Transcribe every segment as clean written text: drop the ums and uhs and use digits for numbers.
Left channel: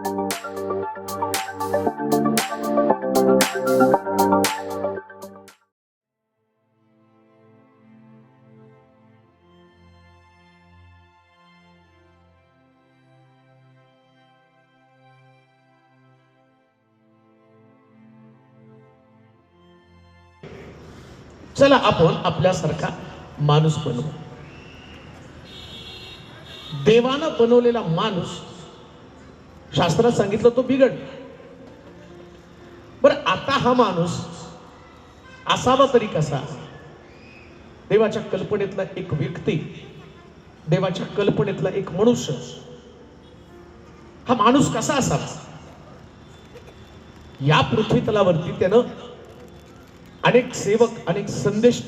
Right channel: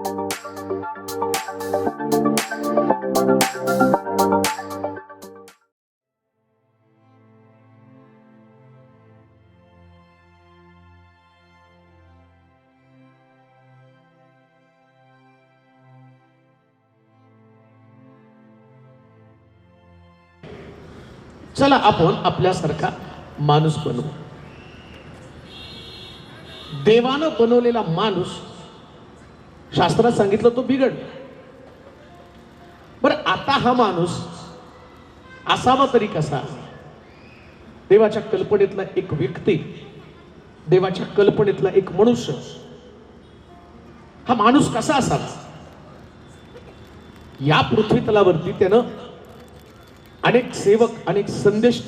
चला आपण आपल्यासारखा माणूस बनवू. देवानं बनवलेला माणूस शास्त्रात सांगितलं तो बिघड. बरं आता हा माणूस असावा तरी कसा? देवाच्या कल्पनेतला एक व्यक्ती, देवाच्या कल्पनेतला एक मनुष्य, हा माणूस कसा असावा? या पृथ्वी तलावरती त्यानं अनेक सेवक, अनेक संदेश,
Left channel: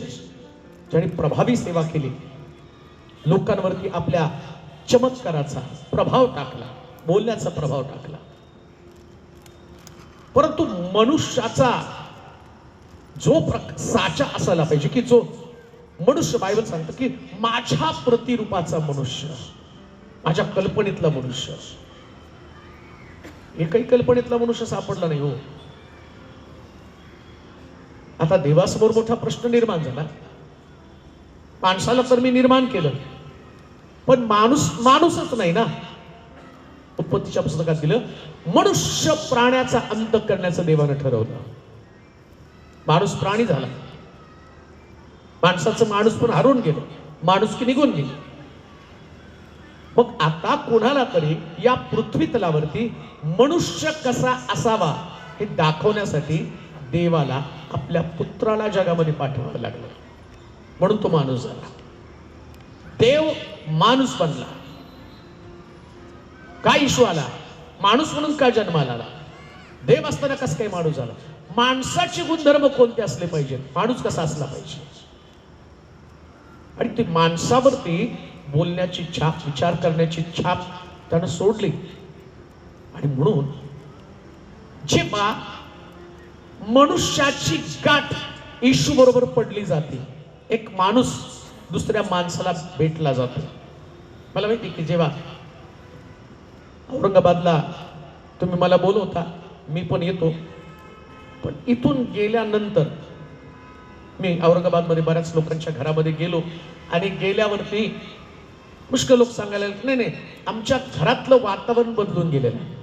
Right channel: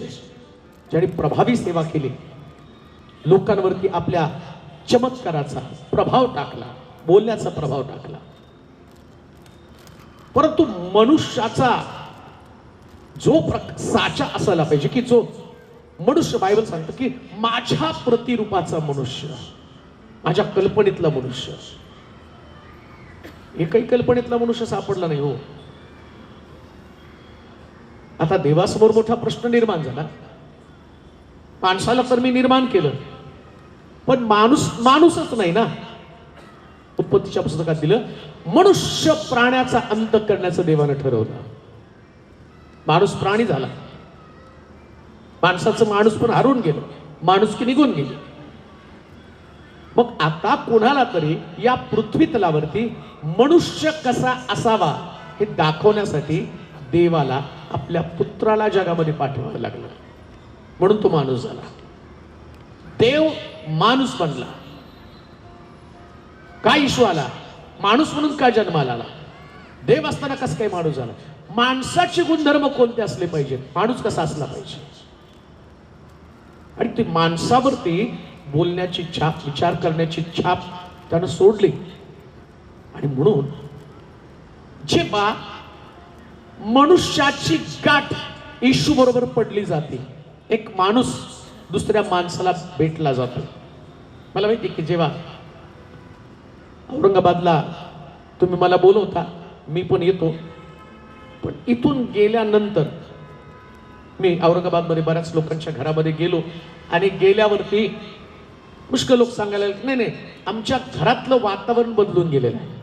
ज्यांनी प्रभावी सेवा केली, लोकांवरती आपल्या चमत्काराचा प्रभाव टाकला, बोलण्याचा प्रभाव टाकला. परंतु मनुष्याचा जो साचा असायला पाहिजे, की जो मनुष्य, बायबल सांगतो की माझ्या प्रतिरूपाचा मनुष्य, माझ्या कल्पनेतला मनुष्य. एकही कल्पनेतला मनुष्य सापडला नाही हो. आता देवासमोर मोठा प्रश्न निर्माण झाला. माणसाला तर मी निर्माण केलं, पण माणूसच नाही ना. उत्पत्तीच्या पुस्तकात दिलं, मनुष्य प्राण्याचा अंत करण्याचं देवानं ठरवलं. माणूस प्राणी झाला, माणसाचं माणूस पण हरवून गेलं, माणुसकी निघून गेली. मग आता कोणाला तरी या पृथ्वी तलावरती मनुष्य कसा असावा हे दाखवण्यासाठी देवाला आपल्या पुत्राला जगामध्ये पाठवावं लागलं. म्हणून तो माणूस झाला. देव माणूस बनला. काय इशू आला? माणूस म्हणून का जन्माला आला? देव असताना कसं काय माणूस झाला? माणसाचे गुणधर्म कोणते असले पाहिजे? माणूस कसा असला पाहिजे? आणि ती माणसावरती बोलण्याची छाप, विचार करण्याची छाप त्यानं सोडली. आणि म्हणून जेव्हा मनुष्याची गाठ येशू बरोबर पडली जाते, एक माणूस दुसऱ्या माणसाला भेटला जातो. मला माहिती की जेव्हा औरंगाबादला तुम्ही मला बोलवता, मी पण येतो, पण इथून गेल्यानंतर मी औरंगाबादमध्ये बऱ्याच लोकांच्या घरामध्ये गेलो आणि गेल्यावरती पुष्कळ लोक सांगायला लागले, नाही नाही, आमच्या घरातलं वातावरण बदलून गेलेलं आहे.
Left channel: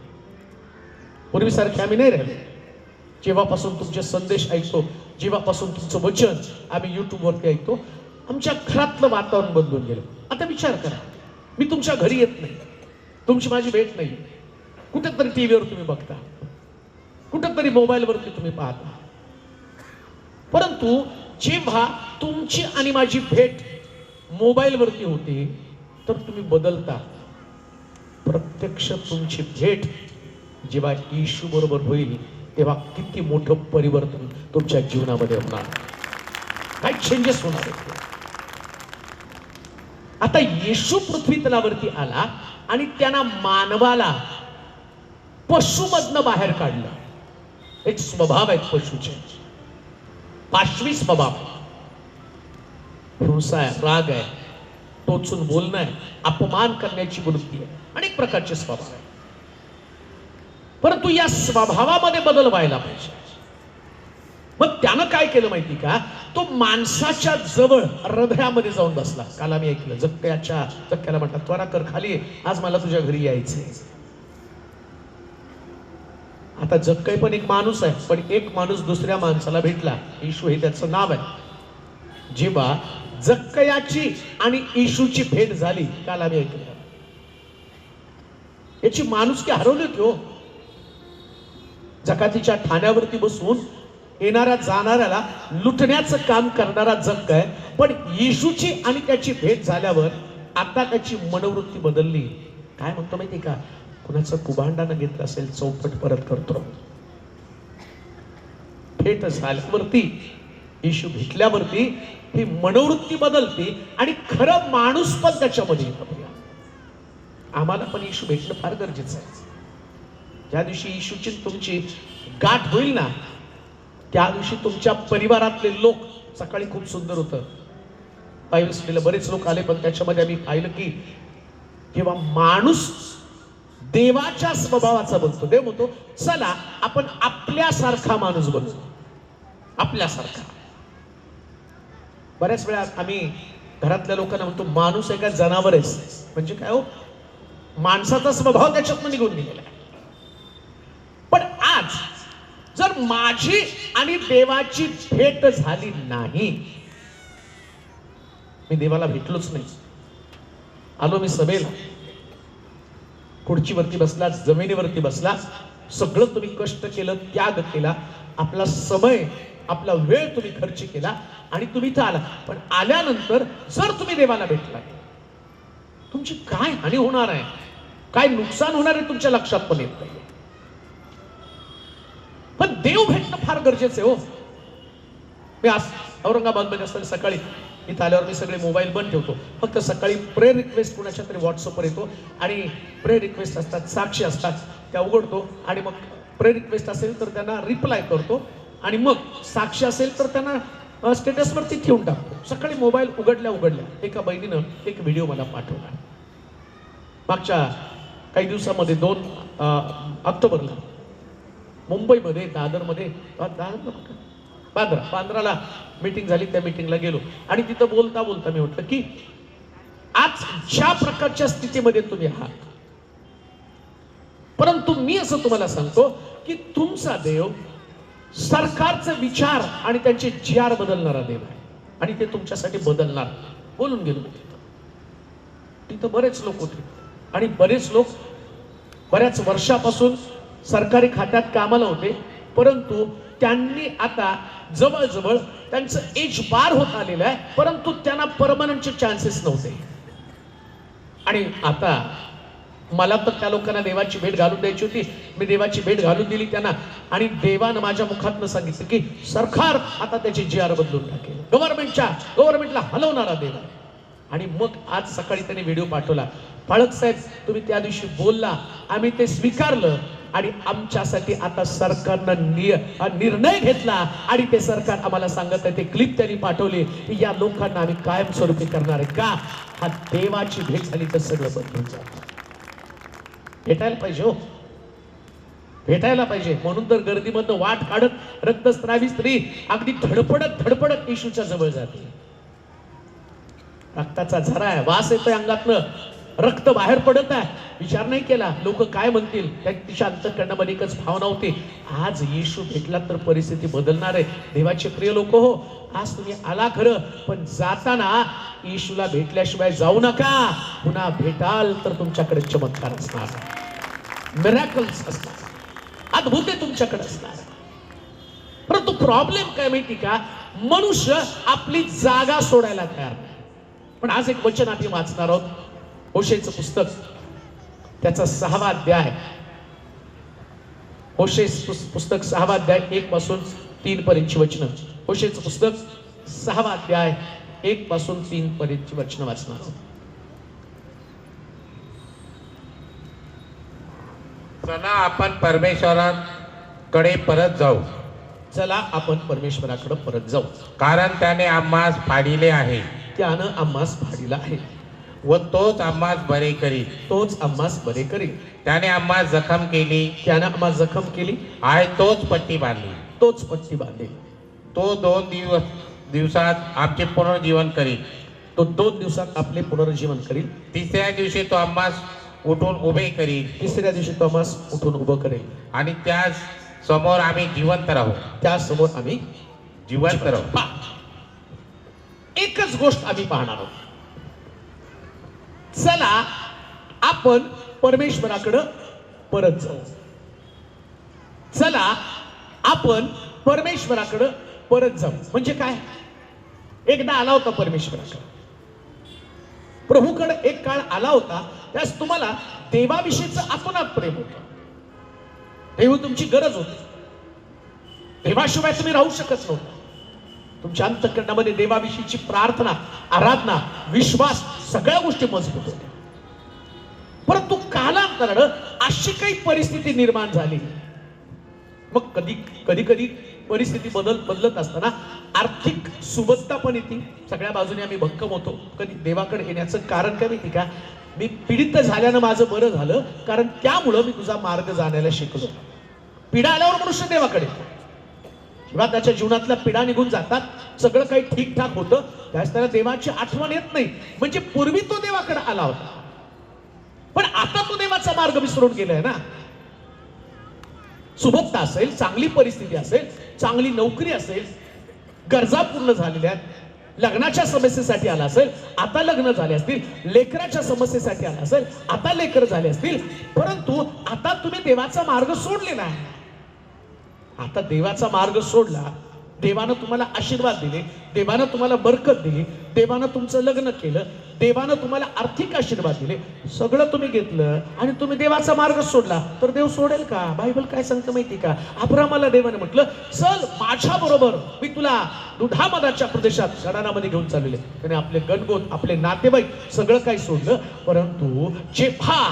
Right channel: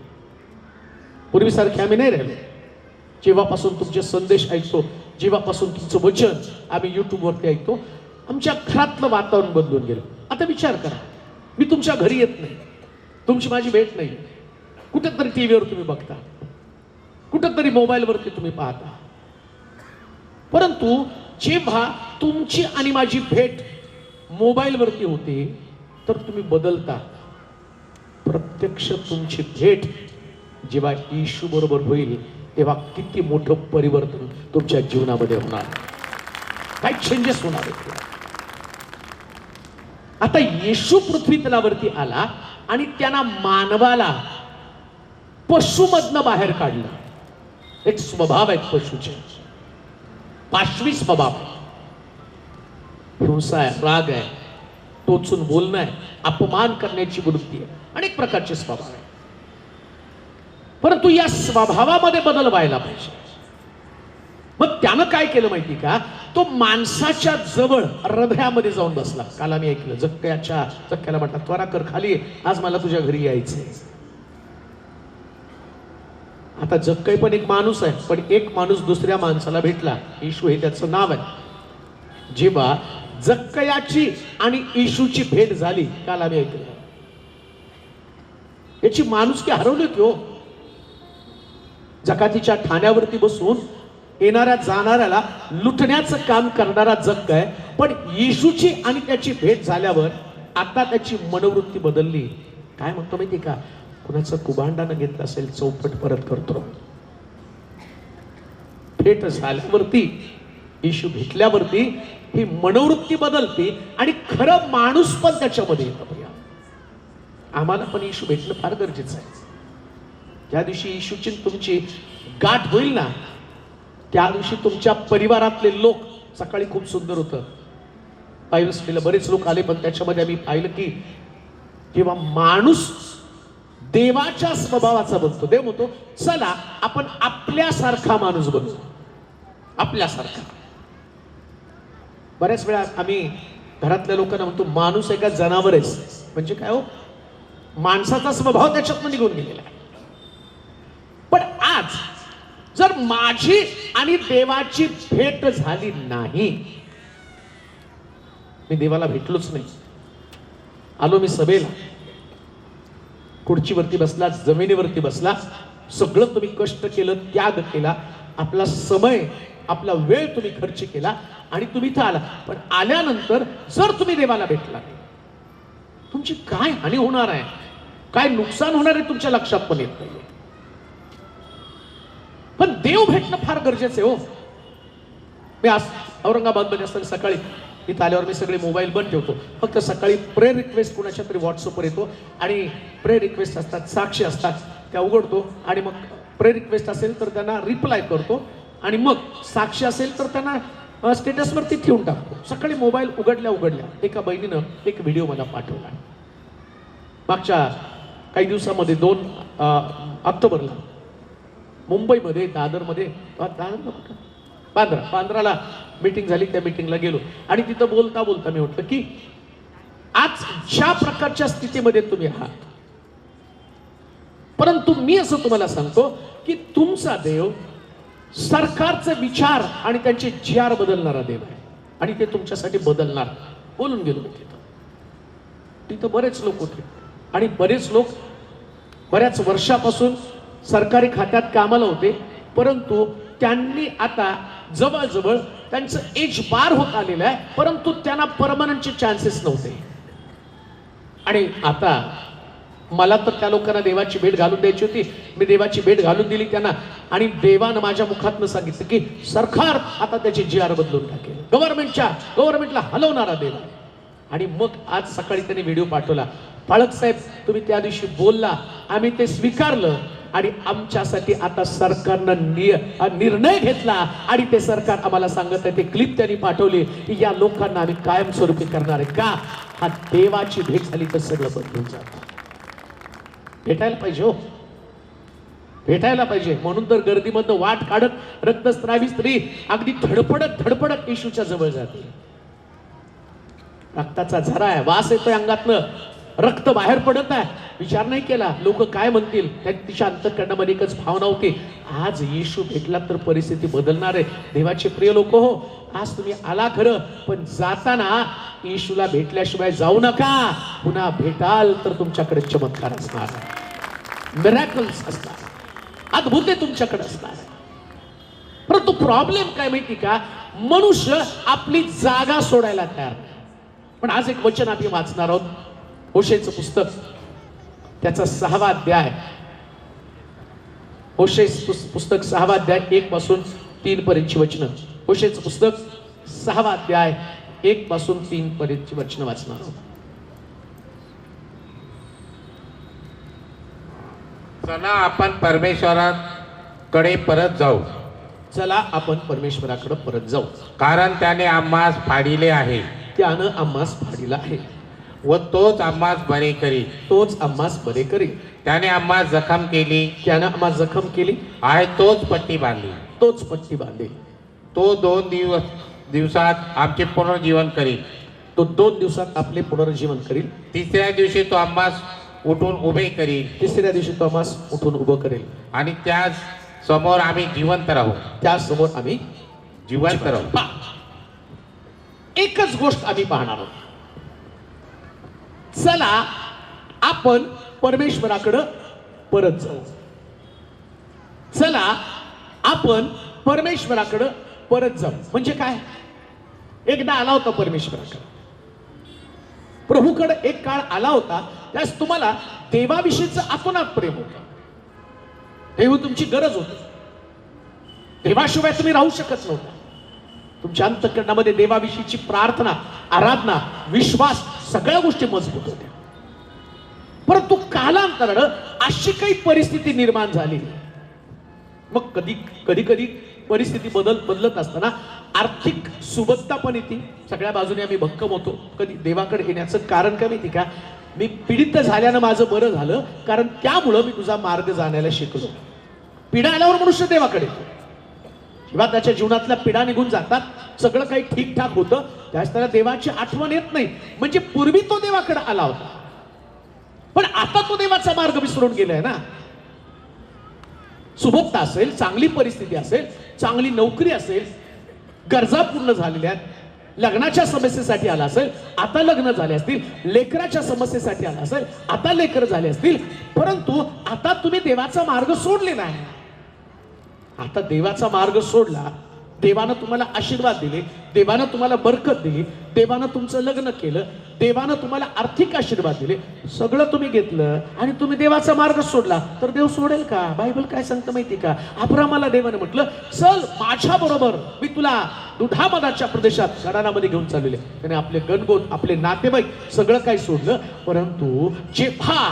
पूर्वीसारखे आम्ही नाही राहिले. जेव्हापासून तुमचे संदेश ऐकतो, जेव्हापासून तुमचं वचन आम्ही युट्यूबवरती ऐकतो, आमच्या घरातलं वातावरण बदलून गेलं. आता विचार करा, मी तुमच्या घरी येत नाही, तुमची माझी भेट नाही, कुठेतरी टीव्हीवर तुम्ही बघता, कुठेतरी मोबाईलवरती तुम्ही पाहता. परंतु जेव्हा तुमची आणि माझी भेट मोबाईलवरती होते तर तुम्ही बदलता. प्रत्यक्ष तुमची भेट जेव्हा येशू बरोबर होईल तेव्हा किती मोठं परिवर्तन तुमच्या जीवनामध्ये होणार, काय चेंजेस होणार आहेत. आता येशू पृथ्वी तलावरती आला आणि त्यांना मानवाला पशुमधनं बाहेर काढलं. एक स्वभाव आहे पशुचे, पाशवी स्वभाव, हिंसा आहे, राग आहे, टोचून बोलणं आहे, अपमान करण्याची वृत्ती आहे, अनेक प्रकारचे स्वभाव आहे. परंतु या स्वभावामध्ये बदल व्हायला पाहिजे. मग त्यानं काय केलं माहिती का? तो माणसाच्या जवळ हृदयामध्ये जाऊन बसला. काल आम्ही ऐकलं, जक्क्याला म्हटलं, त्वरा कर खाली, आज मला तुझ्या घरी यायचंय. आता जक्कई पण एक माणूस आहे, पण एक माणूस दुसऱ्या माणसाला भेटला, येशू हे त्याचं नाव आहे. जेव्हा जक्कयाची आणि येशूची भेट झाली, काल आम्ही ऐकलं, याची माणुसकी हरवली की हो. जकातीच्या ठाण्यावरती बसून येणाऱ्या जाणाऱ्याला लुटण्याचं काम करणारा जक्क आहे, पण येशूची आणि त्याची भेट झाल्यावर आता त्याची मनोवृत्ती बदलली. काय म्हणतो माहिती का? कुणाचं कुभांडानं घेतलं असेल, चौपट परत करतो. भेट झाल्यावरती, येशू भेटल्यावरती ही मनोवृत्ती बदलते आणि खरं माणूस पण त्याच्यामध्ये येतो. आम्हाला पण येशू भेटणं फार गरजेचं आहे. ज्या दिवशी येशूची तुमची गाठ होईल ना, त्या दिवशी तुमच्या परिवारातले लोक, सकाळी खूप सुंदर होतं, बायबल स्टडीला बरेच लोक आले, पण त्याच्यामध्ये आम्ही पाहिलं की जेव्हा माणूस देवाच्या स्वभावाचा बनतो. देव म्हणतो चला आपण आपल्यासारखा माणूस बनवू, आपल्यासारखा. बऱ्याच वेळा आम्ही घरातल्या लोकांना म्हणतो माणूस एका जनावर आहे. म्हणजे काय हो, माणसाचा स्वभाव त्याच्यातून निघून गेलेला आहे. पण आज जर माझी आणि देवाची भेट झाली नाही, मी देवाला भेटलोच नाही, आलो मी सभेला, खुर्चीवरती बसला, जमिनीवरती बसला, सगळं तुम्ही कष्ट केलं, त्याग केला, आपला समय आपला वेळ तुम्ही खर्च केला आणि तुम्ही इथं आला. पण आल्यानंतर जर तुम्ही देवाला भेटला, तुमची काय हानी होणार आहे, काय नुकसान होणार आहे तुमच्या लक्षात पण येत नाही. पण देव भेटणं फार गरजेचं आहे हो. मी आज औरंगाबादमध्ये असताना सकाळी इथं आल्यावर मी सगळे मोबाईल बंद ठेवतो. फक्त सकाळी प्रेयर रिक्वेस्ट कुणाच्या तरी व्हॉट्सअपवर येतो आणि प्रेयर रिक्वेस्ट असतात, साक्षी असतात, त्या उघडतो आणि मग प्रेयर रिक्वेस्ट असेल तर त्यांना रिप्लाय करतो आणि मग साक्षी असेल तर त्यांना स्टेटसवरती ठेवून टाकतो. सकाळी मोबाईल उघडल्या एका बहिणीनं एक व्हिडिओ मला पाठवला. मागच्या काही दिवसामध्ये 2 ऑक्टोबरला मुंबईमध्ये दादरमध्ये बांद्राला मीटिंग झाली. त्या मीटिंगला गेलो आणि तिथं बोलता बोलता मी म्हटलं की आज ज्या प्रकारच्या स्थितीमध्ये तुम्ही आहात, परंतु मी असं तुम्हाला सांगतो की तुमचा देव सरकारचे विचार आणि त्यांचे जीआर बदलणारा देव आहे आणि ते तुमच्यासाठी बदलणार. बोलून गेलो मी तिथं बरेच लोक होते आणि बरेच लोक बऱ्याच वर्षापासून सरकारी खात्यात कामाला होते, परंतु त्यांनी आता जवळजवळ त्यांचं एज पार होत आलेलं आहे, परंतु त्यांना परमनंटचे चान्सेस नव्हते. आणि आता मला तर त्या लोकांना देवाची भेट घालून द्यायची होती. मी देवाची भेट घालून दिली त्यांना आणि देवानं माझ्या मुखातनं सांगितलं की सरकार आता त्याची जीआर बदलून टाकेल, गव्हर्नमेंटला हलवणारा देव. आणि मग आज सकाळी त्यांनी व्हिडिओ पाठवला, पाळक साहेब तुम्ही त्या दिवशी बोलला, आम्ही ते स्वीकारलं आणि आमच्यासाठी आता सरकारनं निर्णय घेतला आणि ते सरकार आम्हाला सांगत आहे, ते क्लिप त्यांनी पाठवली की या लोकांना आम्ही कायमस्वरूपी करणार आहे. का? हा देवाची भेट झाली तर सगळं बदलून जातं. भेटायला पाहिजे हो, भेटायला पाहिजे. म्हणून तर गर्दीमधनं वाट काढत रक्तस्रावी स्त्री अगदी धडपडत येशूच्या जवळ जाते. रक्ताचा झरा आहे, वास येतोय अंगातलं, रक्त बाहेर पडत आहे, विचार नाही केला लोक काय म्हणतील. तिच्या अंतःकरणामध्ये एकच भावना होती, आज येशू भेटला तर परिस्थिती बदलणार आहे. देवाचे प्रिय लोक हो, आज तुम्ही आला खरं, पण जाताना येशूला भेटल्याशिवाय जाऊ नका. पुन्हा भेटाल तर तुमच्याकडे चमत्कार असणार, मिरॅकल्स असणार, अद्भुते तुमच्याकडे असणार. परंतु प्रॉब्लेम काय माहिती का, मनुष्य आपली जागा सोडायला तयार. पण आज एक वचन आम्ही वाचणार आहोत, होशेचं पुस्तक, त्याचा 6वा अध्याय. होशेचं पुस्तक 6वा अध्याय 1 पासून 3 पर्यंतची वचनं. होशेचं पुस्तक 6वा अध्याय 1 पासून 3 पर्यंतची वचनं वाचणार. चला आपण परमेश्वराकडे परत जाऊ. चला आपण परमेश्वराकडे परत जाऊ, कारण त्याने आम्हास फाडिले आहे, त्यानं आम्हास फाडिला आहे व तोच आम्हास बरे करी. तोच आम्हास बरे करेल. त्याने आम्हास जखम केली त्यानं आम्हास जखम केली, आहे, तोच पट्टी बांधली. तोच पट्टी बांधेल. तो 2 दिवसात आमचे पुनर्जीवन करील. तो 2 दिवसात आपले पुनर्जीवन करील. 3ऱ्या दिवशी तो आम्हास उठून उभे करील. 3ऱ्या दिवशी तो आम्हास उठून उभं करेल आणि त्या समोर आम्ही जिवंत राहू. त्या समोर आम्ही जिवंत राहू. एकच गोष्ट आम्ही पाहणार आहोत, चला आपण परमेश्वराकडे परत जाऊ. चला आपण परमेश्वराकडे परत जाऊ. म्हणजे काय? एकदा आला होता परमेश्वराकडे, प्रभूकडे एक काळ आला होता, त्यास तुम्हाला देवाविषयीचं आतोनात प्रेम होतं, देव तुमची गरज होती, देवाशिवाय तुम्ही राहू शकत नव्हता. तुमच्या अंतःकरणामध्ये देवाविषयीची प्रार्थना, आराधना, विश्वास, सगळ्या गोष्टी मजबूत होत्या. परंतु कालांतरानं अशी काही परिस्थिती निर्माण झाली, मग कधी परिस्थिती बदलत असताना आर्थिक सुबत्ता पण येते, सगळ्या बाजूने आम्ही भक्कम होतो. कधी देवाकडे येण्याचं कारण काय माहिती का? मी पीडित झाल्यानं माझं बरं झालं, कारण त्यामुळं मी तुझा मार्ग जाण्याला शिकलो. पीडा आल्यावर मनुष्य देवाकडे येतो. जेव्हा त्याच्या जीवनातल्या पीडा निघून जातात, सगळं काही ठीकठाक होतं, त्यावेळेस त्याला देवाची आठवण येत नाही. म्हणजे पूर्वी तो देवाकडे आला होता, पण आता तो देवाचा मार्ग विसरून गेलाय ना. सुबत्ता असेल, चांगली परिस्थिती असेल, चांगली नोकरी असेल, गरजा पूर्ण झालेल्या, लग्नाच्या समस्येसाठी आला असेल, आता लग्न झाले असतील, लेकराच्या समस्येसाठी आला असेल, आता लेकर झाले असतील, परंतु आता तुम्ही देवाचा मार्ग सोडलेला आहे. आता देवाचा मार्ग सोडला, देवानं तुम्हाला आशीर्वाद दिले, देवानं तुम्हाला बरकत दिली, देवानं तुमचं लग्न केलं, देवानं तुम्हाला आर्थिक आशीर्वाद दिले, सगळं तुम्ही घेतलं आणि तुम्ही देवाचा मार्ग सोडला, तर देव सोडेल का? बायबल काय सांगतं माहिती का? अब्रामाला देवानं म्हटलं, चल माझ्या बरोबर, मी तुला दुधामधाच्या प्रदेशात शहरामध्ये घेऊन चाललेले. त्याने आपले गणगोत, आपले नातेवाईक सगळं काही सोडलं. परंतु जेव्हा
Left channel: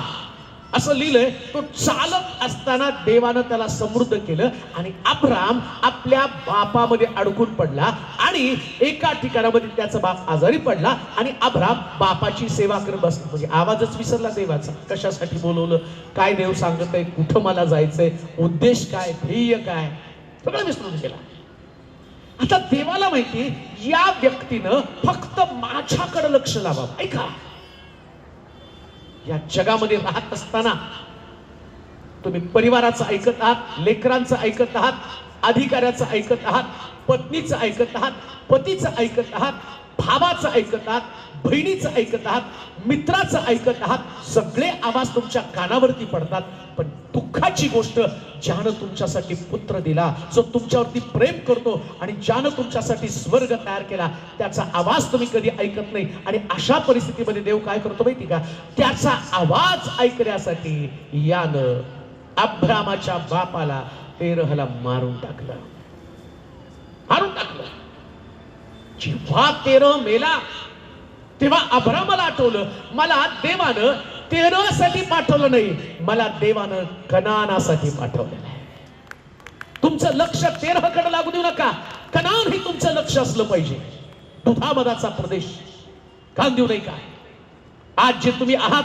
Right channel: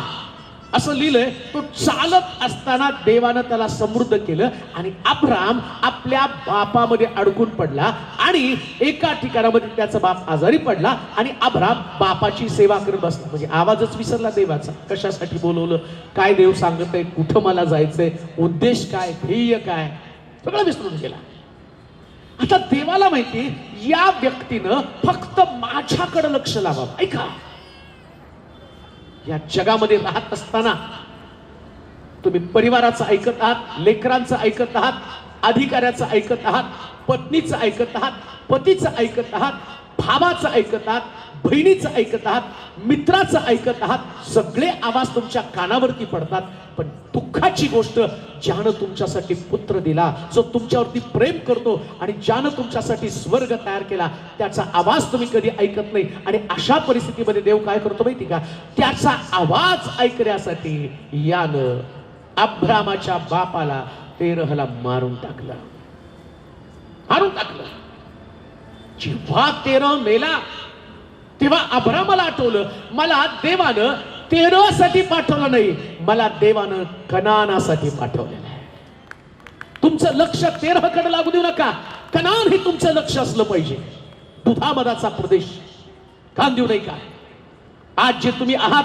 असं लिहिलंय, तो चालत असताना देवानं त्याला समृद्ध केलं आणि अब्राम आपल्या बापामध्ये अडकून पडला आणि एका ठिकाणामध्ये त्याचा बाप आजारी पडला आणि अब्राम बापाची सेवा करत बसला. म्हणजे आवाजच विसरला देवाचा. कशासाठी बोलवलं, काय देव सांगत आहे, कुठं मला जायचंय, उद्देश काय, ध्येय काय, सगळं विसरून गेला. आता देवाला माहिती, या व्यक्तीनं फक्त माझ्याकडे लक्ष लावावं. ऐका, या जगामध्ये राहत असताना तुम्ही परिवाराचं ऐकत आहात, लेकरांचं ऐकत आहात, अधिकाऱ्याचं ऐकत आहात, पत्नीचं ऐकत आहात, पतीचं ऐकत आहात, भावाचं ऐकत आहात, बहिणीचं ऐकत आहात, मित्राचं ऐकत आहात. सगळे आवाज तुमच्या कानावरती पडतात. पण दुःखाची गोष्ट, ज्यानं तुमच्यासाठी पुत्र दिला, जो तुमच्यावरती प्रेम करतो आणि ज्यानं तुमच्यासाठी स्वर्ग तयार केला, त्याचा आवाज तुम्ही कधी ऐकत नाही. आणि अशा परिस्थितीमध्ये देव काय करतो माहिती का? त्याचा आवाज ऐकण्यासाठी यानं अब्रामाच्या बापाला तेरहला मारून टाकलं. जेव्हा तेरह मेला, तेव्हा अब्रामाला आठवलं, मला देवानं तेरहसाठी पाठवलं नाही, मला देवानं कनानासाठी पाठवलं नाही. तुमचं लक्ष तेरहकडे लागू देऊ नका. कनान हे तुमचं लक्ष असलं पाहिजे. दुधामधाचा प्रदेश कान देऊ नये का? आज जे तुम्ही आहात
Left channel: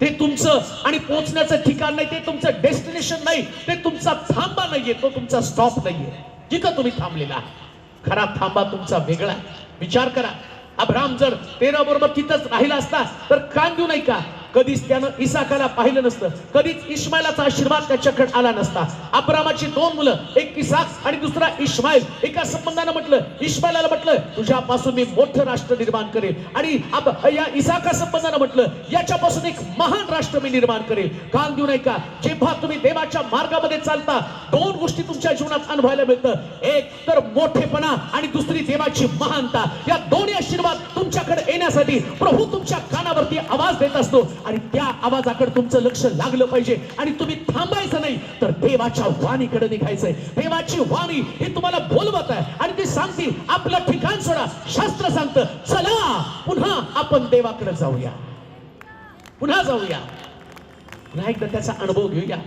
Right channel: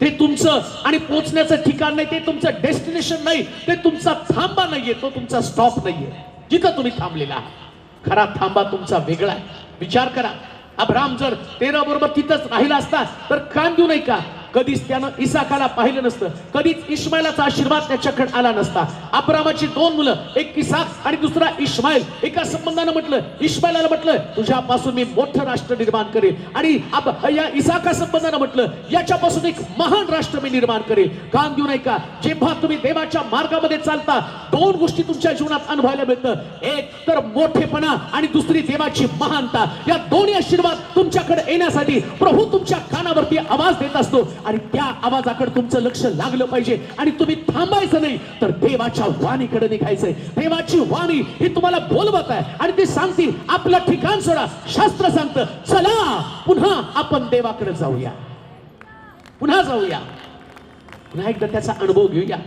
ते तुमचं आणि पोहोचण्याचं ठिकाण नाही, ते तुमचं डेस्टिनेशन नाही, ते तुमचा थांबा नाहीये, तो तुमचा स्टॉप नाहीये. जिथं तुम्ही थांबलेला आहे, खरा थांबा तुमचा वेगळा. विचार करा, अब्राम जर तेरह बरोबर तिथंच राहिला असता तर कान देऊ नये का? कधीच त्यानं इसाकाला पाहिलं नसतं, कधीच इस्माईलचा आशीर्वाद त्याच्याकडे आला नसता. अब्रामाची दोन मुलं, एक इसाक आणि दुसरा इस्माईल, एका संबंधानं म्हटलं, इस्माईलला म्हटलं, तुझ्यापासून मी मोठं राष्ट्र निर्माण करेल, आणि या इसाका संबंधानं म्हटलं, याच्यापासून एक महान राष्ट्र मी निर्माण करेल. कान देऊ नये का? जेव्हा तुम्ही देवाच्या मार्गामध्ये चालता, दोन गोष्टी तुमच्या जीवनात अनुभवायला मिळतं. एक तर मोठेपणा आणि दुसरी देवाची महानता. या दोन्ही आशीर्वाद तुमच्याकडे येण्यासाठी प्रभू तुमच्या कानावरती आवाज देत असतो आणि त्या आवाजाकडे तुमचं लक्ष लागलं पाहिजे. आणि तुम्ही थांबायचं नाही, तर देवाच्या वाणीकडे निघायचंय. देवाची वाणी ही तुम्हाला बोलवत आहे आणि ती सांगतील, आपलं ठिकाण सोडा. शास्त्र सांगतं, चला पुन्हा आपण देवाकडे जाऊया, पुन्हा जाऊया. पुन्हा एकदा त्याचा अनुभव घेऊया.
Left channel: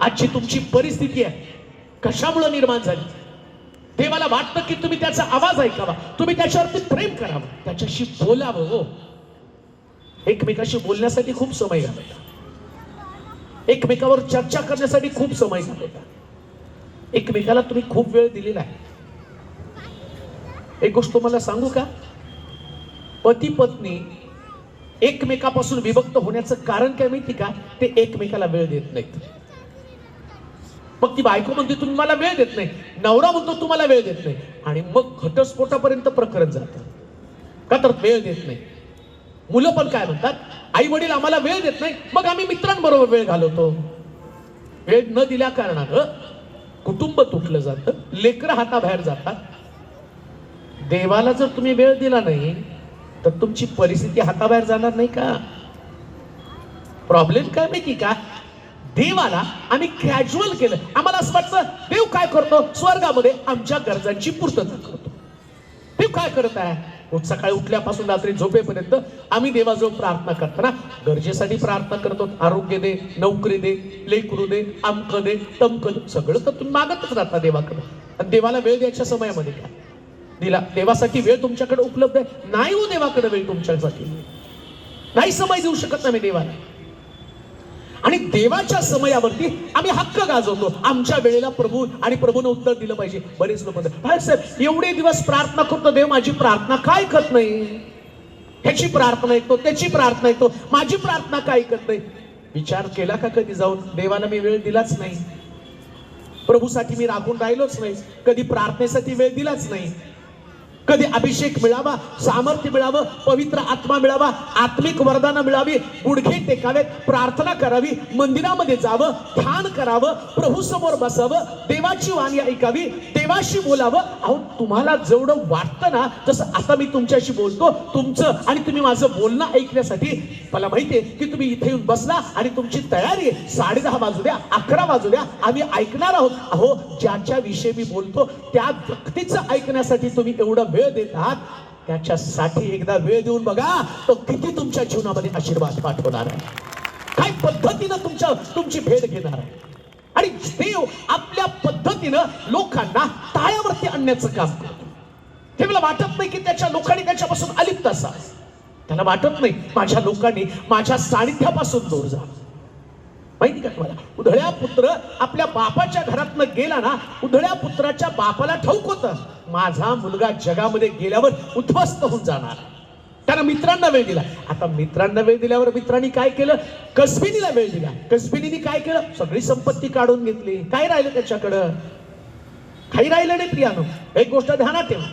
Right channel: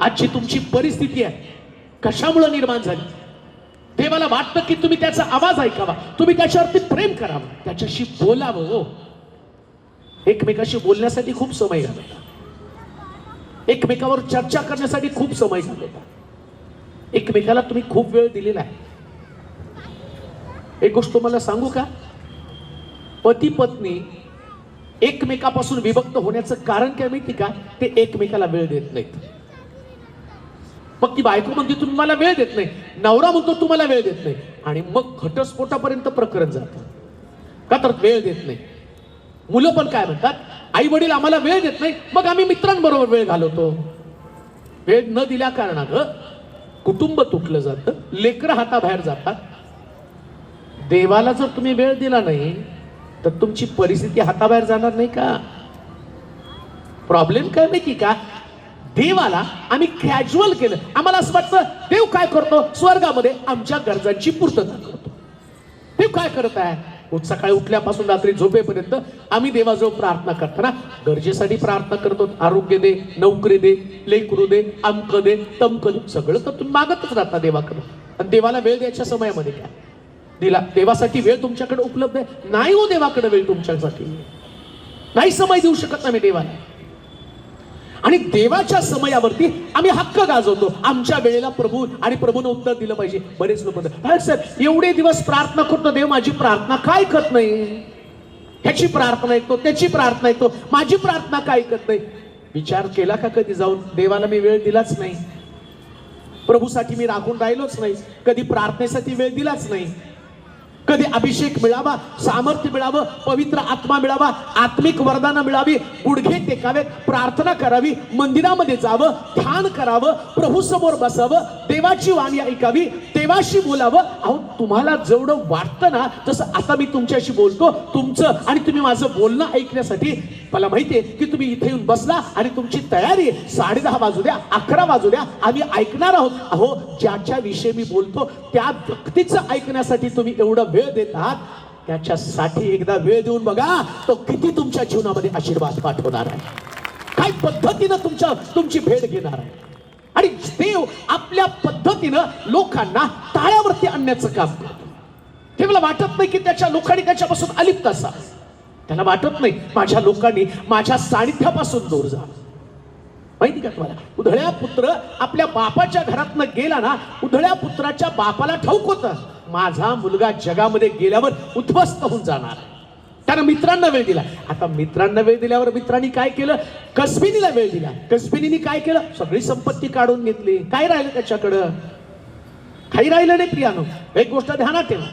आजची तुमची परिस्थिती आहे कशामुळे निर्माण झाली? देवाला वाटतं की तुम्ही त्याचा आवाज ऐकावा, तुम्ही त्याच्यावरती प्रेम करावं, त्याच्याशी बोलावं. हो, एकमेकाशी बोलण्यासाठी खूप समय घालवता, एकमेकावर चर्चा करण्यासाठी खूप समय घालवता, एकमेकाला तुम्ही खूप वेळ दिलेला आहे. एक गोष्ट तुम्हाला सांगू का? पती पत्नी एकमेकापासून विभक्त होण्याचं कारण काय माहिती का? ते एकमेकाला वेळ देत नाहीत. मग ती बायको म्हणते तुम्ही मला वेळ देत नाही, नवरा म्हणतो तुम्हाला वेळ देत नाही, आणि मग घटस्फोटापर्यंत प्रकरण जातं. का तर वेळ देत नाही. मुलं पण काय म्हणतात, आई वडील आम्हाला वेळ देत नाही, मग आम्ही मित्रांबरोबर वेळ घालवतो. वेळ न दिल्या कारणानं कुटुंब तुटलं जातं, लेकरं हाताबाहेर जातात. देवाला जर तुम्ही वेळ दिला नाही तर तुमची परिस्थिती हाताबाहेर जाणार नाही का? प्रॉब्लेम काय माहिती का? देवाला आम्ही कॅज्युअल केलं. आम्हाला असं वाटतं देव काय करतो स्वर्गामध्ये, आमच्या गरजांची पूर्तता करतो. देव काय करत आहे? सकाळी उठल्यापासून रात्री झोपेपर्यंत आम्ही देवाजवळ प्रार्थना करताना गरजेसाठी प्रार्थना करतो. आरोग्य दे, नोकरी दे, लेकरू दे, आमक दे, तमक दे, सगळं तर तुम्ही मागतच राहता देवाकडे. आणि देवाला वेळ द्यायच्या समयामध्ये काय दिला? देवासाठी वेळ तुमच्याकडे उपलब्ध आहे? नाही हो, देवाकडे वेळ तुमच्यासाठी नाही, समय देऊ शकत नाही मी देवाला. आणि देवाच्या समयावरती आम्ही हक्क गाजवतो, आमच्या वेळेला प्रभू आणि प्रभूने उत्तर दिलं पाहिजे. बरेच लोक म्हणतात, साहेब एवढे दिवस प्रार्थना करतो, देव माझी प्रार्थना काय करत नाही? ह्याची प्रार्थना ऐकतो, त्याची प्रार्थना ऐकतो, माझी प्रार्थना काय ऐकत नाही? विचार केला का कधी जाऊन? देवाला मी वेळ दिलाच नाही, प्रभूसाठी मी राखून राहिलोच नाही, कधी प्रार्थनेसाठी वेळ दिलाच नाही, कधी अभिषेक मिळावा, सामर्थ्य मिळावं, पवित्र आत्मा मिळावा, आत्मिक वरदान मिळावी, गुडघे टेकावेत, प्रार्थना करावी, मंदिरामध्ये जावं, ध्यान करावं, प्रभू समोर बसावं, देवाची वाणी ऐकावी, देवाशी बोलावं. अहो, तुम्हाला जेवढं वाटतं ना, तसं आता मी तुमच्याशी बोलतो, तुमचं आणि तुम्ही माझं बोलणं ऐकण्यासाठी मला माहितीये की तुम्ही इथे येऊन बसला आणि तुमची तयारी आहे. 10:30 वाजू द्या, 11 वाजू द्या, आम्ही ऐकणार आहोत. अहो, ज्याच्या विषयी मी बोलतो त्या व्यक्तीचं ऐकण्यासाठी तुम्ही एवढं वेळ देतात, त्याच्यासाठी एकदा वेळ देऊन बघा, तो किती तुमच्या जीवनामध्ये आशीर्वाद पाठवणार आहे, काय पद्धतीनं तुमची भेट घेणार आहे. आणि देव आपल्या पद्धतीनं लोकांना ताळ्यावरती आणण्याचं काम करतो. ते मला वाटत नाही की त्याच्या लोकांनी त्याच्यापासून अलिप्त असावं. त्याला वाटत नाही माझ्या लोकांनी माझ्या सानिध्यापासून दूर जा. माहिती का तुम्हाला, उधळ्या पुत्र आपल्या बापाच्या घरातनं गेला ना, उधळ्या पुत्राच्या बापाला ठाऊक होतं माझा मुलगा जगामध्ये गेल्यावर उद्ध्वस्त होऊन जाणार. त्यानं मित्रांना वेळ दिला. आता मित्रांना वेळ दिल्यावर मित्रांनी काय केलं? कसबिनीला वेळ दिला. कसबिनीने काय केलं? सगळी संपत्ती काढून घेतली. काय राहिलं त्याच्याकडं? काही राहिलं नाही प्रियानो. एक गोष्ट ध्यानात ठेवा,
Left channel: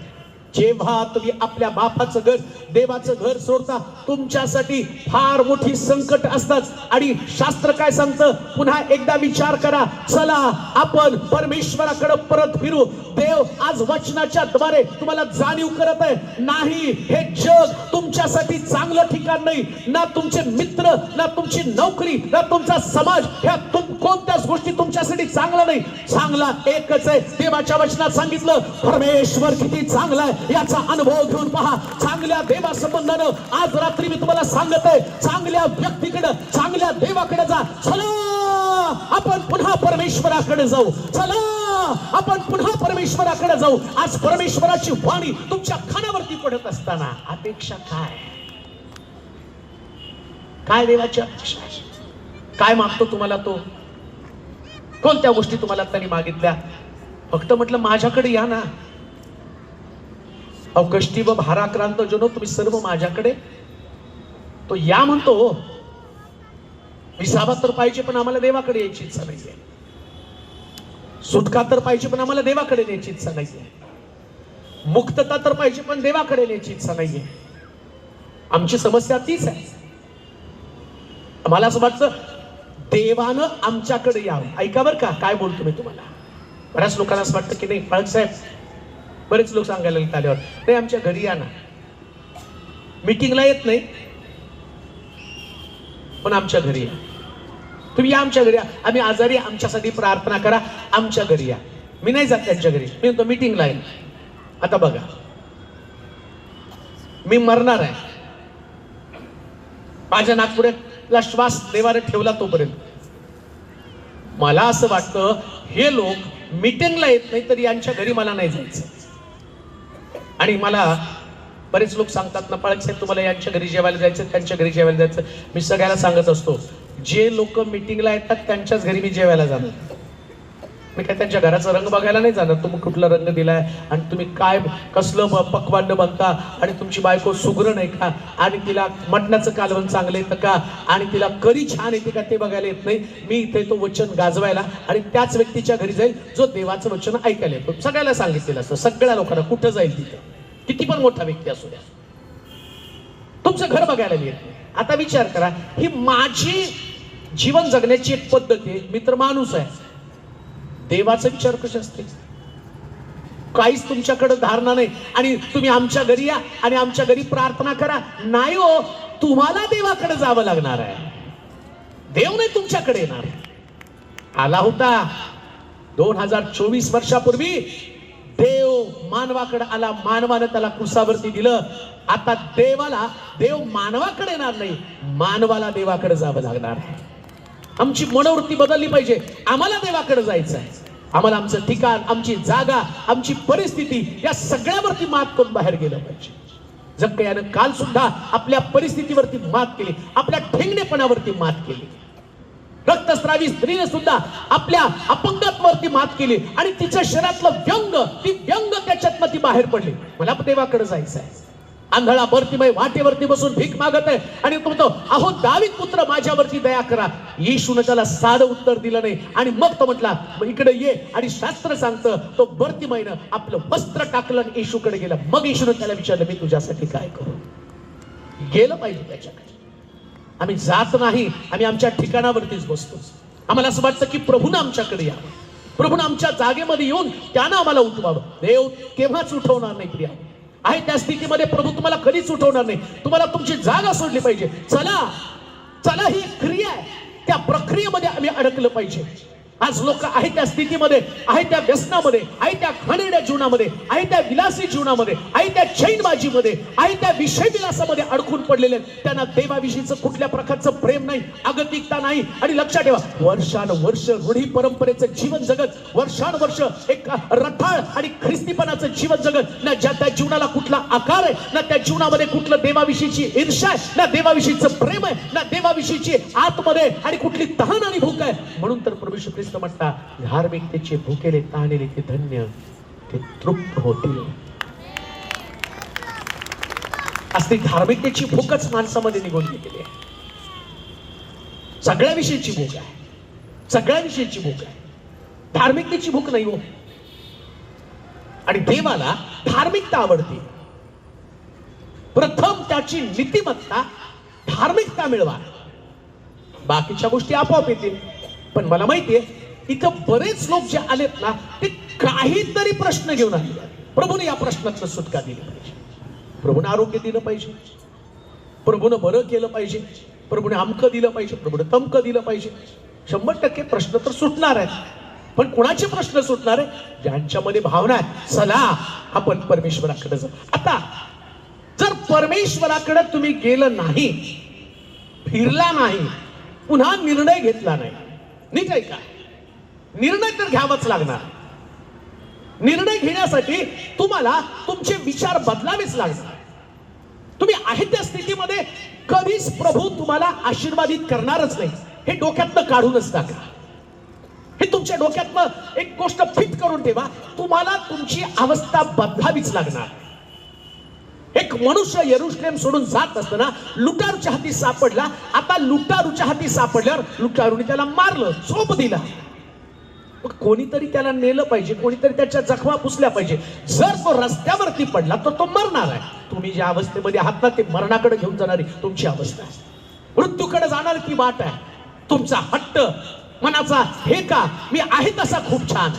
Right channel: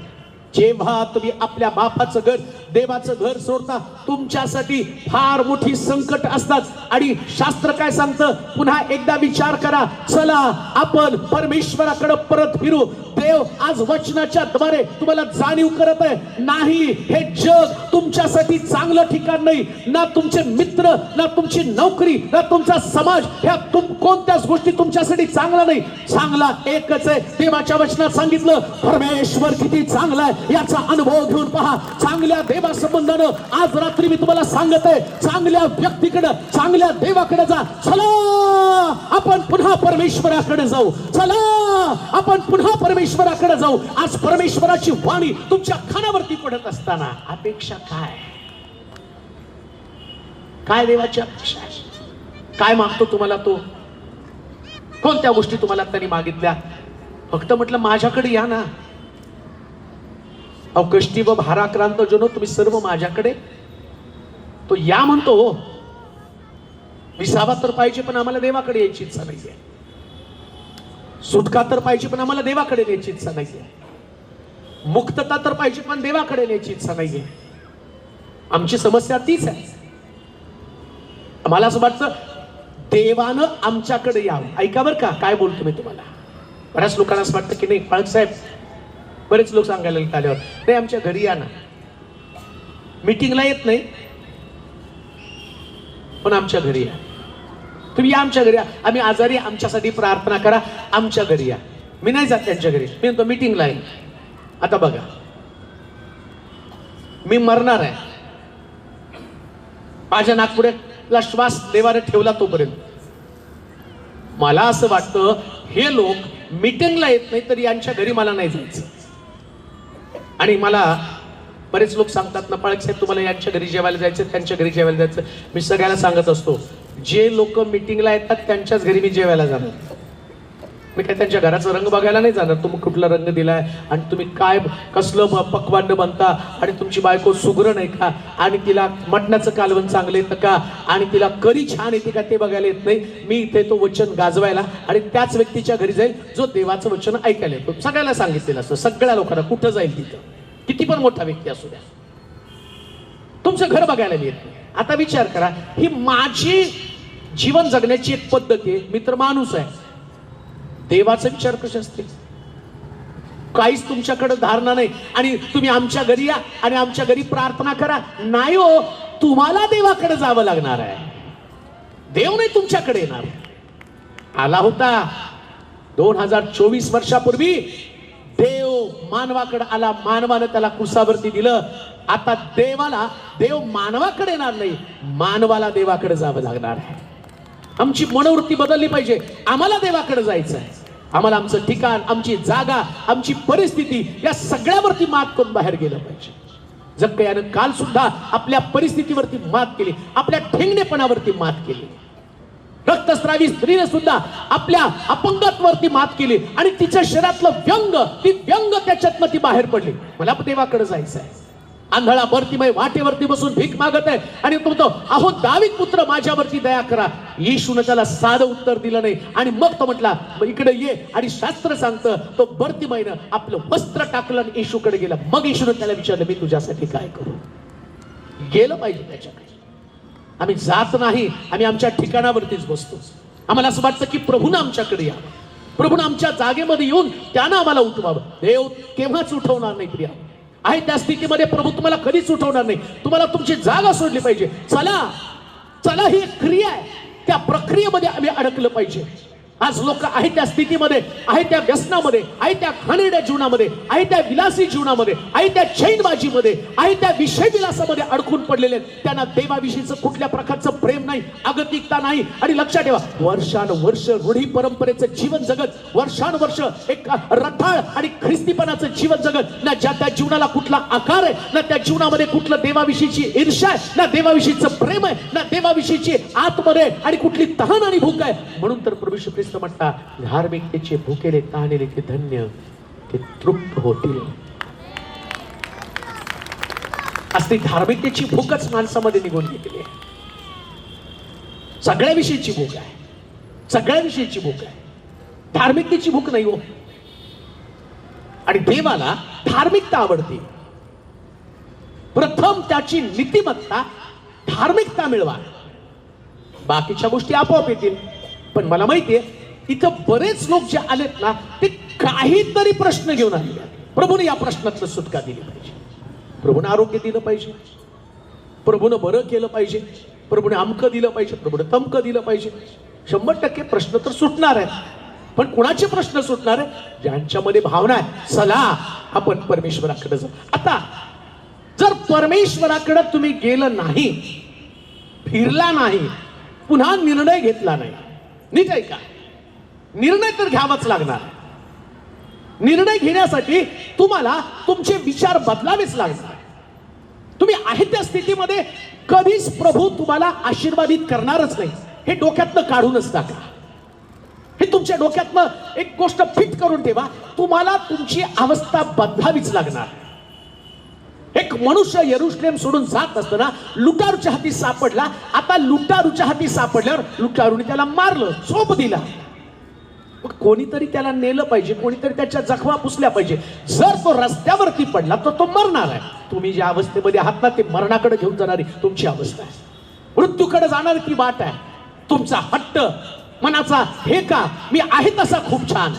जेव्हा तुम्ही आपल्या बापाचं घर, देवाचं घर सोडता, तुमच्यासाठी फार मोठी संकट असतात. आणि शास्त्र काय सांगतं? पुन्हा एकदा विचार करा, चला आपण परमेश्वराकडे परत फिरू. देव आज वचनाच्या द्वारे तुम्हाला जाणीव करत आहे, नाही हे जग तुमच्यासाठी चांगलं ठिकाण नाही. ना तुमचे मित्र, ना तुमची नोकरी, ना तुमचा समाज, ह्या कोणत्याच गोष्टी तुमच्यासाठी चांगला नाही. चांगला एकच आहे. देवाच्या वचनात सांगितलं, परमेश्वर किती चांगला आहे याचा अनुभव घेऊन पहा. चांगल्या देवासंबंधानं आज रात्री मी तुम्हाला सांगत आहे, चांगल्या व्यक्तीकडे, चांगल्या देवाकडे जा. चला आपण पुन्हा परमेश्वराकडे जाऊ. चला आपण पुन्हा परमेश्वराकडे जाऊ. आज परमेश्वराची वाणी तुमच्या कानावरती पडत असताना अपेक्षा काय? काय देवाची अपेक्षा? काय मागतो तुम्हाला तो? कोणत्या गोष्टी तुम्हाला त्यांनी मागितल्या? फक्त म्हटलं माझ्याकडे या ना. अहो, कष्टी व भाराक्रांत जनो तुम्ही सर्व माझ्याकडे. तो या म्हणतो. विसावा तर पाहिजे पण आम्हाला देवाकडे यायची इच्छा नाहीये. सुटका तर पाहिजे पण आम्हाला देवाकडे न्यायची इच्छा नाहीये. मुक्तता तर पाहिजे पण देवाकडे न्यायची इच्छा नाहीये. आमची समस्या तीच आहे. आम्हाला असं वाटतं देवानं आमच्याकडे यावं. ऐका बरं का काय बोलतो मी तुम्हाला. बऱ्याच लोकांना असं वाटतं की नाही पाळक साहेब, बरेच लोक सांगायला आल्यावर, नाही आमच्या घरी या ना, मीटिंगला येत नाही पण आमच्या घरी या. तुम्ही या आमच्या घरी या, आम्ही आजारी, आमच्यासाठी प्रार्थना करा, आमच्या घरी या. मी नाही जात त्यांच्या घरी, मी म्हणतो मीटिंगला येईल. आता बघा, मी मरणार आहे, माझ्या नागपुड्यातला श्वास देवाने ठेवला तोपर्यंत मला असं वाटतं हे लोक मीटिंगला येत नाही तर यांच्या घरी मला नाही जायचं. आणि मला बरेच लोक सांगतात ना, पाळक साहेब तुम्हाला यांच्या घरी जेवायला जायचं, त्यांच्या घरी जेवायला जायचं. मी सगळ्यांना सांगत असतो, जे लोक मीटिंगला येतात त्यांच्याच घरी मी जेवायला जाणार. मी काय त्यांच्या घराचा रंग बघायला नाही जाणार. तुम्ही कुठला रंग दिलाय आणि तुम्ही काय कसलं पक्वान्न बनता आणि तुमची बायको सुगरण आहे का आणि तिला मटणाचं कालवण चांगलं येतं का आणि तिला करी छान येते का ते बघायला येत नाही. मी इथे तो वचन गाजवायला आणि त्याच व्यक्तीच्या घरी जाईल जो देवाचं वचन ऐकायला येतो. सगळ्याला सांगितलेलं असतं, सगळ्या लोकांना कुठं जाईल तिथे, किती पण मोठा व्यक्ती असू द्या, तुमचं घर बघायला येत नाही. आता विचार करा, ही माझी जीवन जगण्याची एक पद्धत आहे. मित्र माणूस आहे, देवाचा विचार कसे असते? काहीच तुमच्याकडे धारणा नाही आणि तुम्ही आमच्या घरी या आणि आमच्या घरी प्रार्थना करा. नाही हो, तुम्हाला देवाकडे जावं लागणार आहे. देव नाही तुमच्याकडे येणार. आला होता 2024 वर्षापूर्वी देव मानवाकडे आला, मानवानं त्याला कुसावरती दिलं. आता देव मानवाकडे येणार नाही, मानवाला देवाकडे जावं लागणार आहे. आमची मनोवृत्ती बदलली पाहिजे. आम्हाला देवाकडे जायचं आहे. आम्हाला आमचं ठिकाण, आमची जागा, आमची परिस्थिती या सगळ्यावरती मात करून बाहेर गेलं पाहिजे. जक्कयानं काल सुद्धा आपल्या परिस्थितीवरती मात केली, आपल्या ठेंगणेपणावरती मात केली. रक्तस्रावी स्त्रीने सुद्धा आपल्या अपंगत्वावरती मात केली आणि तिच्या शरीरातलं व्यंग त्याच्यातनं ती बाहेर पडली. मला देवाकडे जायचं आहे. आंधळा बर्तिमय वाटेवरती बसून भीक मागत आहे आणि तो म्हणतो, अहो दावीद पुत्र माझ्यावरती दया करा. येशूने त्याला साधं उत्तर दिलं नाही आणि मग तो म्हटला, इकडे ये. आणि शास्त्र सांगतं तो बर्तिमयनं आपलं वस्त्र टाकलं आणि येशूकडे गेला. मग येशूने त्याला विचारलं, मी तुझ्यासाठी काय करू? गेलं पाहिजे त्याच्याकडे. आम्ही जात नाही, आम्ही आमच्या ठिकाणावरतीच बसतो. आम्हाला असं वाटतं की प्रभूनं आमच्याकडे या, प्रभूनं आमच्या जागेमध्ये येऊन त्यानं आम्हाला उठवावं. देव केव्हाच उठवणार नाही प्रिया. आहे त्या स्थितीमध्ये प्रभू तुम्हाला कधीच उठवणार नाही. तुम्हाला तुमची जागा सोडली पाहिजे. चला ही एक क्रिया आहे, त्या प्रक्रियेमध्ये आम्ही अडकलं पाहिजे. आज लोक आहे त्या स्थितीमध्ये, आहे त्या व्यसनामध्ये, आहे त्या घाणेरड्या जीवनामध्ये, आहे त्या विलासी जीवनामध्ये, आहे त्या चैनबाजीमध्ये, आहे त्या विषय विलासामध्ये अडकून पडलेले. त्यांना देवाविषयीचं कुठल्या प्रकारचं प्रेम नाही, अगतिकता नाही. आणि लक्षात ठेवा, वर्षानुवर्ष रूढी परंपरेचं जीवन जगत, वर्षानुवर्ष एक रथाळ आणि ख्रिस्तीपणाचं जीवन जगत, ना ज्या त्या जीवनाला कुठला आकार आहे, ना त्या जीवनामध्ये कुठलं देवाविषयीची ईर्ष्या आहे, ना देवाविषयीचं प्रेम आहे, ना देवाविषयीची आतमध्ये आणि कुठली तहान आणि भूक आहे. म्हणून तर प्रभू ख्रिस्त म्हणता, धार्मिकतेचे भुकेले तहानेले ते धन्य, ते तृप्त होतील. असली धार्मिकतेची भूकच माणसामध्ये निघून गेलेली आहे. सगळ्याविषयीची भूक आहे, सगळ्याविषयीची भूक आहे. धार्मिकतेची भूक नाही हो. आणि देवाला धार्मिकता आवडते. प्रथम त्याची नीतिमत्ता, धार्मिकता मिळवा, बाकीच्या गोष्टी आपोआप येतील. पण मला माहितीये इथं बरेच लोक जे आलेत ना, ते काहीतरी प्रश्न घेऊन आले. प्रभूने या प्रश्नाचं सुटका दिली पाहिजे, प्रभूने आरोग्य दिलं पाहिजे, प्रभूने बरं केलं पाहिजे, प्रभूने अमकं दिलं पाहिजे, प्रभूने तमकं दिलं पाहिजे. 100% प्रश्न तर सुटणार आहेत. पण कुणाचे प्रश्न सुटणार आहे? ज्यांच्यामध्ये भावना आहे, चला आपण परमेश्वराकडे जाऊ. आता जर परमेश्वराकडे तुम्ही गेलं नाही, फिरला नाही, पुन्हा निर्णय घेतला नाही, नीट आहे का? निर्णय तर घ्यावाच लागणार. निर्णय घेण्यासाठी तुम्हाला तुमचे विचार बदलावेच लागणार. तुम्ही आहे त्या स्थितीमध्ये कधीच प्रभू तुम्हाला आशीर्वादित करणारच नाही, हे डोक्यातनं काढूनच टाका. हे तुमच्या डोक्यातनं एक गोष्ट फिट करून ठेवा, तुम्हाला तुमची अवस्था बदलावीच लागणार. एक मनुष्य यरुशलेम सोडून जात असताना लुटारूच्या हाती सापडला. आता लुटारूच्या हाती सापडल्यावर लुटारूने त्याला मारलं, चोप दिला. कोणीतरी त्याला नेलं पाहिजे, कोणीतरी त्याच्या जखमा पुसल्या पाहिजे. जर तो रस्त्यावरती पडला तर तो मरणार आहे. तुम्ही ज्या अवस्थेमध्ये आहात ना, ते मरणाकडे घेऊन जाणारी तुमची अवस्था आहे. मृत्यूकडे जाणार ती वाट आहे. तुमचा हट्ट मनाचा, हे का मी आहे तसा खूप छान,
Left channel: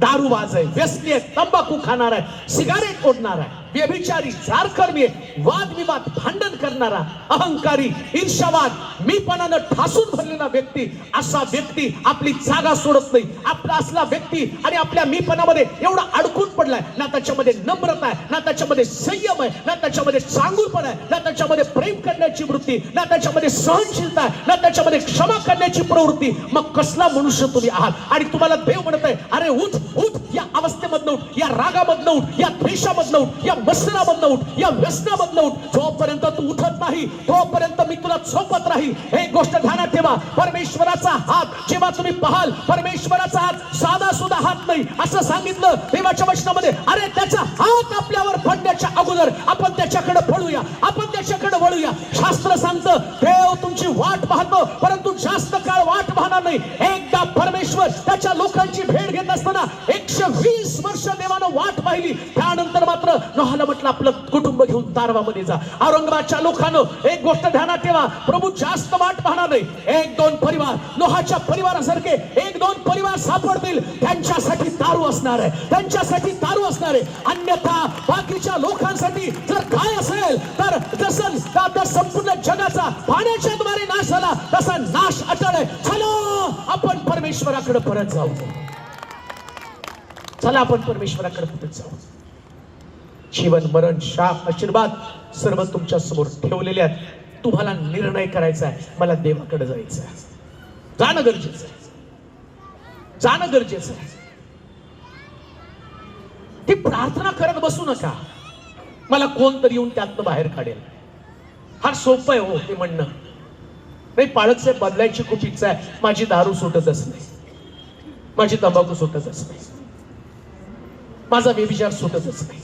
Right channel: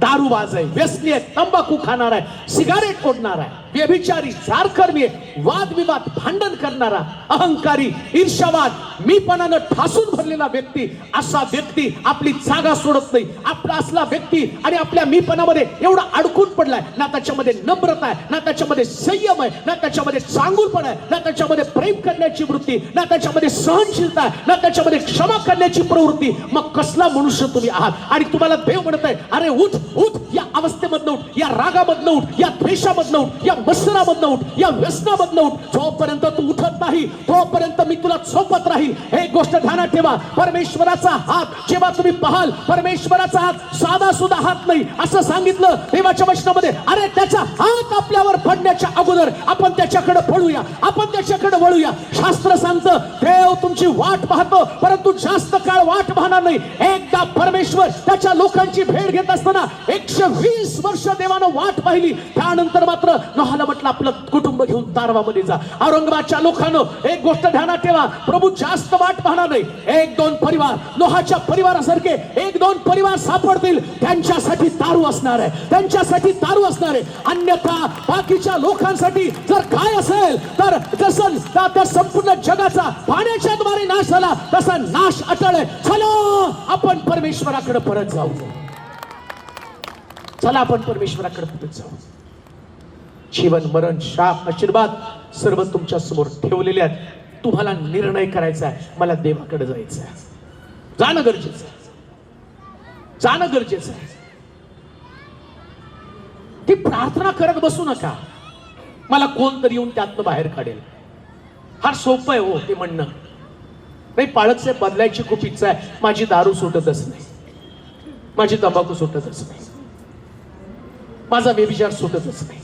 दारूबाज आहे, व्यसनी आहे, तंबाखू खाणार आहे, सिगारेट ओढणार आहे, व्यभिचारी, जारकर्मी आहे, वादविवाद, भांडण करणारा, अहंकारी, ईर्ष्यावाद, मीपणानं ठासून भरलेला व्यक्ती, असा व्यक्ती आपली जागा सोडत नाही. आपला असला व्यक्ती आणि आपल्या मीपणामध्ये एवढा अडकून पडलाय, ना त्याच्यामध्ये नम्रता आहे, ना त्याच्यामध्ये संयम आहे, ना त्याच्यामध्ये चांगुलपणा आहे, ना त्याच्यामध्ये प्रेम करण्याची वृत्ती, ना त्याच्यामध्ये सहनशीलता आहे, ना त्याच्यामध्ये क्षमा करण्याची प्रवृत्ती. मग कसला मनुष्य तुम्ही आहात? आणि तुम्हाला देव म्हणत आहे, अरे उठ उठ, या अवस्थेमधनं उठ, या रागामधनं उठ, या द्वेषामधनं उठ, या मत्सरामधनं उठ, या व्यसनामधनं उठ. जोपर्यंत तू उठत नाही तोपर्यंत मी तुला झोपत राहील. एक गोष्ट ध्यानात ठेवा, परमेश्वराचा हात जेव्हा तुम्ही पाहाल, परमेश्वराचा हात साधा सुद्धा हात नाही असं सांगितलं देवाच्या वचनामध्ये. अरे त्याचा हात आपल्यावर पडण्याच्या अगोदर आपण त्याच्याकडे पळूया, आपण त्याच्याकडे वळूया. शास्त्र सांगतं देव तुमची वाट पाहतो, परंतु जास्त काळ वाट पाहणार नाही. एकदा परमेश्वर त्याच्या लोकांची भेट घेत असताना 120 वर्ष देवानं वाट पाहिली. त्यानंतर मात्र नोहाला म्हटलं आपलं कुटुंब घेऊन तारवामध्ये जा. औरंगाबादच्या लोकांनो एक गोष्ट ध्यानात ठेवा, प्रभू जास्त वाट पाहणार नाही. 1-2 परिवार, नोहाच्या परिवारासारखे 1-2 परिवार सापडतील, त्यांच्यासाठी तारू असणार आहे, त्यांच्यासाठी तारू असणार आहे. अन्यथा बाकीच्या लोकांसाठी जर काय असेल तर जसं संपूर्ण जगाचा पाण्याच्या द्वारे नाश झाला तसा नाश अटळ आहे. चला आपण परमेश्वराकडे परत जाऊ, चला आपण परमेश्वराकडे परत जाऊ. जीवन, मरण, शाप, आशीर्वाद सर्व तुमच्या समोर ठेवलेले आहेत. तुम्हाला निर्णय करायचा आहे, मला देवाकडे जायचं आहे. जाणं गरजेचं आहे, जाणं गरजेचं आहे. ती प्रार्थना करत बसू नका मला कोणतरी येऊन त्यातनं बाहेर काढेल. फार सोपं आहे हो ते म्हणणं. नाही पाळक साहेब बदलायची खूप इच्छा आहे. माझी दारू सुटतच नाही, माझी तंबाखू सुटतच नाही, माझा व्यभिचार सुटतच नाही.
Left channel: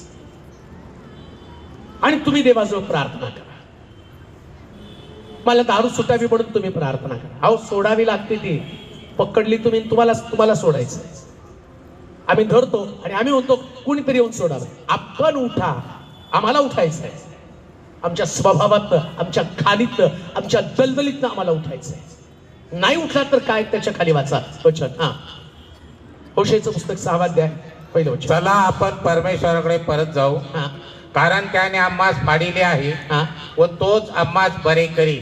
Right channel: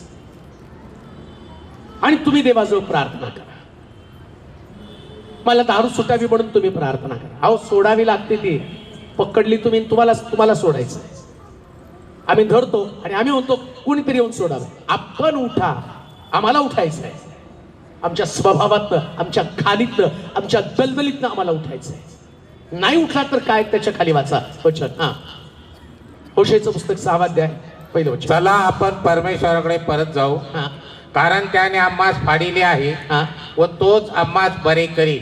आणि तुम्ही देवाजवळ प्रार्थना करा मला दारू सुटावी म्हणून तुम्ही प्रार्थना करा. अहो सोडावी लागते ती. पकडली तुम्ही तुम्हाला सोडायचं. आम्ही धरतो आणि आम्ही म्हणतो कुणीतरी येऊन सोडावं. आपण उठा, आम्हाला उठायचं आहे. आमच्या स्वभावातनं, आमच्या खालीतनं, आमच्या दलदलीतनं आम्हाला उठायचं आहे. नाही उठला तर काय त्याच्या खाली वाचा वचन. हा होशेचं पुस्तक 6 अध्याय पहिलं वचन. चला आपण परमेश्वराकडे परत जाऊ, हा कारण त्याने आम्हास फाडिले आहे हा व तोच आम्हास बरे करी.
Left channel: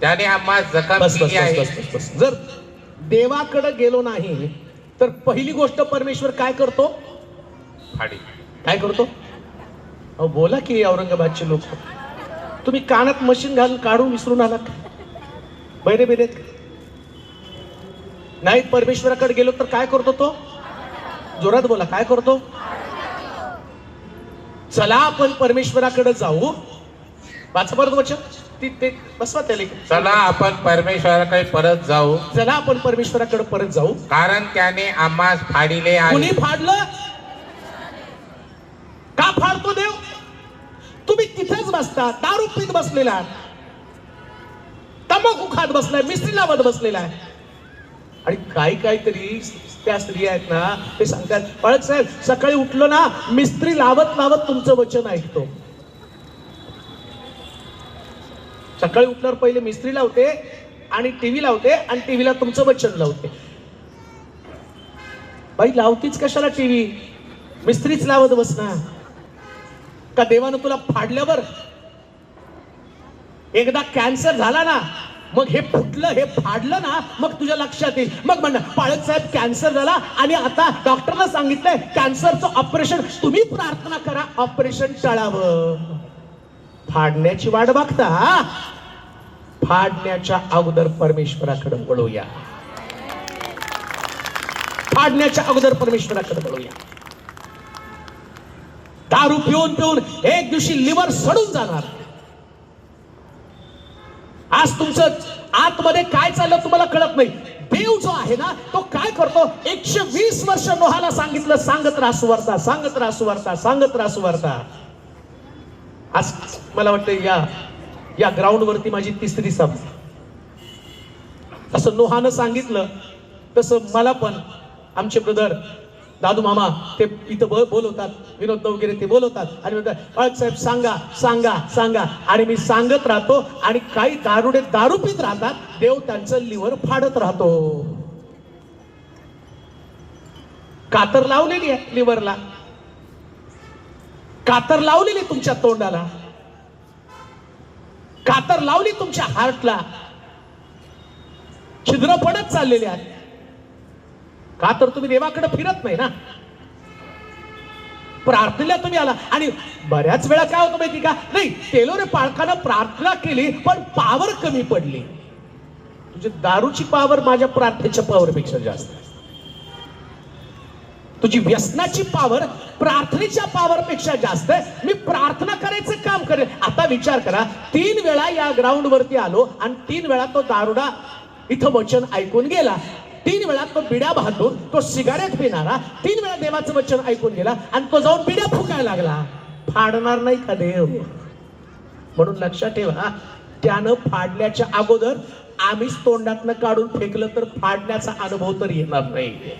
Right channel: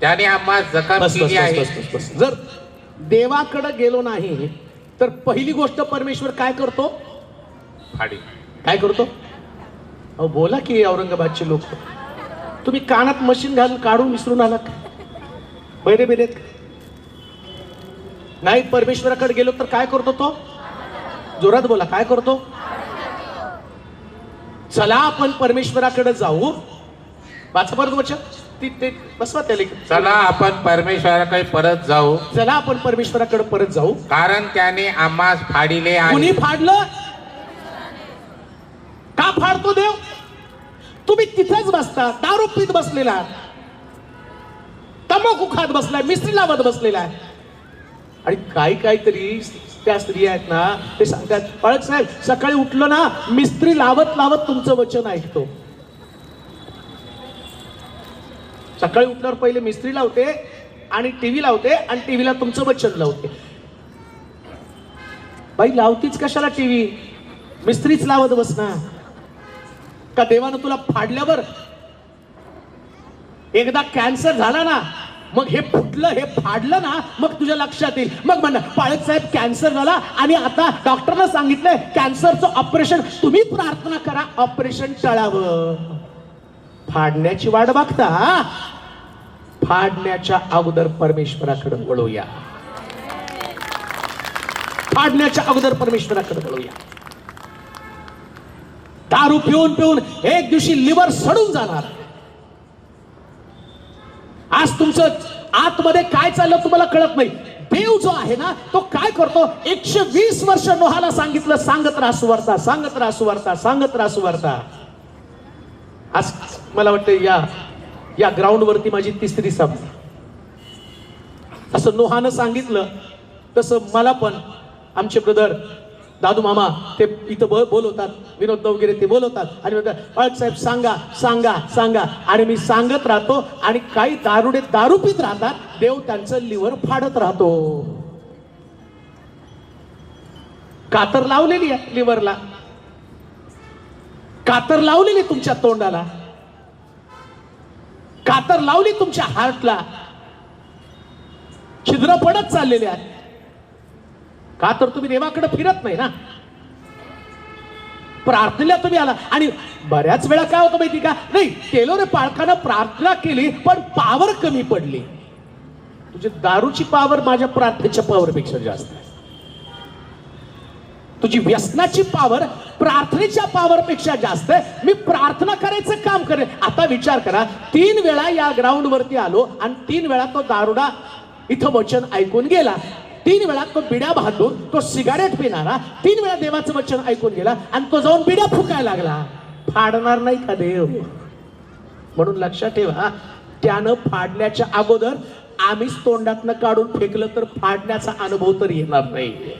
त्याने आम्हास जखम बस, केली आहे. बस. जर देवाकडे गेलो नाही तर पहिली गोष्ट परमेश्वर काय करतो? फाडी. काय करतो? अहो बोला की औरंगाबादचे लोक, तुम्ही कानात मशीन घालून काढून विसरून आला का? बैरे बेरेत नाही. परमेश्वराकडे गेलो तर काय करतो तो? जोरात बोला, काय करतो? चला आपण परमेश्वराकडे जाऊ. वाचा परत वचन. ते बसवा त्याला. चला आपण परमेश्वराकडे परत जाऊ, चला आपण परमेश्वराकडे परत जाऊ, कारण त्याने आम्हास फाडिले कुणी आहे. फाडलं? का फाडतो देव? तुम्ही तिथेच बसता, दारू पीत बसलेला, तंबाखू खात बसलाय, मिस्त्री लावत बसलेला आहे. आणि काहीतरी त्या स्त्रिया आहेत ना, ते सांगतात पाळक साहेब सकाळी उठलं ना मिस्त्री लावत लावत तुमचं वचन ऐकतो. सकाळी उठल्यावर पहिले मिस्त्री लावते आणि टीव्ही लावते आणि टीव्हीला तुमचं वचन लावते. बाई लावतीच कशाला टीव्ही? मिस्त्रीच लावत बसणार का? देवानं तुला फाडल्यावर एकदा कॅन्सर झाला ना, मग हे फुटलं, हे फाडलं ना, मग तुझ्या लक्षात येईल. मग म्हणा पाळक साहेब कॅन्सर झाला आणि आता डॉक्टरनं सांगितलंय कॅन्सरचं ऑपरेशन. तुम्ही प्रार्थना करा ऑपरेशन टळावं. फाडण्याची वाट बघता, फाडण्याच्या अगोदर परमेश्वराकडे वळूया. फाडण्याच्या अगोदर परमेश्वराकडे वळूया. दारू पिऊन पिऊन एक दिवशी लिव्हर सडून जाणार. आज तुमचं आतमध्ये काय चाललं तुम्हाला कळत नाही. देव जो आहे ना तो काय करतो? 120 वर्ष नोहाला सांगितलं सांगत रासू वरता, सांगत रासू वरता, सांगत रासू वरता. आज मला वाटतं या ग्राउंड वरती माझी 3री सभा. असं नोहानं सांगितलं तसं मला पण आमचे ब्रदर दादू मामा ते इथं बोलवतात, विनोद वगैरे ते बोलवतात आणि म्हणतात साहेब सांगा सांगा सांगा. आणि मी सांगत राहतो आणि काही दारुडे दारू पित राहतात. देव त्यांचं लिव्हर फाडत राहतो. कातर लावलेली आहे लिव्हरला, कातर लावलेली तुमच्या तोंडाला, कातर लावली तुमच्या हार्टला. छिद्र पडत चाललेले आहेत. का तर तुम्ही देवाकडे फिरत नाही ना. प्रार्थनेला तुम्ही आला आणि बऱ्याच वेळा काय होतं माहिती का? नाही केलो रे पाळकानं प्रार्थना केली पण पावर कमी पडली. तुझी दारूची पावर माझ्या प्रार्थनेच्या पावर पेक्षा जास्त आहे. तुझी व्यसनाची पावर प्रार्थनेच्या पावर पेक्षा जास्त आहे. मी प्रार्थना करायचं काम करेल. आता विचार करा, 3 वेळा या ग्राउंड वरती आलो आणि 3 वेळा तो दारुडा इथं वचन ऐकून गेला. 3 वेळा तो बिड्या बहादूर, तो सिगारेट पिणारा 3 वेळा देवाचं वचन ऐकून गेला आणि तो जाऊन बिड्या फुकायला लागला. फाडणार नाही का देव? म्हणून लक्षात ठेवा, त्यानं फाडण्याच्या अगोदर आम्हीच तोंडातनं काढून फेकलं तर फाडण्याचा अनुभव तर येणार नाही.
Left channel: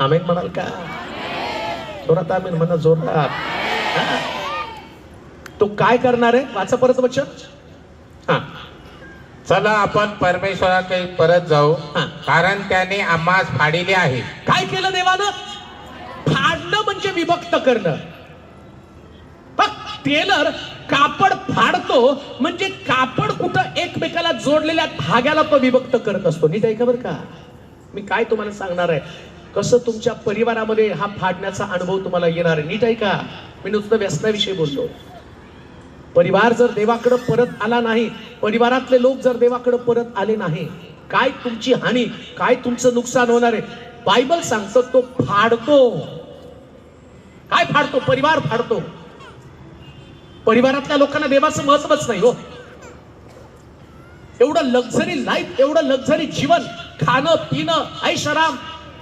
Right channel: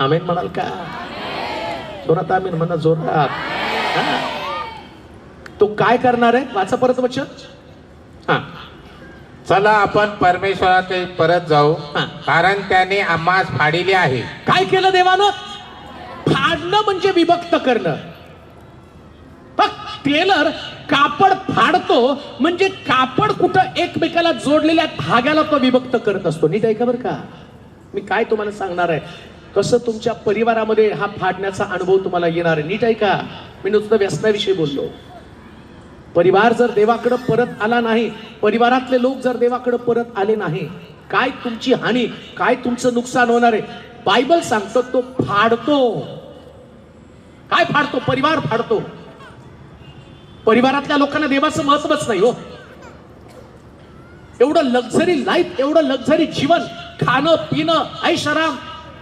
आमेन म्हणाल का? जोरात आमेन म्हणा, जोरात. तो काय करणार आहे? वाचा परत वचन. हा चला आपण परमेश्वराकडे परत जाऊ, कारण त्याने आम्हास फाडिले आहे. काय केलं देवानं? फाडणं म्हणजे विभक्त करणं. टेलर कापड फाडतो म्हणजे कापड कुठं एकमेकाला जोडलेल्या धाग्याला तो विभक्त करत असतो. नीट ऐका बरं का, मी काय तुम्हाला सांगणार आहे, कसं तुमच्या परिवारामध्ये हा फाडण्याचा अनुभव तुम्हाला येणार आहे. नीट ऐका, मी नुसतं व्यसनाविषयी बोललो. परिवार जर देवाकडे परत आला नाही, परिवारातले लोक जर देवाकडे परत आले नाही, काय तुमची हानी, काय तुमचं नुकसान होणार आहे. बायबल सांगतो तो फाडतो. काय फाडतो? परिवार फाडतो. परिवारातल्या लोकांना देवाचं महत्वच नाही हो. एवढं लक्झरी लाईफ, एवढं लक्झरी जीवन, खाणं पिणं ऐशाराम,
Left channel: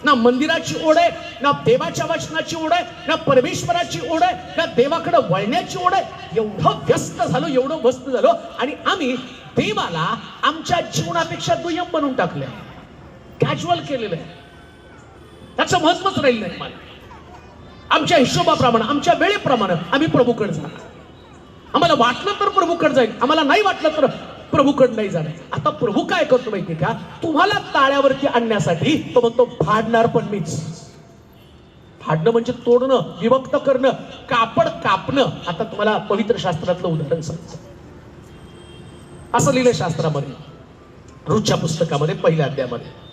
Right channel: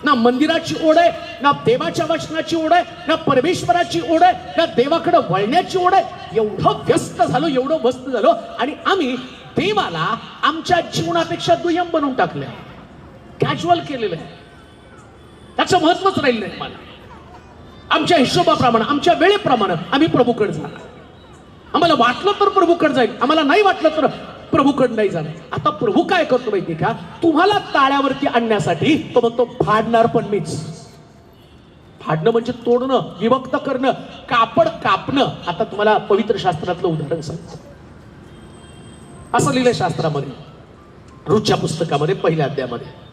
ना मंदिराची ओढ आहे, ना देवाच्या वचनाची ओढ आहे, ना परमेश्वराची ओढ आहे, ना देवाकडे वळण्याची ओढ आहे. एवढं व्यस्त झालो, एवढं व्यस्त झालो आणि आम्ही देवाला आमच्या जीवनापेक्षा दुय्यम बनवून टाकलंय, कॅज्युअल केलेलं आहे. त्याचं महत्वच राहिलं नाही. मला आमच्या हिशोबाप्रमाणे, आमच्या वेळेप्रमाणे आम्ही प्रभूकडे जाणार. आम्हाला वाटलं तर प्रभूकडे जाईल, आम्हाला नाही वाटलं तर प्रभूकडे नाही जाणार. आता प्रभू काय करतो माहिती का? तुम्हाला ताळ्यावरती आणण्यासाठी तो म्हणतो फाडणार पण मीच. फाडणं म्हणजे तोडणं, विभक्त करणं, कापड कापणं. आता तुम्हाला पवित्र शास्त्रातलं उदाहरण सांगतो. असं लिहिलंय शास्त्रामध्ये, रूच्या पुस्तकामध्ये पहिल्या अध्यायामध्ये,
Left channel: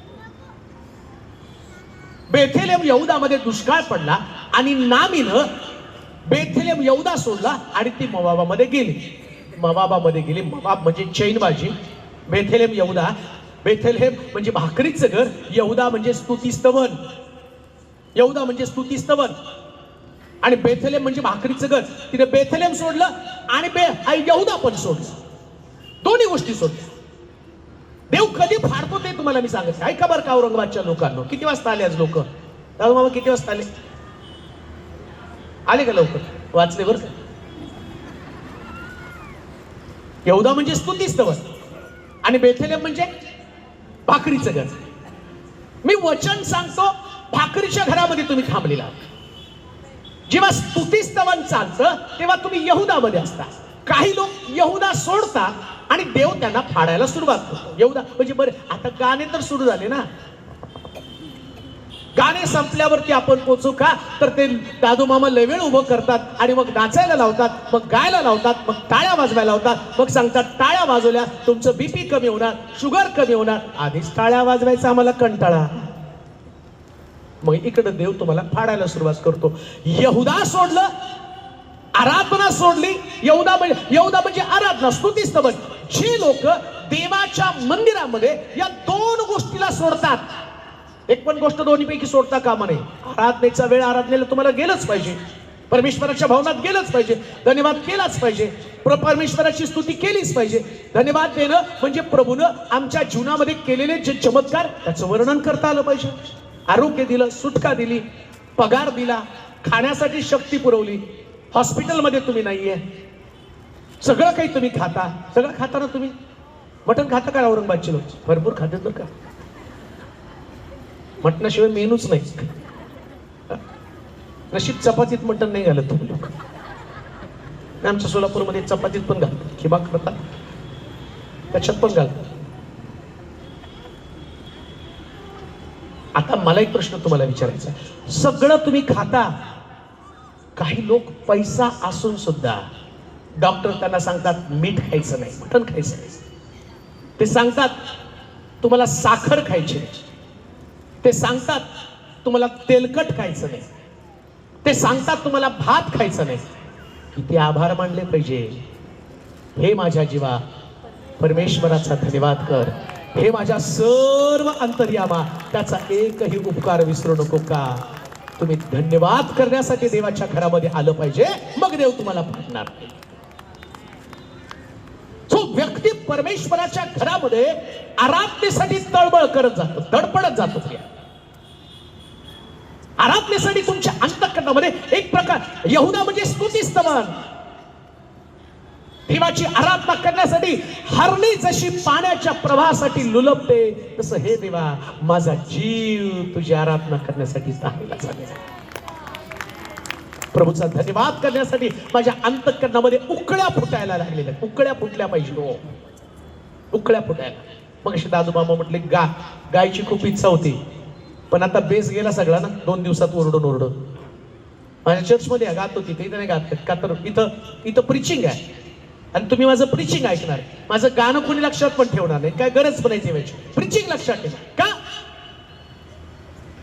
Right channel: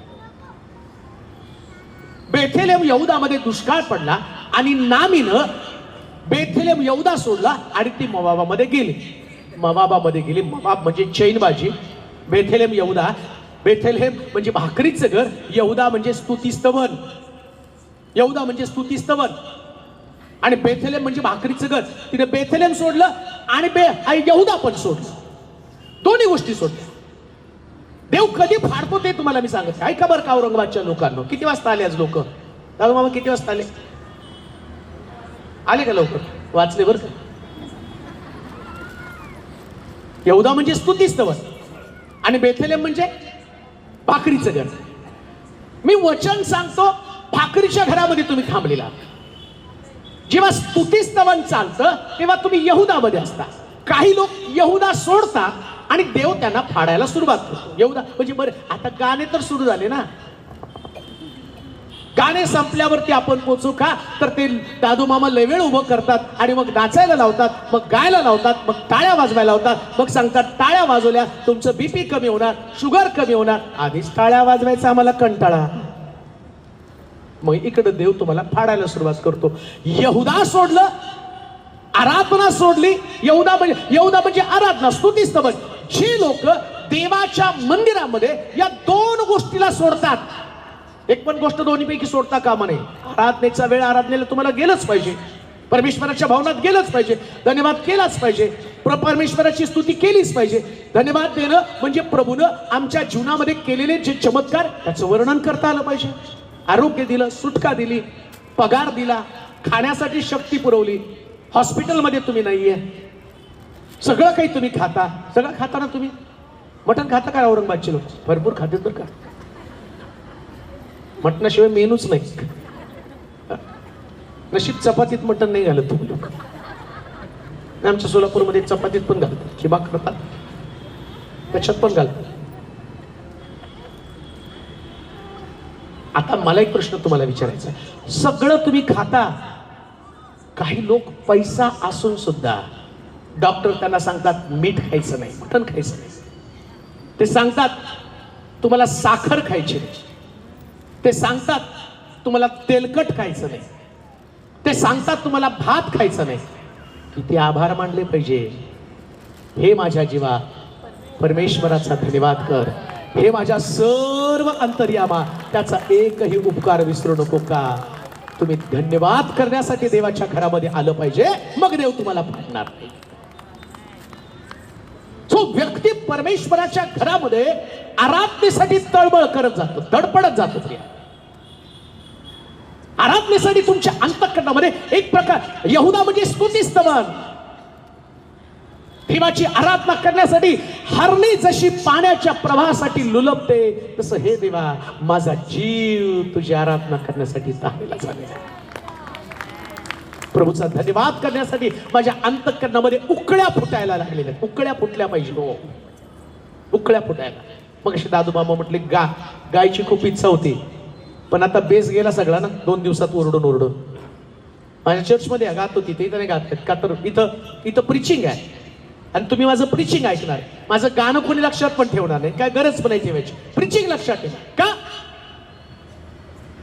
बेथेलेम यहूदामध्ये दुष्काळ पडला आणि नामीनं बेथेलेम यहूदा सोडला आणि ती मोवाबामध्ये गेली. मोवाबामध्ये गेली. मोवाब म्हणजे चैनबाजी. बेथेलेम यहूदा, बेथेलेम म्हणजे भाकरीचं घर, यहूदा म्हणजे स्तुतीस्तवन. यहूदा म्हणजे स्तुतीस्तवन आणि बेथेलेम म्हणजे भाकरीचं घर. तिने बेथेलेम सोडलं आणि यहूदा पण सोडलं. दोन्ही गोष्टी सोडल्या. देव कधी फाडतो ते तुम्हाला मी सांगत. ऐका बरं का औरंगाबादच्या लोकांना. किती वाजता आले आज लोक? दादा मामा किती वाजता आले? आले का लवकर? वाचले बरं का? यहूदा म्हणजे स्तुतीस्तवन आणि बेथलेम म्हणजे भाकरीचं घर. मी वचन सांगतो, भाकरीच्या घरामध्ये तुम्ही थांबलेला. जेव्हा स्तुतीस्तवन चालतं तेव्हा तुम्ही यहूदामध्ये असता. काही लोक यहूदा सोडतात आणि देव त्यांना फाडायला सुरुवात करतो. यहूदा म्हणजे बरं, आता गाणे तर सुरू झाले ना. गाणे संपल्यावरती आपण पोचू का? तर ते दादू मामा लय वेळ उभं करतात आणि मग नाचायला लावतात, मग गायला लावतात, मग टाळ्या वाजवायला लावतात, मग सांगतात टाळ्या वाजवल्या तुमचं बीपी कमी होणार, शुगर कमी होणार. आधीच टाळ्या वाजवायचा आम्हाला कंटाळा. मग इकडे देव तुम्हाला फाडायला सुरुवात करतो. यहूदा सोडलं, आराधना सोडली. यहूदा म्हणजे आराधना, स्तुतीस्तवन. जे लोक देवाच्या मंदिरामध्ये या दोन गोष्टीला सोडतात, एक पण गोष्ट दोन्हीपैकी सोडता कामा नये. आराधनेचा वेळ आराधनेला तुम्हाला गेलंच पाहिजे, परमेश्वराच्या भावनात गेलंच पाहिजे, धन्यवाद केलाच पाहिजे, परमेश्वराची स्तुती केलीच पाहिजे. धन्यवाद देणं म्हणजे प्रभूनं आमच्या जीवनामध्ये केलेले जे चमत्कार त्याचं वर्णन करता आलं पाहिजे. आरोग्य दिलं, सुटका दिली, पगार दिला, खाण्यासाठी शक्ती पुरवली. हॉस्पिटलमध्ये तुम्ही नाहीये, सगळं काही तुम्ही खाता. सगळं खाताना तुम्ही मटण खाता का? औरंगाबादचे लोक भरपूर खातात बरं का. मटणाशिवाय मेनूच नाही. नशीब चपातीत मटण नाही घालत तुम्ही लोक. आमच्या सोलापूरमध्ये चपातीत पण घालतात, खिबा करतात, त्याच्यात पण घालतात. आता मला एक प्रश्न तुम्हाला विचारायचा आहे. सगळं तुम्ही खाता. काही लोक पैसा असून सुद्धा डॉक्टर त्यांना सांगतात मीठ खायचं नाही, मटण खायचं नाही. ते सांगतात तुम्हाला साखर खायची नाही. ते सांगतात तुम्हाला तेलकट खायचं नाही. ते सांगतात तुम्हाला भात खायचं नाही. किती आभार मानले पाहिजे. हे माझ्या जीवा परमेश्वराचा धन्यवाद कर. हे माझ्या सर्व अंतर्यामा त्याचा एकही उपकार विसरू नको का. तुम्ही धन्यवाद करण्यासाठी देवाच्या घरामध्ये आलं पाहिजे, मग देव तुम्हाला फाडणार नाही. जो व्यक्ती परमेश्वराच्या घरामध्ये आराधनेसाठी तळमळ करत जातो, धडपडत जातो, आराधनेसाठी तुमच्या अंतःकरणामध्ये एक प्रकार यहूदा म्हणजे स्तुतीस्तवन. देवाची आराधना करण्यासाठी हरणी जशी पाण्याच्या प्रवाहासाठी लुलबते, तसं हे देवा माझा जीव तुझी आराधना करण्यासाठी चाललेला झालेला. प्रभूचा धन्यवाद करण्यासाठी माझ्या अंतःकरणामध्ये उकळ्या फुटायला लागलेल्या. उकळ्या फुटल्या पाहिजे हो, उकळ्या फुटायला. मग अशी दादू मामा म्हटले गायची खूप इच्छा होती, पण आता बेस गेला सगळा ना. 2 दिवसात ओरडून माझ्या चर्चमध्ये गात होती, ते नाही गात का? तर इथं प्रिचिंग आहे आणि तुम्ही माझं प्रिचिंग ऐकणार. माझं गाणं कोणी लक्षात पण ठेवणार नाही, काय गरज पण नाही ठेवायची. प्रिचिंग लक्षात ठेवा का?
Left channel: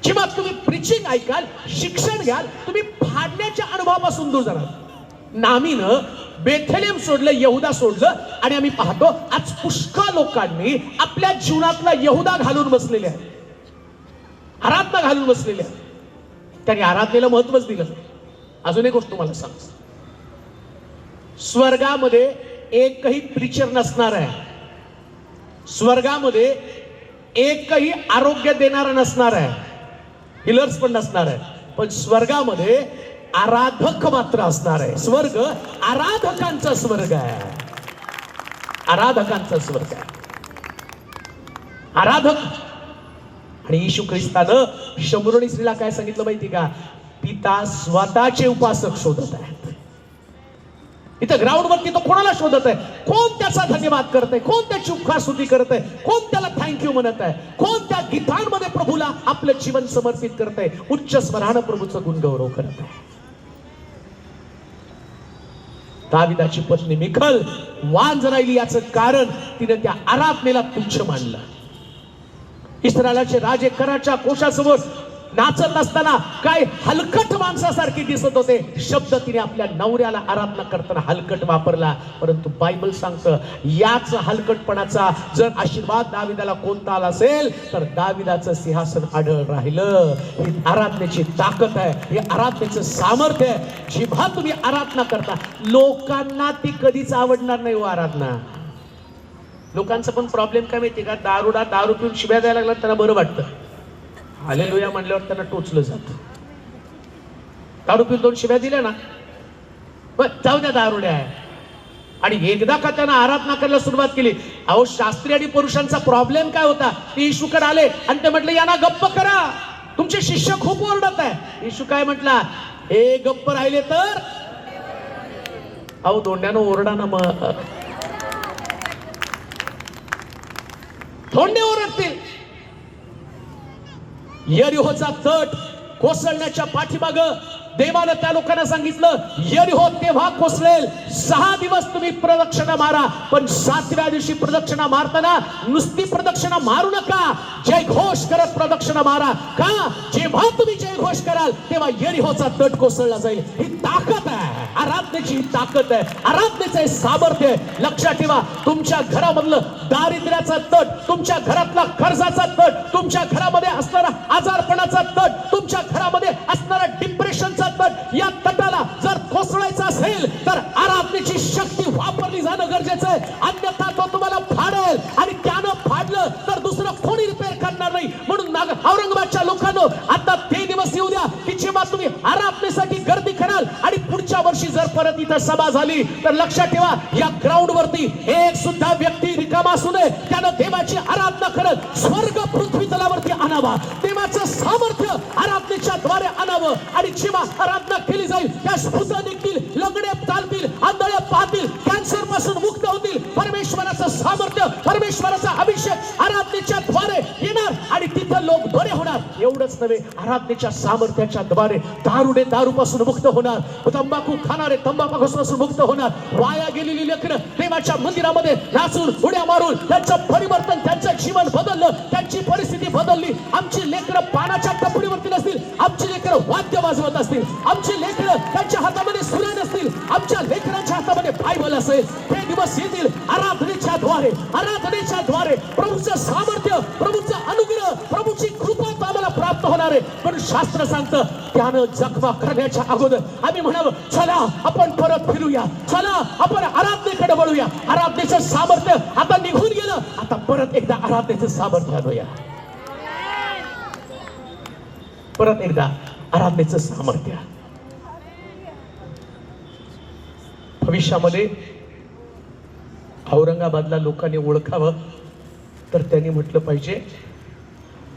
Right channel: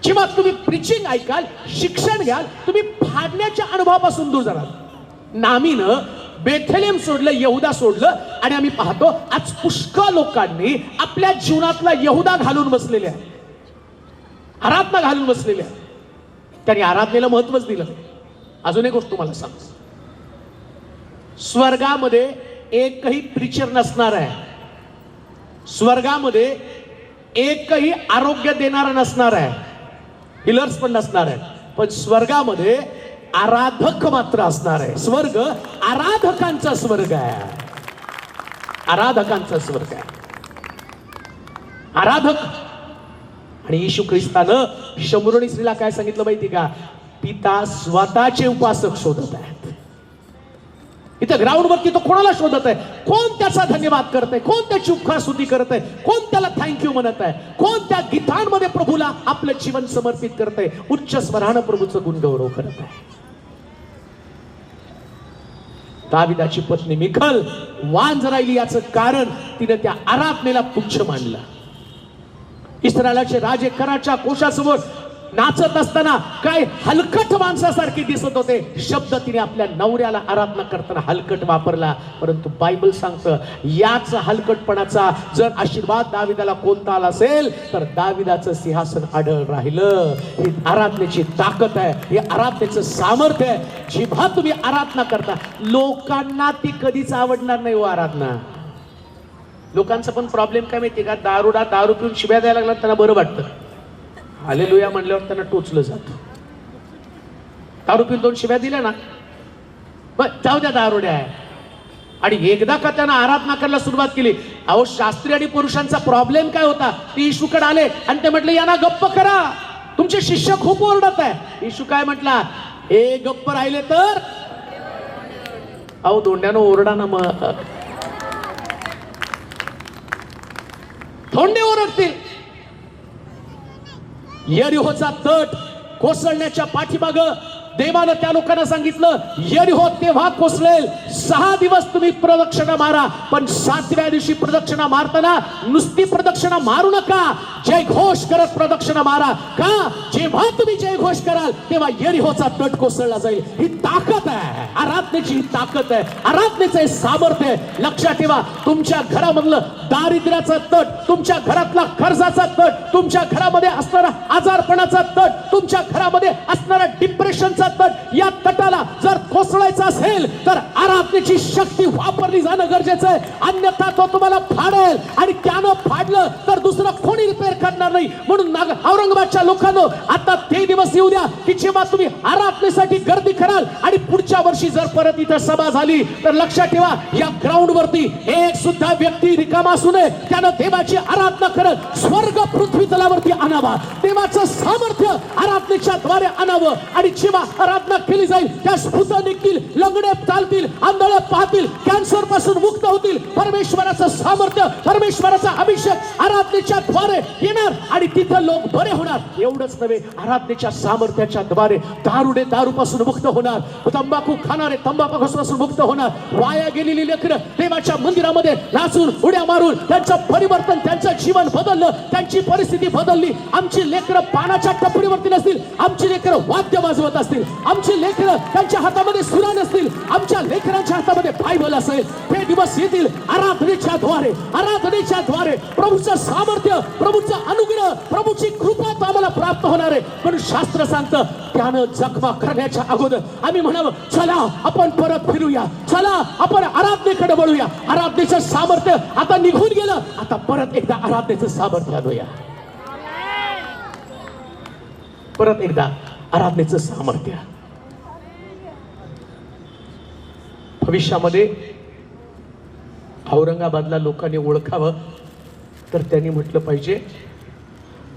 जेव्हा तुम्ही प्रिचिंग ऐकाल, शिक्षण घ्याल, तुम्ही फाडण्याच्या अनुभवापासून दूर जाणार. नामीनं बेथलेम सोडलं, यहूदा सोडलं आणि आम्ही पाहतो आज पुष्कळ लोकांनी आपल्या जीवनातला यहूदा घालून बसलेले आहे, आराधना घालून बसलेले आहे. त्यांनी आराधनेला महत्वच दिलं. अजून एक गोष्ट तुम्हाला सांग, स्वर्गामध्ये एकही प्रीचर नसणार आहे, स्वर्गामध्ये एकही आरोग्य देणारा नसणार आहे, हिलर्स पण नसणार आहे, पण स्वर्गामध्ये आराधक मात्र असणार आहे. स्वर्ग आराधकांचा स्वर्ग आहे, आराधकांचा स्वर्ग आहे. आराधक. आणि येशू ख्रिस्तानं शमूरणी स्त्रीला काय सांगितलं माहिती का? पिता स्वतःचे उपासक शोधत आहेत. इथं ग्राउंड वरती तो कोणाला शोधत आहे? कोण त्याचा धन्यवाद करत आहे? कोण त्याची उपहारस्तुती करत आहे? कोण त्याला थँक्यू म्हणत आहे? कोण त्या गीतांमध्ये प्रभूला आपलं जीवन समर्पित करत आहे? उच्च स्वरानं प्रभूचं गुणगौरव करत आहे. दाविदाची पत्नी मिखल वांज राहिली याचं कारण तिने त्या आराधनेला तुच्छ मानलं. इस्रायलाचे राजे कराच्या कोशासमोर नाचत असताना काय हलकट माणसासारखी दिसत होते. शब्द तिने आपल्या नवऱ्याला आराधना करताना हलकट वापरला. परंतु बायबल सांगतं याच हलकटपणाचा जर आशीर्वाद दाविदाला कोणता आला असेल तर दाविदाचं सिंहासन अडळ राहिलं. ही आराधनेची ताकद आहे, हे आराधनेचं सामर्थ्य आहे. जेव्हा तुम्ही आराधना करता लोकांना ती कधीच आवडणार नाही. हो आराधना लोकांचा पण प्रॉब्लेम काय माहिती का? दारू पिऊन शिव्या द्यायला लागला त्यांना बरं वाटतं. हालेलुया म्हणल्यावर त्यांना टोचलं जातं. दारू पिऊन 2 शिव्या दिल्या ना पण जाऊ द्या दारुड्या आहे. आणि एकदा का त्यांना आराधना करायला सुरुवात केली. अहो शास्त्री आणि पुरुषांचा प्रॉब्लेम काय होता? ते येशूकडे आले आणि ते म्हटले यांना गप्प करा, तुमचे शिष्य खूप ओरडत आहे. येशू काय म्हटला? हे गप्प राहिले तर अहो दोंड्यानं ओरडा ना मग, धोंडे ओरडतील. यरीहोचा तट कोसळण्याच्या पाठीमाग देवानं त्या लोकांना सांगितलं यरीहो तेव्हा कोसळेल, 6 दिवस तुम्ही प्रदक्षिणा मारा, पण 7व्या दिवशी प्रदक्षिणा मारताना नुसती प्रदक्षिणा मारू नका, जय घोष करत प्रदक्षिणा मारा. का? जेव्हा तुम्ही जय घोष कराल तेव्हा यरीहोचा तट कोसळला जाईल. ही ताकद आहे, आराधनेची ही ताकद आहे, आराधनेचं हे सामर्थ्य आहे. लक्षात ठेवा, तुमच्या घरामधलं दारिद्र्याचा तट, तुमच्या घरातला कर्जाचा तट, तुमच्या घरामध्ये असणारा आजारपणाचा तट, तुमच्या घरामध्ये असणारा डिप्रेशनचा तट, या तटाला जर कोसळायचा असेल तर आराधनेची शक्ती वापरली जाणं गरजेचं आहे. अन्यथा तो तुम्हाला फाडेल आणि त्यानं फाडलं तर दुसरं कोणी रिपेअर करणार नाही. म्हणून औरंगाबादच्या लोकांनो आता ते दिवस येऊ द्या की जेव्हा तुम्ही आराधनेसाठी गर्दी कराल आणि पुढच्या वर्षी जर परत इथं सभा झाली तर लक्षात ठेवा या ग्राउंड वरती एक सुद्धा व्यक्ती रिकामा असू नये. त्यानं देवाची आराधना करत स्वर्ग पृथ्वी तलावरती आणावा, देवाचं सामर्थ्य आराधनेच्या द्वारे आणावं. आणि जेव्हा आराधना केली जाईल त्या भूत निघतील, लंगडे चालतील, आंधळे पाहतील, कॅन्सर पासून मुक्त होतील. परमेश्वराचं सामर्थ्य, परमेश्वराचा अभिषेक आराधनेच्या द्वारे येणार आणि तिथे लोक बरे होणार. एवढंच नव्हे, आराधनेच्या सामर्थ्याच्या द्वारे दारुडे दारूपासून मुक्त होणार, तंबाखू खाणारे तंबाखूपासून मुक्त होणार. वाया गेलेली लेकरं देवाच्या मंदिरामध्ये नाचून उड्या मारून त्यांचं परिवर्तन, त्यांचं जीवन बदललं, त्यांची परिस्थिती बदलली. आमची लेकरं पानाच्या टपरीवरती नसतील, आमची लेकरं वाद्य वाजवत असतील, आमची लेकरं त्यांच्या हातामध्ये सुरा नसतील, आमच्या लेकरांच्या हातामध्ये बायबल असेल. ते दिवस येतील आराधनेच्या द्वारे, आराधनेच्या द्वारे प्रभूचं सामर्थ्य, प्रभूचं अनुग्रह, प्रभूची कृपा आम्हाला प्राप्त होणार आहे. पण शास्त्र सांगतं त्यानं जखमा करण्याच्या अगोदर आम्ही म्हणावं चला आपण परत फिरूया, चला आपण आराधनेकडे वळूया. आराधनेचं सामर्थ्य आता निघून गेलं, आता परत एकदा आराधनेचं सामर्थ्य आणूया. परत एकदा आराधनेचं सामर्थ्य. भविष्यामध्ये औरंगाबादला लोकांनी ओळखावं तर त्यांनी म्हटलं पाहिजे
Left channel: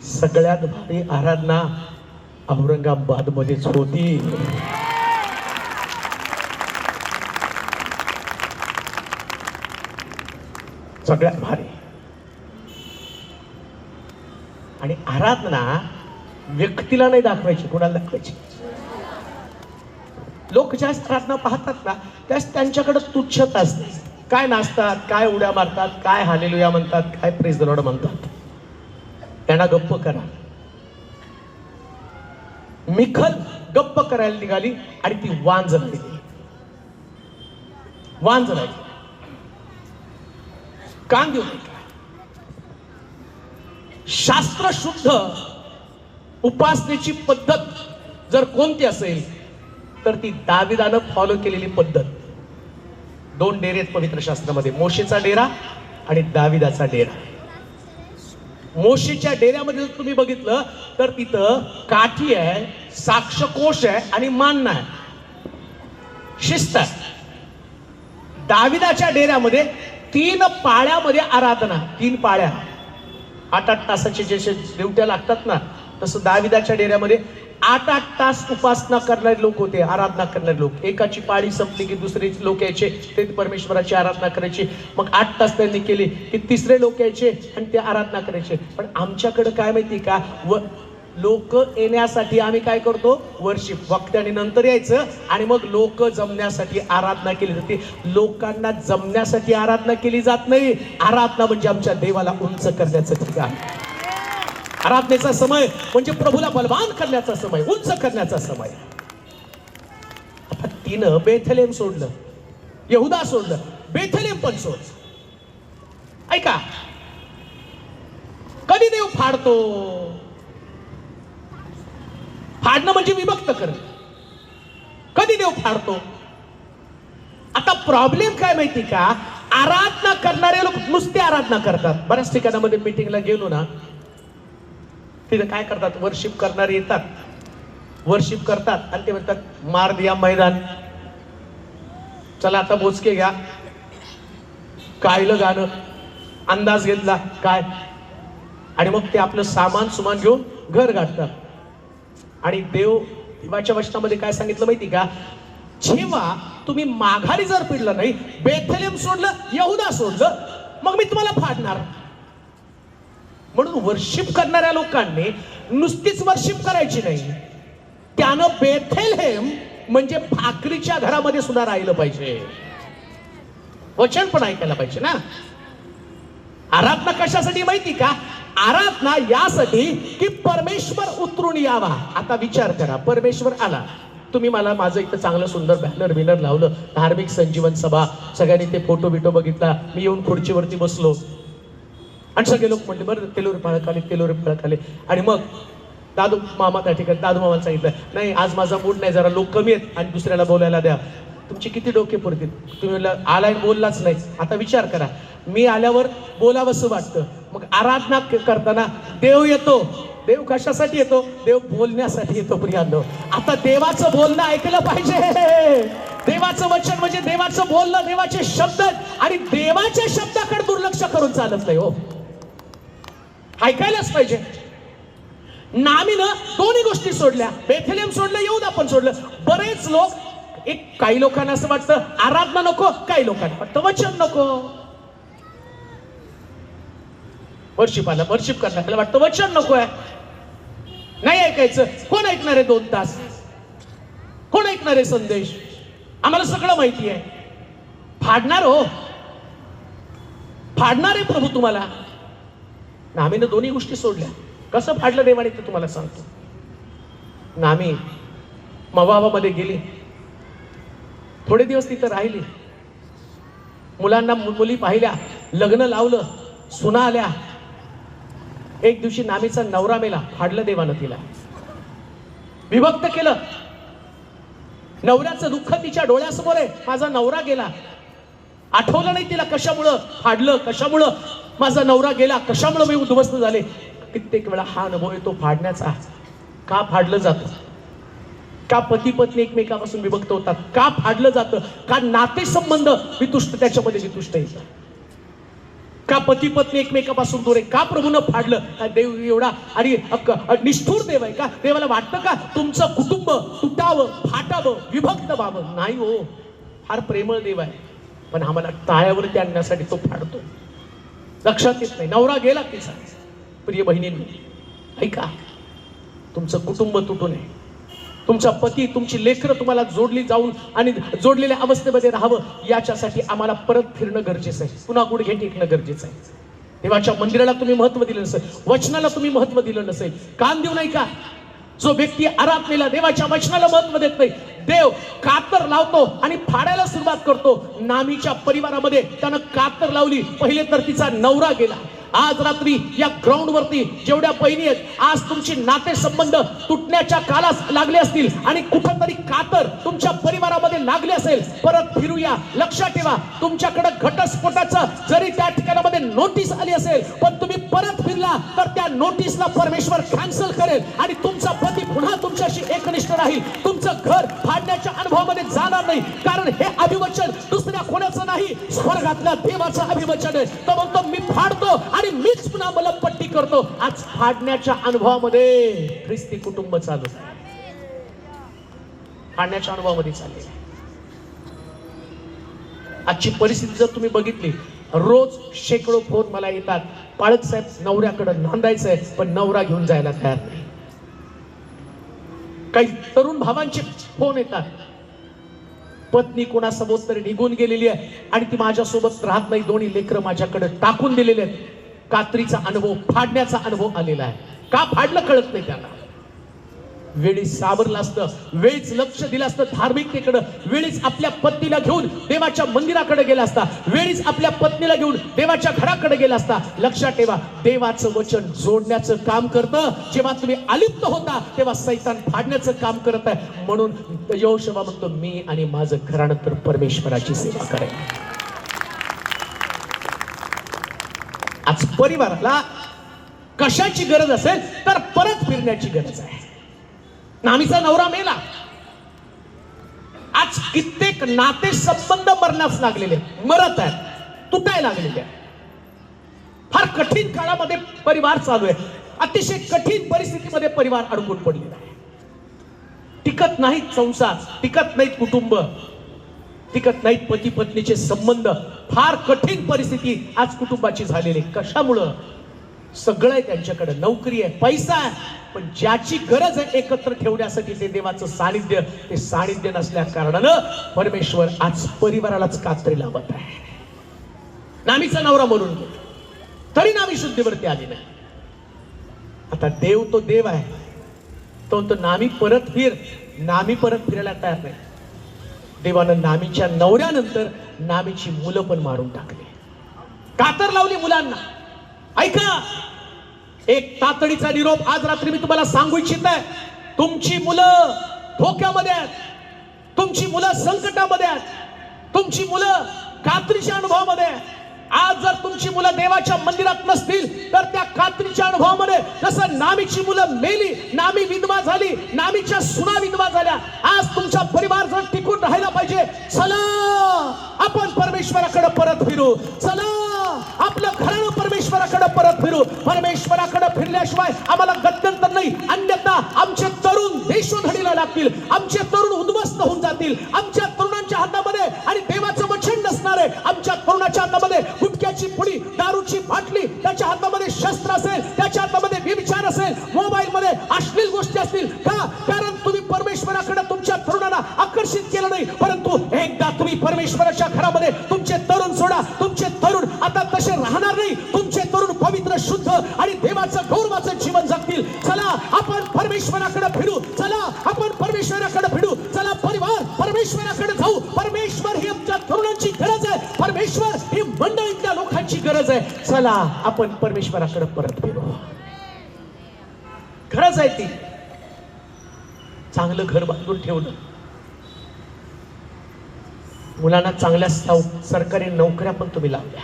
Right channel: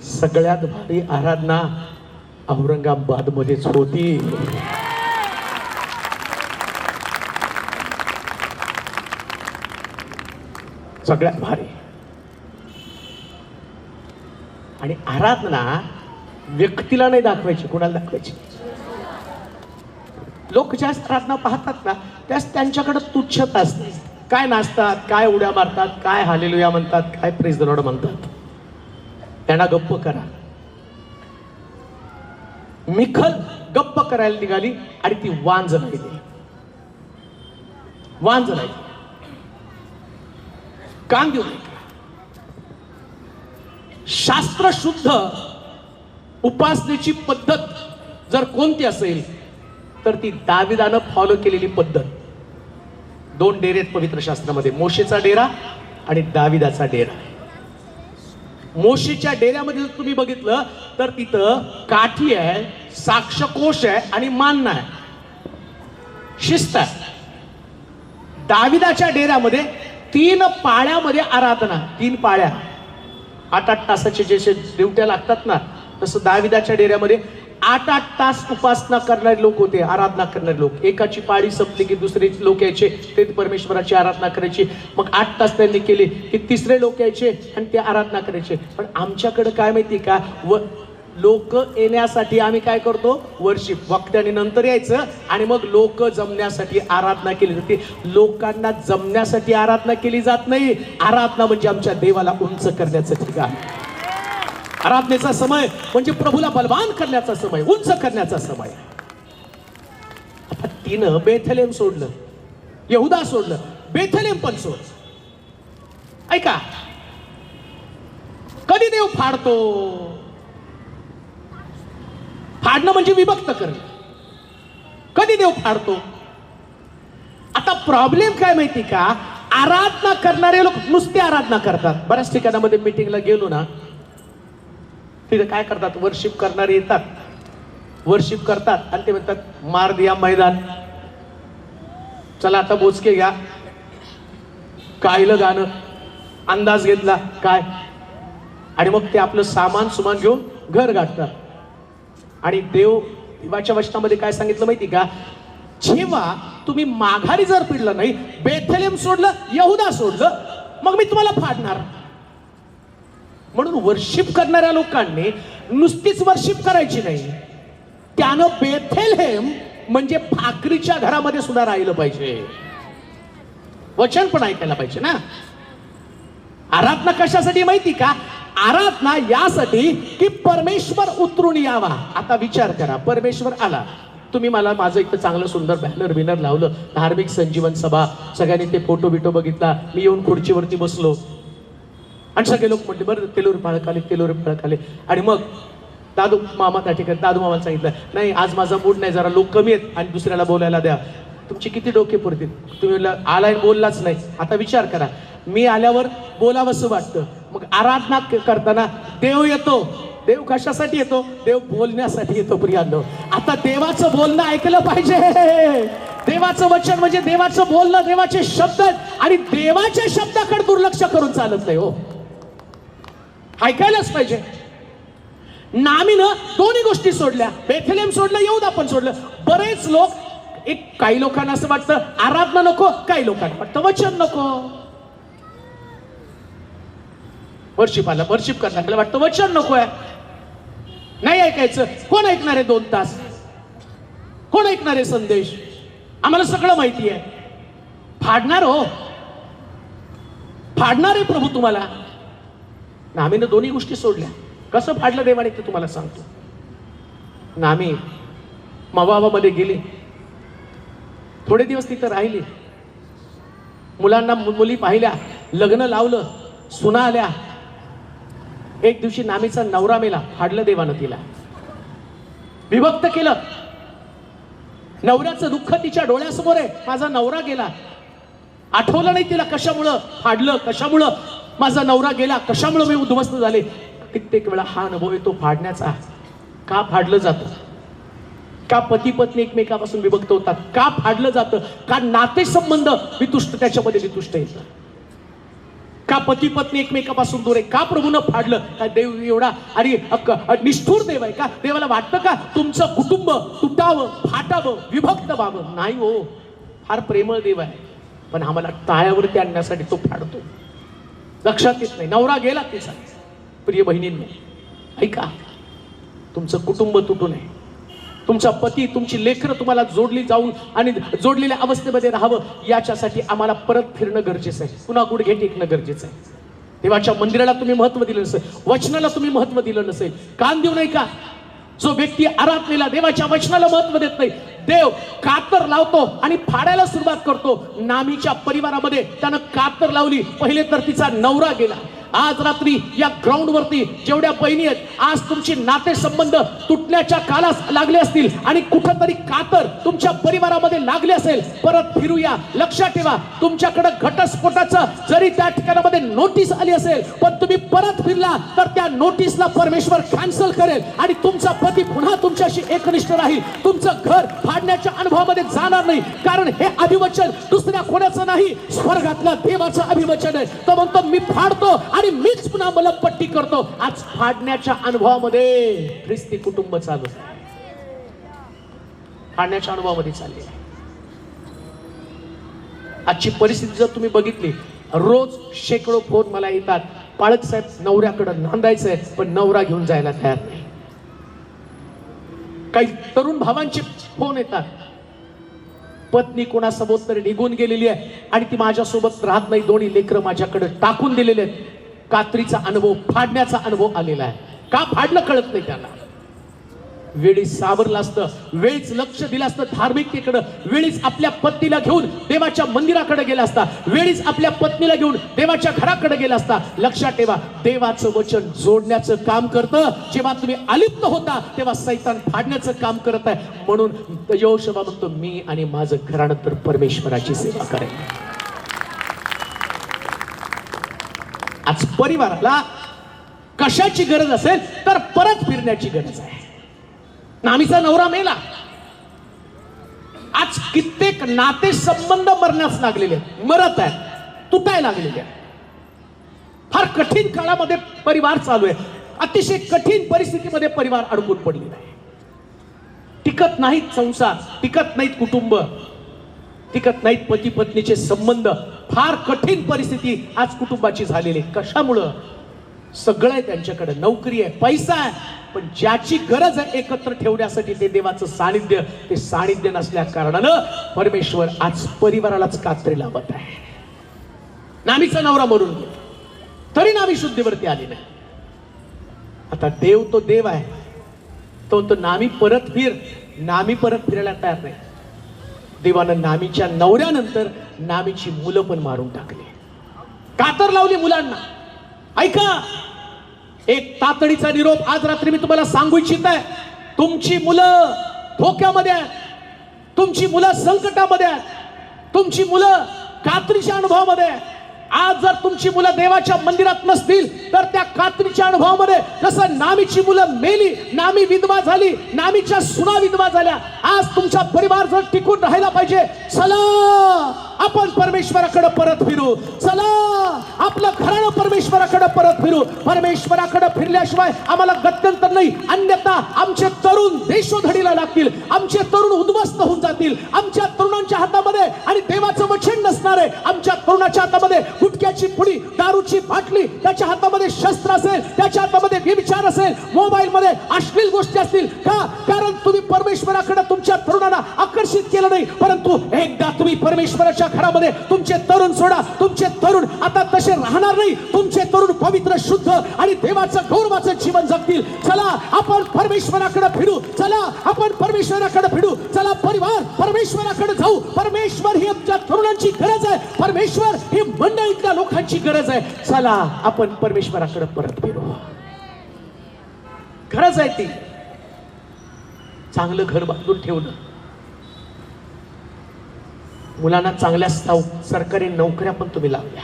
सगळ्यात भारी आराधना औरंगाबाद मध्येच होती. सगळ्यात भारी. आणि आराधना व्यक्तीला नाही दाखवायची, कोणाला दाखवायची? लोक जास्त आराधना पाहतात ना त्यास त्यांच्याकडे तुच्छता असते. काय नाचतात, काय उड्या मारतात, काय हालेलुया म्हणतात, काय प्रेज द लॉर्ड म्हणतात. त्यांना गप्प करा. मिखल गप्प करायला निघाली आणि ती वांज राहिली. वांज राहिली, कान देऊ नये. शास्त्रशुद्ध उपासनेची पद्धत जर कोणती असेल तर ती दाविदानं फॉलो केलेली पद्धत. 2 डेरे आहेत पवित्र शास्त्रामध्ये, मोशेचा डेरा आणि दाविदाचा डेरा. मोशेच्या डेऱ्यामध्ये जर तुम्ही बघितलं तर तिथं काठी आहे, साक्षकोश आहे आणि मानना आहे, शिस्त आहे. दाविदाच्या डेऱ्यामध्ये 3 पाळ्यामध्ये आराधना, 3 पाळ्या, 8-8 तासाचे जसे ड्युट्या लागतात ना, तसं दाविदाच्या डेऱ्यामध्ये 8-8 तास उपासना करणारे लोक होते, आराधना करणारे लोक. एकाची पाळी संपली की दुसरे लोक यायचे, ते परमेश्वराची आराधना करायची. मग 8 तास त्यांनी केले की तिसरे लोक यायचे आणि ते आराधना करायचे. पण आमच्याकडे काय माहिती का, लोक येण्यासाठी आम्ही काय करतो, वर्शिप वक्त्याने नंतर यायचं आणि मग लोक जमण्यासाठी आराधना केली जाते. लोकांना जमण्यासाठी आराधना केली जात नाही. आराधना म्हणजे आमच्या देवाला उंच करण्याचं ठिकाण. आराधनेचा समय म्हणजे प्रभूला बलवान करण्याचा समय, उंच करण्याचा समय. आता तिनं बेथलेम सोडलं, यहुदा सोडलं, बेथलेम पण सोड. ऐका, कधी देव फाडतो? फाडणं म्हणजे विभक्त करणं. कधी देव फाडतो? आता प्रॉब्लेम काय माहिती का, आराधना करणारे लोक नुसते आराधना करतात. बऱ्याच ठिकाणामध्ये मीटिंगला गेलो ना, तिथे काय करतात, वर्शिप करणारे येतात, वर्शिप करतात आणि ते म्हणतात मार दिया मैदान, चला आता बोचके घ्या, कायलं गाणं, अंदाज घेतला काय, आणि मग ते आपलं सामान सुमान घेऊन घर गाठतात. आणि देवाच्या वचनामध्ये काय सांगितलं माहिती का, जेव्हा तुम्ही माघारी जर पिडलं नाही, बेथलेम सोडलं, यहुदा सोडलं, मग मी तुम्हाला फाडणार. म्हणून वर्शिप करणाऱ्या लोकांनी नुसतीच वर्शिप करायची नाही, त्यानं बेथलेम म्हणजे भाकरीच्या घरामध्ये सुद्धा राहिलं पाहिजे, वचन पण ऐकायला पाहिजे ना. आराधना कशासाठी माहिती का, आराधना यासाठी की परमेश्वर उतरून यावा. आता विचार करा, परमेश्वर आला, तुम्ही मला माझं इथं चांगलं सुंदर बॅनर लावलं, धार्मिक संजीवन सभा, सगळ्यांनी ते फोटो बिटो बघितला, मी येऊन खुर्चीवरती बसलो आणि सगळे लोक म्हणते बरं तेलूर पाळक आले. आणि मग दादू मामा त्या ठिकाणी, दादू मामाला सांगितलं नाही आज माझा मूड नाही, जरा लोक कमी आहेत आणि दुसऱ्याला बोलायला द्या. तुमची किती डोके पुरतील, तुम्ही आलाय बोललाच नाही. आता विचार करा, मी आल्यावर बोलावंसं वाटतं. मग आराधना करताना देव येतो. देव कशासाठी येतो? देव बोलण्यासाठी येतो प्रियांनो. आता देवाचं बोलणं ऐकलं पाहिजे. देवाचं वचन म्हणजे देवाचं बोलणं, देवाचे शब्द, आणि देवाच्या शब्दाकडे दुर्लक्ष करून चालत नाही हो, ऐकायलाच पाहिजे. नामीनं दोन्ही गोष्टी सोडल्या, बेथलेम सोडलं, यहुदा पण सोडलं. बरेच लोक, काही लोकांना असं वाटतं आराधना नको, काही लोकांना वाटतं वचन नको. वर्शिप करण्याकडे वाटतं वचन नको आहे, नाही ऐकायचं. कोण ऐकणार आहे 2 तास? कोण ऐकणार आहे संदेश? आम्हाला सगळं माहिती आहे. फाडणार हो, फाडणार आहे प्रभू तुम्हाला. नामीनं दोन्ही गोष्टी सोडल्या. कसं फाडलं देवाने ते तुम्हाला सांगतो. नामी मोवाबामध्ये गेली, थोडे दिवस तिथं राहिली, मुलांना मुली पाहिल्या, लग्न लावलं, सुना आल्या. एक दिवशी नामीचा नवरा मेला, फाडलं देवानं तिला, विभक्त केलं. नवऱ्याचं दुःख तिच्या डोळ्यासमोर आहे, माझा नवरा गेला. आठवलं नाही तिला कशामुळं फाडलं, कशामुळं माझा नवरा गेला, कशामुळं मी उद्ध्वस्त झाले. कित्येक वेळा हा अनुभव येतो फाडण्याचा. का फाडलं जातं? का पती पत्नी एकमेकापासून विभक्त होतात? का फाडलं जातं? का नातेसंबंध वितुष्ट, त्याच्यामध्ये वितुष्ट येतं? का पती पत्नी एकमेकापासून दूर आहे? का प्रभूनं फाडलं? का देव एवढा आणि निष्ठुर देव आहे का? देवाला वाटतं का तुमचं कुटुंब तुटावं, फाटावं, विभक्त व्हावं? नाही हो, फार प्रेमळ देव आहे, पण आम्हाला टाळ्यावरती आणण्यासाठी तो फाडतो. लक्षात येत नाही. नवरा गेला तिचा. प्रिय बहिणींनी ऐका, तुमचं कुटुंब तुटू नये, तुमचा पती, तुमची लेकरं तुम्हाला जोडली जाऊन आणि जोडलेल्या अवस्थेमध्ये राहावं, याच्यासाठी आम्हाला परत फिरणं गरजेचं आहे, पुन्हा गुडघे टेकणं गरजेचं आहे. देवाच्या मंदिराला तुम्ही महत्व दिलं नसेल, वचनाला तुम्ही महत्व दिलं नसेल, कान देऊ नाही का? जो व्यक्ती आराधनेला देवाच्या वचनाला महत्व देत नाही, देव कातर लावतो आणि फाडायला सुरुवात करतो. नामीच्या परिवारामध्ये त्यानं कातर लावली, पहिले तर तिचा नवरा गेला. आज रात्री या ग्राउंड वरती जेवढ्या बहिणी आहेत, आज तुमची नाते संबंध तुटण्याच्या कालास लागले असतील आणि कुठंतरी कातर तुमच्या परिवारामध्ये लागले असेल, परत फिरूया. लक्षात ठेवा, तुमच्याकडे घटस्फोटाचं जरी त्या ठिकाणामध्ये नोटीस आली असेल, पण तुम्ही परत फिरला तर त्या नोटीसला परमेश्वर कॅन्सल करेल आणि तुमचा पती पुन्हा तुमच्याशी एकनिष्ठ राहील. तुमचं घर फाडण्याच्या अनुभवामध्ये जाणार नाही, कारण हे अभिवचन दुसऱ्या कोणाचं नाही, स्वर्गातल्या देवाचं अभिवचन आहे. तो म्हणतो मी फाडतो आणि मीच पुन्हा मलमपट्टी करतो. आज फाडण्याच्या अनुभवामध्ये ख्रिस्ती कुटुंब चालू, फाडण्याच्या अनुभवामध्ये चालले. आजची परिस्थिती जर तुम्ही बघितली, रोज शेकडो फोन मला येतात, पाळक साहेब नवऱ्याकडे नांदायचं आहे पण नवरा घेऊन जायला तयार नाही. काही तरुण भावांचे फोन येतात, पत्नी कोणासोबत तरी निघून गेलेली आहे आणि ती माझ्यासोबत राहत नाही, दोन्ही लेकरं माझ्याकडे टाकून दिलेले आहेत. कात्रीचा अनुभव, फाडण्याचा अनुभव आलेला आहे. का फाडलं कळत नाही त्याला. वेळीच सावरलं असतं, वेळीच लक्ष दिलं असतं धार्मिकतेकडे, वेळीच आपल्या पत्नीला घेऊन देवाच्या मंदिराकडे गेला असता, वेळीच आपल्या पत्नीला घेऊन देवाच्या घराकडे गेला असता. लक्षात ठेवा, देवाचं वचन जोडण्याचं काम करतं. जेव्हा तुम्ही अलिप्त होता तेव्हा सैतान फाडण्याचं काम करत आहे. म्हणून यहोशुआ म्हणतो, मी आणि माझं घराणं तर परमेश्वराची सेवा करेन. आज परिवाराला कशाची गरज असेल तर परत फिरण्याची गरज आहे. नामीचा नवरा मेला, आज कित्येक नाते संबंध मरणास लागलेले, मरत आहेत, तुटायला लागलेले. फार कठीण काळामध्ये परिवार चालू आहे, अतिशय कठीण परिस्थितीमध्ये परिवार अडकून पडलेला आहे. टिकत नाहीत संसार, टिकत नाहीत कुटुंब, टिकत नाहीत पती पत्नीचे संबंध. फार कठीण परिस्थिती आज कुटुंबाची झालेली. कशामुळं? सगळं आहे त्यांच्याकडे, नोकरी आहे, पैसा आहे, पण ज्याची गरज आहे एकत्र ठेवण्यासाठी ते देवाचं सानिध्य, ते सानिध्य नसल्या कारणानं परमेश्वर आज परिवारालाच कात्री लावत आहे. नामीचा नवरा मरून गेला तरी नामी शुद्धीवरती आली नाही. आता देव तो देव आहे, तो नामी परत फिर, नामी परत फिरायला तयार नाही. देवानं नामीच्या नवऱ्यानंतर नामीची मुलं पण मारून टाकली, कातर लावली मुलांना. ऐका, एक तातडीचा निरोप आज रात्री मी तुम्हाला सांगू इच्छित आहे. तुमची मुलं धोक्यामध्ये आहेत, तुमची मुलं संकटामध्ये आहेत, तुमची मुलं कात्रीच्या अनुभवामध्ये आहेत. आज जर तुमची मुलं देवाच्या मंदिरात नसतील तर त्या कात्रीच्या अनुभवामध्ये जसं नामीची मुलं मेली, नामी विधवा झाली, नामीच्या सुना विधवा झाल्या, आज तुमचा परिवार जर टिकून राहायला पाहिजे, चला आपण परमेश्वराकडे परत फिरू. चला आपलं घरानं परमेश्वराकडे परत फिरू. परमेश्वराकडे फिरल्याशिवाय आम्हाला गत्यंतर नाही, अन्यथा आमचे तरुण देशोधडीला लागतील, आमचे तरुण उद्ध्वस्त होऊन जातील. आमच्या तरुणांच्या हातामध्ये आणि देवाचं वचन नसणार आहे. आमच्या तरुणाच्या हातामध्ये गुटख्याची पुडी, दारूची बाटली, त्याच्या हातामध्ये शस्त्र असेल, त्याच्या हातामध्ये व्यभिचार असेल, मोबाईल मध्ये अश्लील गोष्टी असतील. का? कारण तुम्ही परमेश्वराकडे तुमच्या तरुणांना आकर्षित केलं नाही. परंतु एकदा तुम्ही परमेश्वराच्या घरामध्ये तुमचे तरुण सोडा, तुमचे तरुण आता तसे राहणार नाही. तुमचे तरुण पवित्र, शुद्ध आणि देवाचं गौरवाचं जीवन जगतील. चला आपण परमेश्वराकडे फिरू, चला आपण परमेश्वराकडे फिरू, चला परिवार परमेश्वराकडे जाऊ. परमेश्वर ही आमच्या तरुणांची गरज आहे, परमेश्वर ही मंडळीतल्या लोकांची गरज आहे. चला आपण परमेश्वराकडे परत फिरू. गरज आहे ती. चांगलं घर बांधून ठेवलं, मुलांना चांगल्या सरकारी नोकऱ्या पण तुम्ही लावल्या,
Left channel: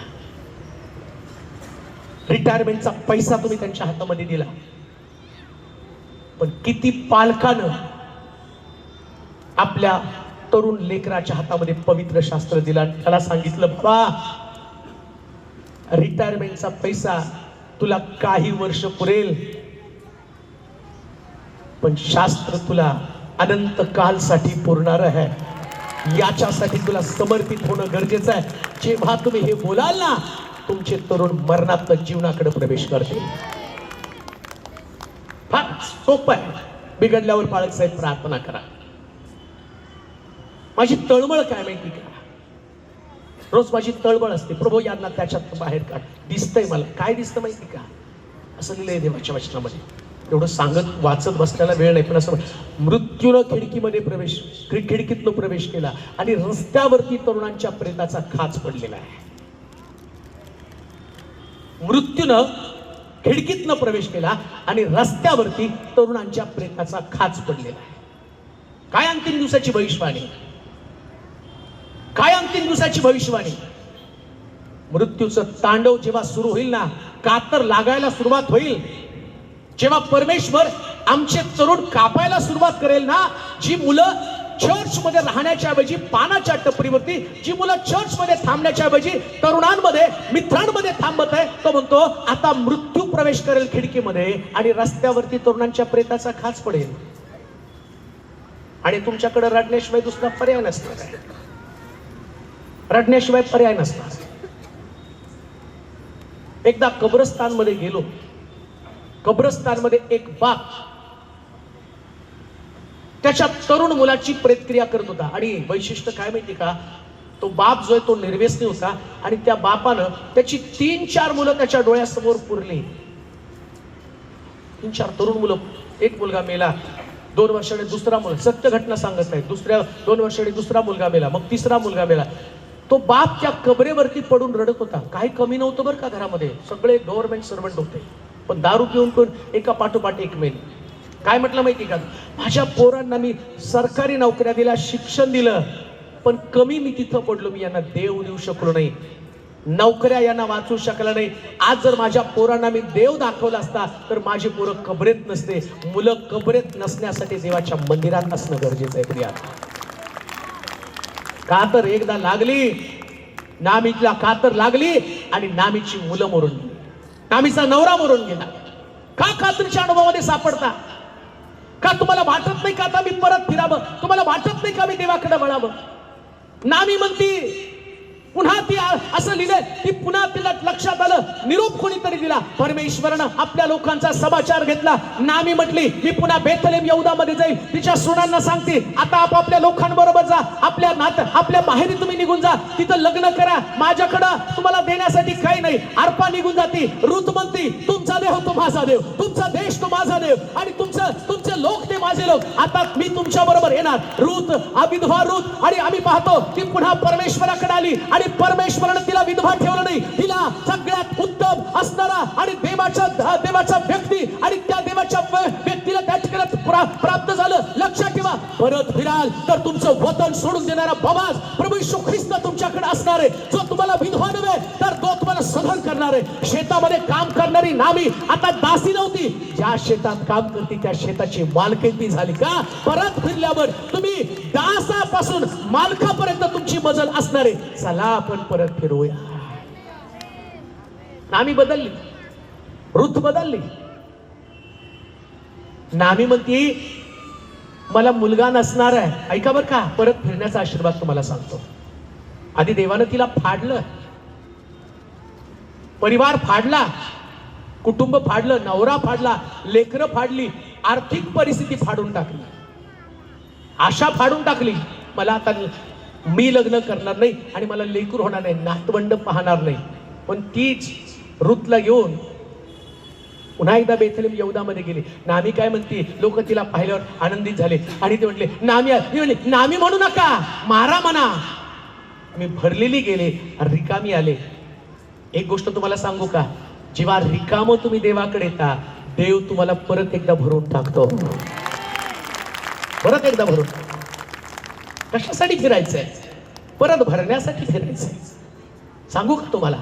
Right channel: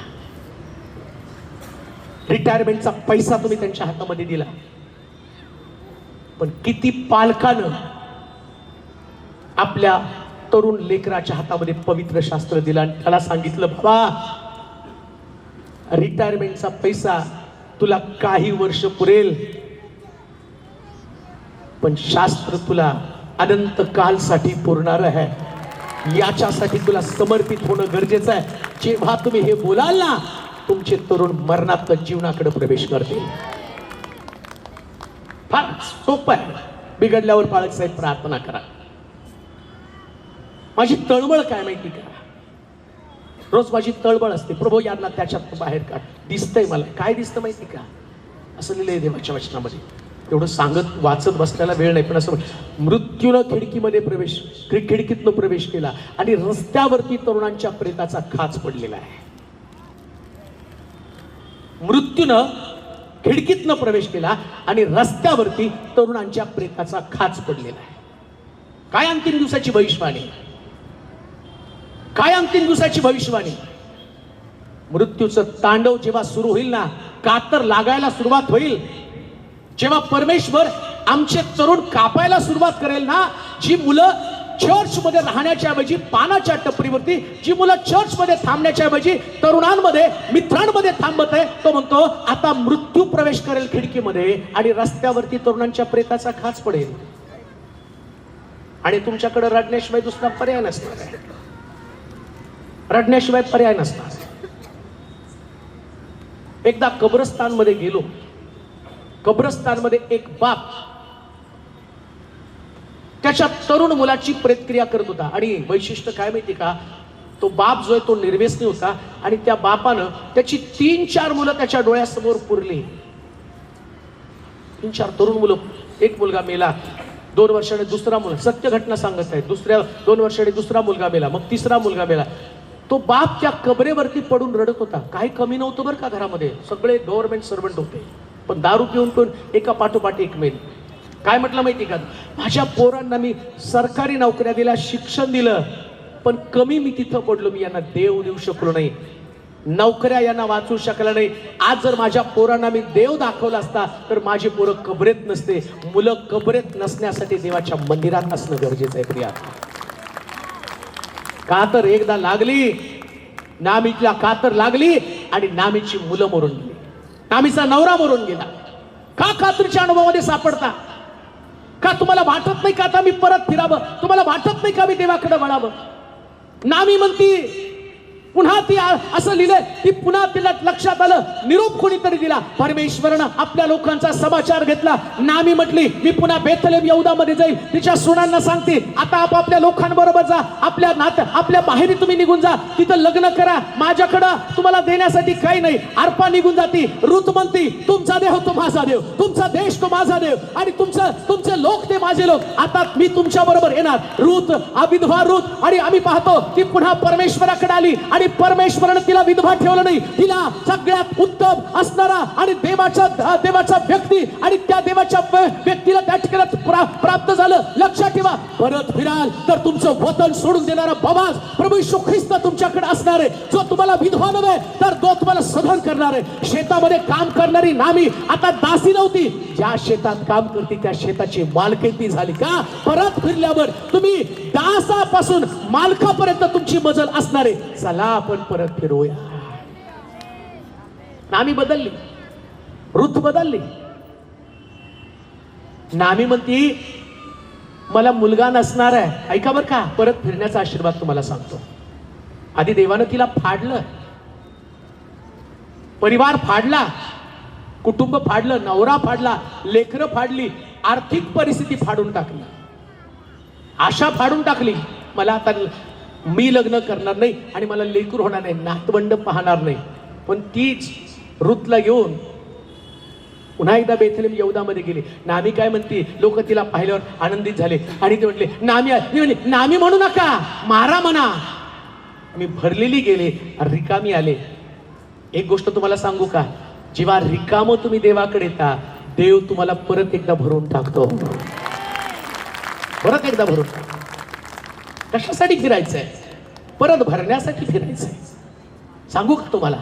रिटायरमेंटचा पैसा तुम्ही त्यांच्या हातामध्ये दिला. पण किती पालकानं आपल्या तरुण लेकराच्या हातामध्ये पवित्र शास्त्र दिला आणि त्याला सांगितलं, बाबा रिटायरमेंटचा पैसा तुला काही वर्ष पुरेल, पण शास्त्र तुला अनंत कालसाठी पुरणार आहे. याच्यासाठी तुला समर्पित होणं गरजेचं आहे. जेव्हा तुम्ही हे बोलाल ना, तुमचे तरुण मरणात्मक जीवनाकडे प्रवेश करतील. फार सोपं आहे. बिघडल्यावर बाळक साहेब प्रार्थना करा. माझी तळमळ काय माहिती का? रोज माझी तळमळ असते, प्रभू यांना त्याच्यात बाहेर काढ. दिसतंय मला, काय दिसतं माहिती का? असं लिहिलंय देवाच्या वचनामध्ये, एवढं सांगत वाचत बसण्याला वेळ नाही, पण असं मृत्यूनं खिडकीमध्ये खिडकीतनं प्रवेश केला आणि रस्त्यावरती तरुणांच्या प्रेताचा खाच पडलेला आहे. मृत्यूनं खिडकीतनं प्रवेश केला आणि रस्त्यावरती तरुणांच्या प्रेताचा खाच पडलेला आहे. काय अंतिम दिवसाची भविष्यवाणी, काय अंतिम दिवसाची भविष्यवाणी. मृत्यूचं तांडव जेव्हा सुरू होईल ना, कातर लागायला सुरुवात होईल, जेव्हा परमेश्वर आमचे तरुण कापायला सुरुवात करेल ना, जी मुलं चर्च मध्ये राहण्याच्या ऐवजी पानाच्या टपरीवरती, जी मुलं चर्च मध्ये थांबण्याच्या ऐवजी तरुणांमध्ये मित्रांमध्ये थांबत आहे, तो म्हणतो आता मृत्यू प्रवेश करेल खिडकीमध्ये आणि रस्त्यावरती तरुणांच्या प्रेताचा खाच पडेल आणि तुमच्याकडे रडण्याशिवाय दुसरा पर्याय नसणार आहे. रडण्याशिवाय पर्याय नसणार. एकदा कब्रस्तान मध्ये गेलो. कब्रस्तान मध्ये एक बाप त्याच्या तरुण मुलाची प्रेतक्रिया करत होता आणि वैशिष्ट्य काय माहिती का, तो बाप जो आहे तो निर्व्यसनी होता आणि त्या बापानं त्याची 3-4 मुलं त्याच्या डोळ्यासमोर पुरली. 3-4 तरुण मुलं. एक मुलगा मेला, 2 वर्षाने दुसरा मुलगा, सत्य घटना सांगत आहे, दुसऱ्या 2 वर्षाने दुसरा मुलगा मेला, मग तिसरा मुलगा मेला. तो बाप त्या कबरेवरती पडून रडत होता. काही कमी नव्हतं बरं का घरामध्ये, सगळे गव्हर्नमेंट सर्वंट होते, पण दारू पिऊन पिऊन एका पाठोपाठ एक मेल. काय म्हटलं माहिती का, माझ्या पोरांना मी सरकारी नोकऱ्या दिल्या, शिक्षण दिलं, पण कमी मी तिथं पडलो, मी यांना देव देऊ शकलो नाही, नोकऱ्या यांना वाचू शकला नाही. आज जर माझ्या पोरांना मी देव दाखवला असता तर माझी पोरं कबरेत नसते. मुलं कबरेत नसण्यासाठी देवाच्या मंदिरात असणं गरजेचं आहे. प्रिया, का तर एकदा लागली नामीला, का तर लागली आणि नामीची मुलं मरून गेली, नामीचा नवरा मरून गेला. का खात्रीच्या अनुभवामध्ये सापडता? का तुम्हाला वाटत नाही का आता मी परत फिरावं? तुम्हाला वाटत नाही का मी देवाकडे वळावं? नामी म्हणती, पुन्हा ती असं लिहिलंय, ती पुन्हा तिला लक्षात आलं, निरोप कोणीतरी दिला, परमेश्वरानं आपल्या लोकांचा समाचार घेतला. नामी म्हटली मी पुन्हा बेथलेम यहूदामध्ये जाईल, तिच्या सुनांना सांगते आता आपापल्या लोकांबरोबर जा, आपल्या माहेरी तुम्ही निघून जा, तिथं लग्न करा, माझ्याकडं तुम्हाला देण्यासाठी काही नाही. अर्पा निघून जाती. रुत म्हणती तुमचा देव तो माझा देव, तुमचा देश तो माझा देव आणि तुमचे लोक ते माझे लोक, आता मी तुमच्या बरोबर येणार. रुत, विधवा रुत, आणि आम्ही पाहतो ती पुन्हा परमेश्वराकडे आली आणि परमेश्वराने तिला विधवा ठेवलं नाही, तिला सगळ्यात उत्तम असणारा आणि देवाचा व्यक्ती आणि त्या देवाच्या व्यक्तीला त्या ठिकाणी प्राप्त झालं. लक्षात ठेवा, परत फिराल तर तुमचं वतन सोडून देणारा बाबा प्रभू येशू ख्रिस्त तुमच्याकडे असणार आहे, जो तुम्हाला विधवा नव्हे तर तो तुम्हाला सधन करणार आहे. शेतामध्ये काम करणारी नामी आता दासी नव्हती, ज्या शेतात काम करते त्या शेताची मालकीची झाली. का? परत फिरल्यावर तुम्ही दासापासून मालकापर्यंत तुमची मजल असणार आहे. चला आपण परत फिरूया. नामी बदलली, रुत बदलली. नामी म्हणती मला मुलगा नसणार आहे. ऐका बरं का, परत फिरण्याचा आशीर्वाद तुम्हाला सांगतो. आधी देवानं तिला फाडलं, परिवार फाडला, कुटुंब फाडलं, नवरा फाडला, लेकरं फाडली, आर्थिक परिस्थिती फाडून टाकली, आशा फाडून टाकली. मला आता मी लग्न करणार नाही आणि मला लेकूर होणार नाही, नातवंड पाहणार नाही. पण तीच रुतला घेऊन पुन्हा एकदा बेथलेम यहूदामध्ये गेली. नामी काय म्हणते, लोक तिला पाहिल्यावर आनंदित झाले आणि ते म्हटले नामी म्हणू नका, मारा म्हणा. मी भरलेली गेले, रिकामी आले. एक गोष्ट तुम्हाला सांगू का, जेव्हा रिकाम तुम्ही देवाकडे येता, देव तुम्हाला परत एकदा भरून टाकतो. परत एकदा भरून. कशासाठी फिरायचंय? परत भरण्यासाठी फिरायचंय. सांगू का तुम्हाला,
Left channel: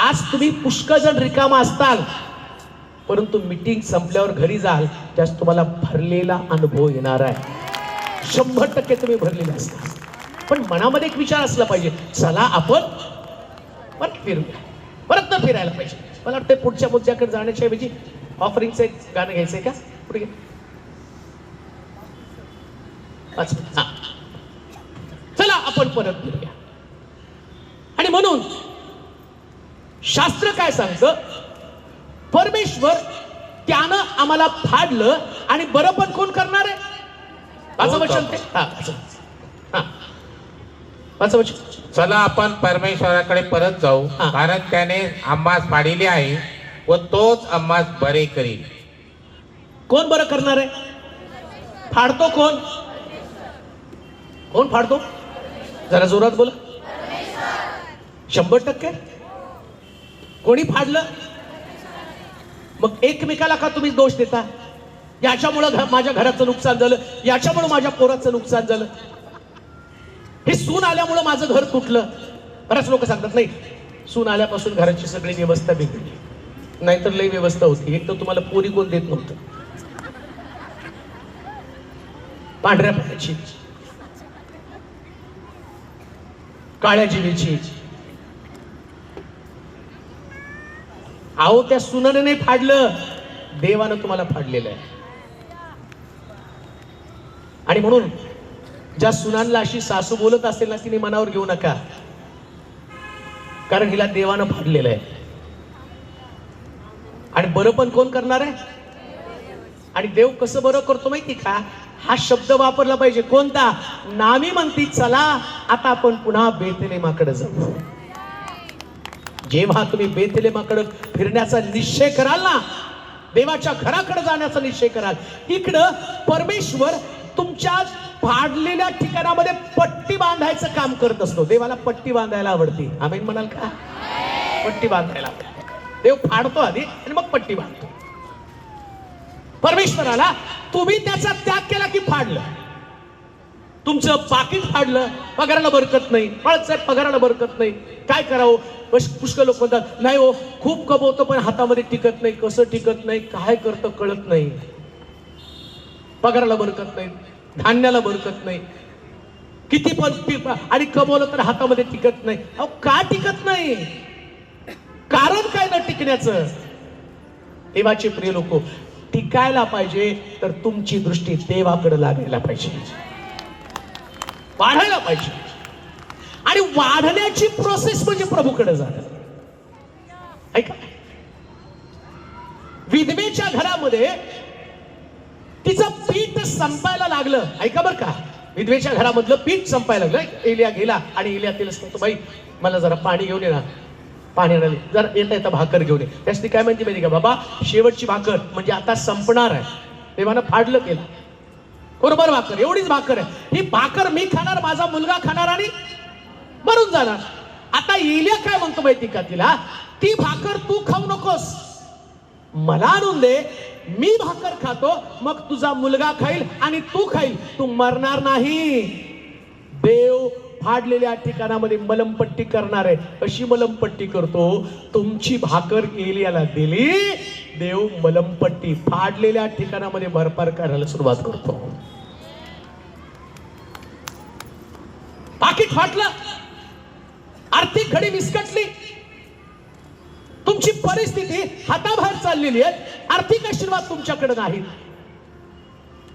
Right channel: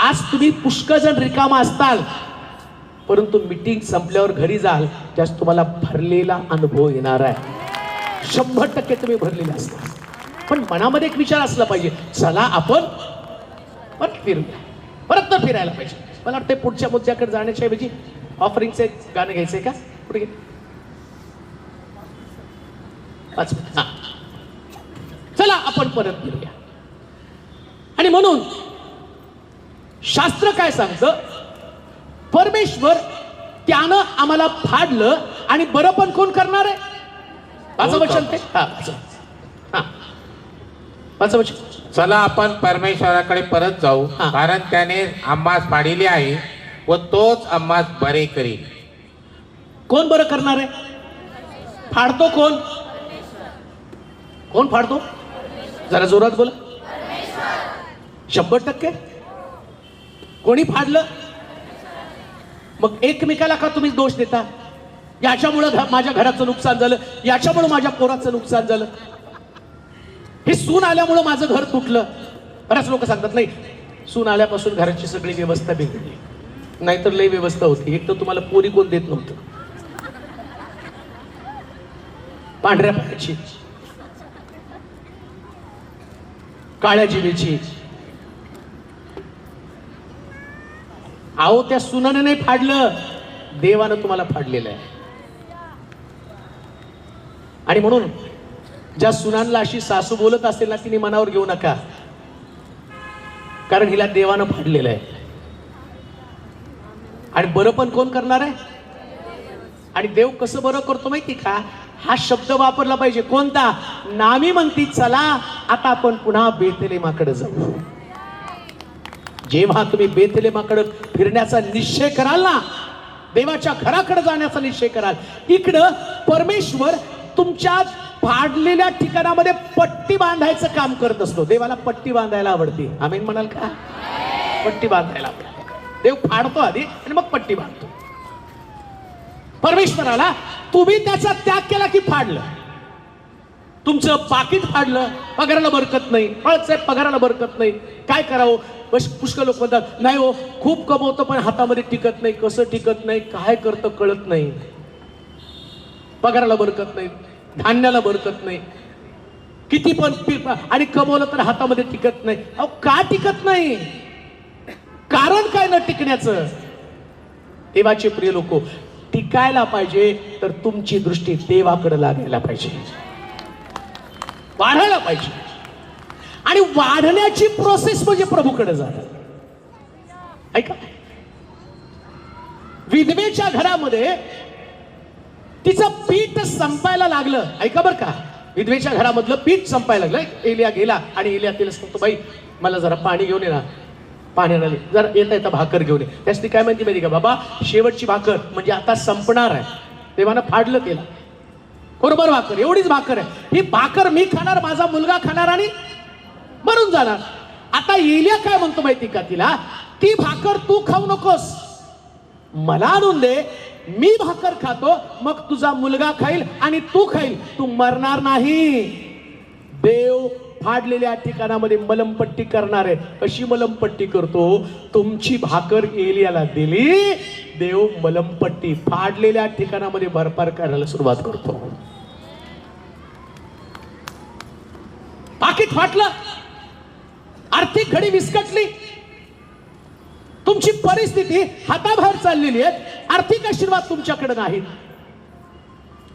आज तुम्ही पुष्कळ जण रिकामा असताल, परंतु मीटिंग संपल्यावर घरी जाल त्यास तुम्हाला भरलेला अनुभव येणार आहे. 100% तुम्ही भरलेले असता. पण मनामध्ये एक विचार असला पाहिजे, चला आपण परत फिरूया, परत तर फिरायला पाहिजे. मला वाटतं पुढच्या मुद्द्याकडे जाण्याच्या ऐवजी ऑफरिंगचं एक गाणं घ्यायचंय का? पुढे घे. चला आपण परत फिरूया. आणि म्हणून शास्त्र काय सांगतं, परमेश्वर त्यानं आम्हाला फाडलं आणि बरं पण कोण करणार आहे? माझं वचन ते. माझं वचन, चला आपण परमेश्वराकडे परत जाऊ, कारण त्याने आम्हास पाडिले आहे व तोच आम्हास बरे करील. कोण बरं करणार आहे? फाडतो कोण? कोण फाडतो? जरा जोरात बोला. 100%. कोणी फाडलं? मग एकमेकाला का तुम्ही दोष देता? याच्यामुळं माझ्या घराचं नुकसान झालं, याच्यामुळे माझ्या पोराचं नुकसान झालं, हे सून आल्यामुळं माझं घर तुटलं. बऱ्याच लोक सांगतात नाही, सून आल्यापासून घराची सगळी व्यवस्था बिघडली. नाहीतर लई व्यवस्था होती. एक तर तुम्हाला पोरी कोण देत नव्हतं, पांढऱ्या पाण्याची, काळ्या जिभेची. अहो त्या सुनानं नाही फाडलं, देवानं तुम्हाला फाडलेलं आहे. आणि म्हणून ज्या सुनांना अशी सासू बोलत असेल ना, तिने मनावर घेऊ नका, कारण हिला देवानं फाडलेलं आहे. आणि बरं पण कोण करणार आहे? आणि देव कसं बरं करतो माहिती का? हा शब्द वापरला पाहिजे. कोणता? नामी म्हणती चला आता आपण पुन्हा बेथलेमाकडे जाऊ. जेव्हा तुम्ही बेथलेमाकडे फिरण्याचा निश्चय कराल ना, देवाच्या घराकडे जाण्याचा निश्चय कराल, इकडं परमेश्वर तुमच्या फाडलेल्या ठिकाणामध्ये पट्टी बांधायचं काम करत असतो. देवाला पट्टी बांधायला आवडते. आमेन म्हणाल का? पट्टी बांधायला देव फाडतो आधी आणि मग पट्टी बांधतो. परमेश्वराला तुम्ही त्याचा त्याग केला की फाडलं. तुमचं पाकिट फाडलं, पगाराला बरकत नाही, बाळासाहेब पगाराला बरकत नाही, काय करावं? पुष्कळ लोक म्हणतात नाही हो, खूप कमवतो पण हातामध्ये टिकत नाही. कसं टिकत नाही? काय करतं कळत नाही. पगाराला बरकत नाही, धान्याला बरकत नाही, किती पण आणि कमवलं तर हातामध्ये टिकत नाही. अहो का टिकत नाही? कारण काय न टिकण्याचं? देवाचे प्रिय लोक, टिकायला पाहिजे तर तुमची दृष्टी देवाकडे लागायला पाहिजे, वाढायला पाहिजे. आणि वाढण्याची प्रोसेस म्हणजे प्रभूकडे जाणं. ऐका, विधवेच्या घरामध्ये तिचं पीठ संपायला लागलं. ऐका बरं का, विधवेच्या घरामधलं पीठ संपायला लागलं. एलिया गेला आणि एलिया तिला सांगतो, बाई मला जरा पाणी घेऊन ये ना, पाण्याला जर येता येता भाकर घेऊन ये. त्याची काय म्हणते माहिती का? बाबा शेवटची भाकर म्हणजे आता संपणार आहे. देवानं फाडलं केलं, बरोबर भाकर, एवढीच भाकर आहे. ही भाकर मी खाणार, माझा मुलगा खाणार आणि मरून जाणार. आता एलिया काय म्हणतो माहिती का तिला? ती भाकर तू खाऊ नकोस, मला आणून दे, मी भाकर खातो, मग तुझा मुलगा खाईल आणि तू खाईल, तू मरणार नाही. देव फाडलेल्या ठिकाणामध्ये मलमपट्टी करणार आहे. अशी मलमपट्टी करतो, तुमची भाकर एलियाला दिली, देव मलमपट्टी फाडलेल्या ठिकाणामध्ये भरपार करायला सुरुवात करतो. पाकिट फाटलं, आर्थिक घडी विस्कटली, तुमची परिस्थिती हाताबाहेर चाललेली आहे, आर्थिक आशीर्वाद तुमच्याकडे नाहीत.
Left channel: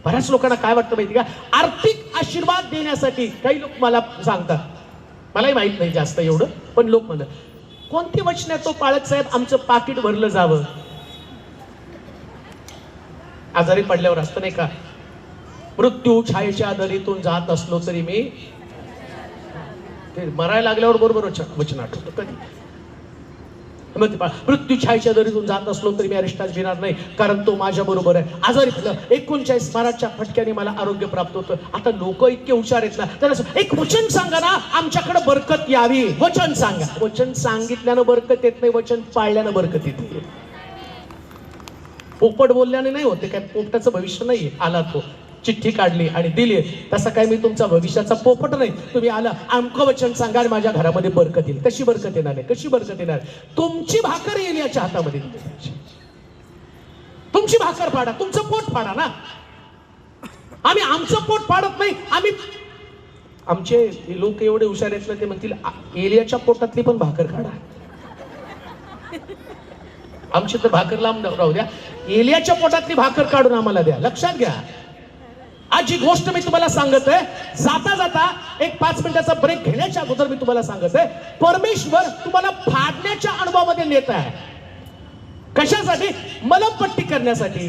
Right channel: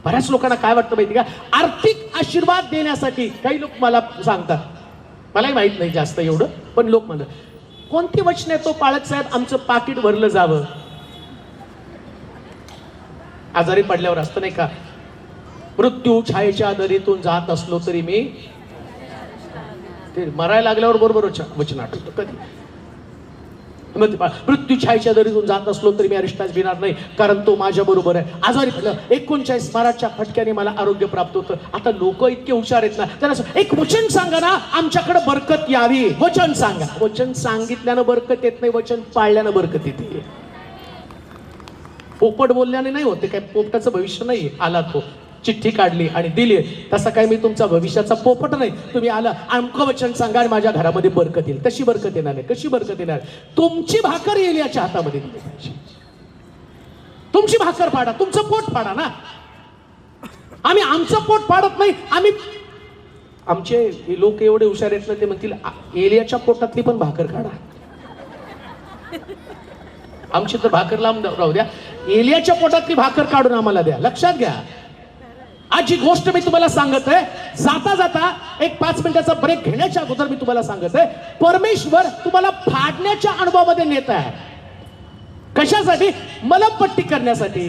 बऱ्याच लोकांना काय वाटतं माहिती का? आर्थिक आशीर्वाद देण्यासाठी काही लोक मला सांगतात, मलाही माहित नाही जास्त एवढं, पण लोक म्हणतात कोणती वचन आहे तो पाळत साहेब आमचं पाकिट भरलं जावं. आजारी पडल्यावर असतो नाही का, मृत्यू छायेच्या दरीतून जात असलो तरी मी, ते मरायला लागल्यावर बरोबर वचन आठवतं. कधी मृत्यू छायेच्या दरीतून जात असलो तरी मी अरिष्टास भिणार नाही, कारण तो माझ्या बरोबर आहे. आजारी पडलं, 39 माराच्या फटक्याने मला आरोग्य प्राप्त होतं. आता लोक इतके हुशार आहेत ना, त्याला एक वचन सांगा ना आमच्याकडे बरकत यावी. वचन सांगा. वचन सांगितल्यानं बरकत येत नाही, वचन पाळल्यानं बरकत येते. पोपट बोलल्याने नाही होते, काय पोपटाचं भविष्य नाही. आला तो, चिठ्ठी काढली आणि दिली, तसं काय मी तुमचा भविष्याचा पोपट नाही. तुम्ही आला, आमचं वचन सांगा आणि माझ्या घरामध्ये बरकत येईल. कशी बरकत येणार आहे? कशी बरकत येणार? तुमची भाकर येईल याच्या हातामध्ये दिली पाहिजे. तुमची भाकर फाडा, तुमचं पोट फाडा ना. आम्ही आमचं पोट फाडत नाही. आमचे लोक एवढे हुशार आहेत ना, ते म्हणतील एलियाच्या पोटातली पण भाकर काढा. आमची तर भाकर लांब राहू द्या, एलियाच्या पोटातली भाकर काढून आम्हाला द्या. लक्षात घ्या, आज जी गोष्ट मी तुम्हाला सांगत आहे, जाता जाता एक 5 मिनिटाचा ब्रेक घेण्याच्या अगोदर मी तुम्हाला सांगत आहे, परमेश्वर तुम्हाला फाडण्याच्या अनुभवामध्ये नेत आहे. कशासाठी? मलमपट्टी करण्यासाठी.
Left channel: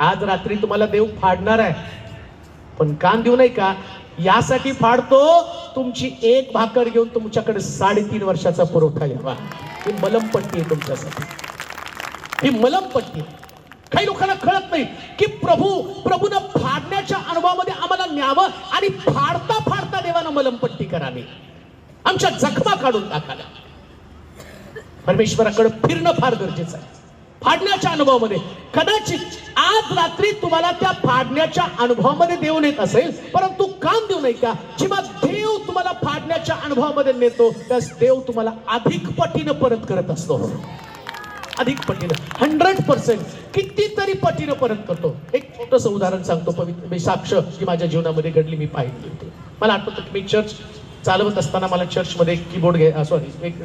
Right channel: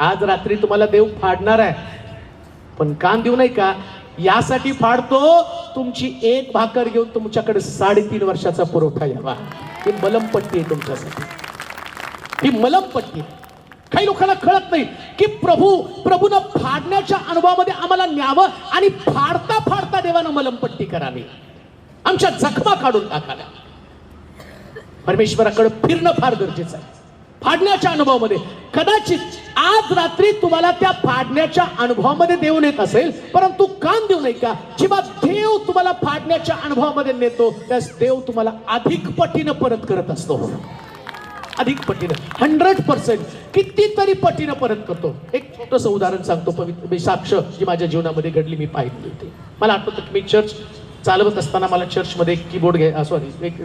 आज रात्री तुम्हाला देव फाडणार आहे, पण कान देऊ नाही का? यासाठी फाडतो, तुमची एक भाकर घेऊन तुमच्याकडे 3.5 वर्षाचा पुरवठा यावा. ही मलमपट्टी आहे तुमच्यासाठी, ही मलमपट्टी. काही लोकांना कळत नाही की प्रभूनं फाडण्याच्या अनुभवामध्ये आम्हाला न्यावं आणि फाडता फाडता देवानं मलमपट्टी करावी, आमच्या जखमा काढून टाकाव्या. परमेश्वराकडे फिरणं फार गरजेचं आहे. फाडण्याच्या अनुभवामध्ये कदाचित आज रात्री तुम्हाला त्या फाडण्याच्या अनुभवामध्ये देव नेत असेल, परंतु काम देऊ नये का? जेव्हा देव तुम्हाला फाडण्याच्या अनुभवामध्ये नेतो त्यास देव तुम्हाला अधिक पटीनं परत करत असतो. अधिक पटीनं 100% कितीतरी पटीनं परत करतो. एक छोटंसं उदाहरण सांगतो, पवित्र साक्ष जी माझ्या जीवनामध्ये घडली, मी पाहिली होती. मला आठवतं की मी चर्च चालवत असताना मला चर्चमध्ये एक कीबोर्ड एक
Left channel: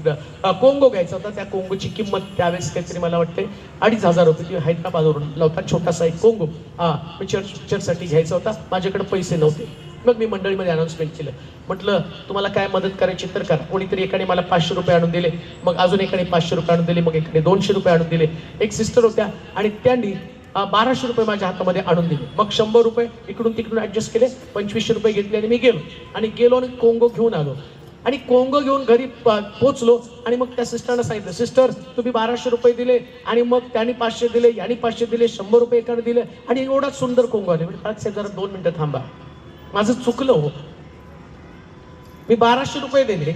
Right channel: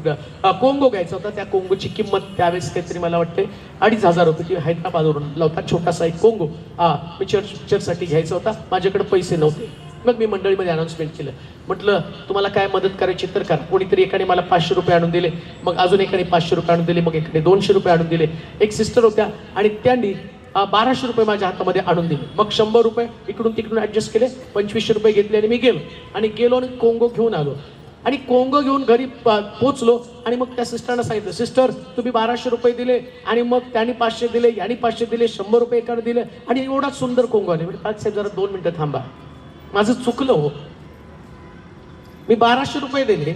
कोंगो घ्यायचा होता. त्या कोंगोची किंमत त्यावेळेस काहीतरी मला वाटते 2,500 रुपये, ती हैदराबादवरून होता, छोटासा एक कोंगो. मी चर्चसाठी घ्यायचा होता, माझ्याकडे पैसे नव्हते. मग मी मंडळीमध्ये अनाउन्समेंट केलं, म्हटलं तुम्हाला काय मदत करायची तर करा. कोणीतरी एकाने मला 500 रुपये आणून दिले, मग अजून एकाने 500 रुपये आणून दिले, मग एकाने 200 रुपये आणून दिले. एक सिस्टर होत्या आणि त्यांनी 1200 रुपये माझ्या हातामध्ये आणून दिले. मग 100 रुपये इकडून तिकडून ऍडजस्ट केले, 2500 रुपये घेतले आणि मी गेलो आणि कोंगो घेऊन आलो. आणि कोंगो घेऊन घरी पोहोचलो आणि मग त्या सिस्टरला सांगितलं, सिस्टर तुम्ही 1200 रुपये दिले आणि मग त्यांनी 500 दिले, यांनी 500 दिले, 100 रुपये एकाने दिले आणि एवढा सुंदर कोंगो आले. आज जरा 2 मिनिटं थांबा, माझं चुकलं हो. मी 1200 रुपये दिले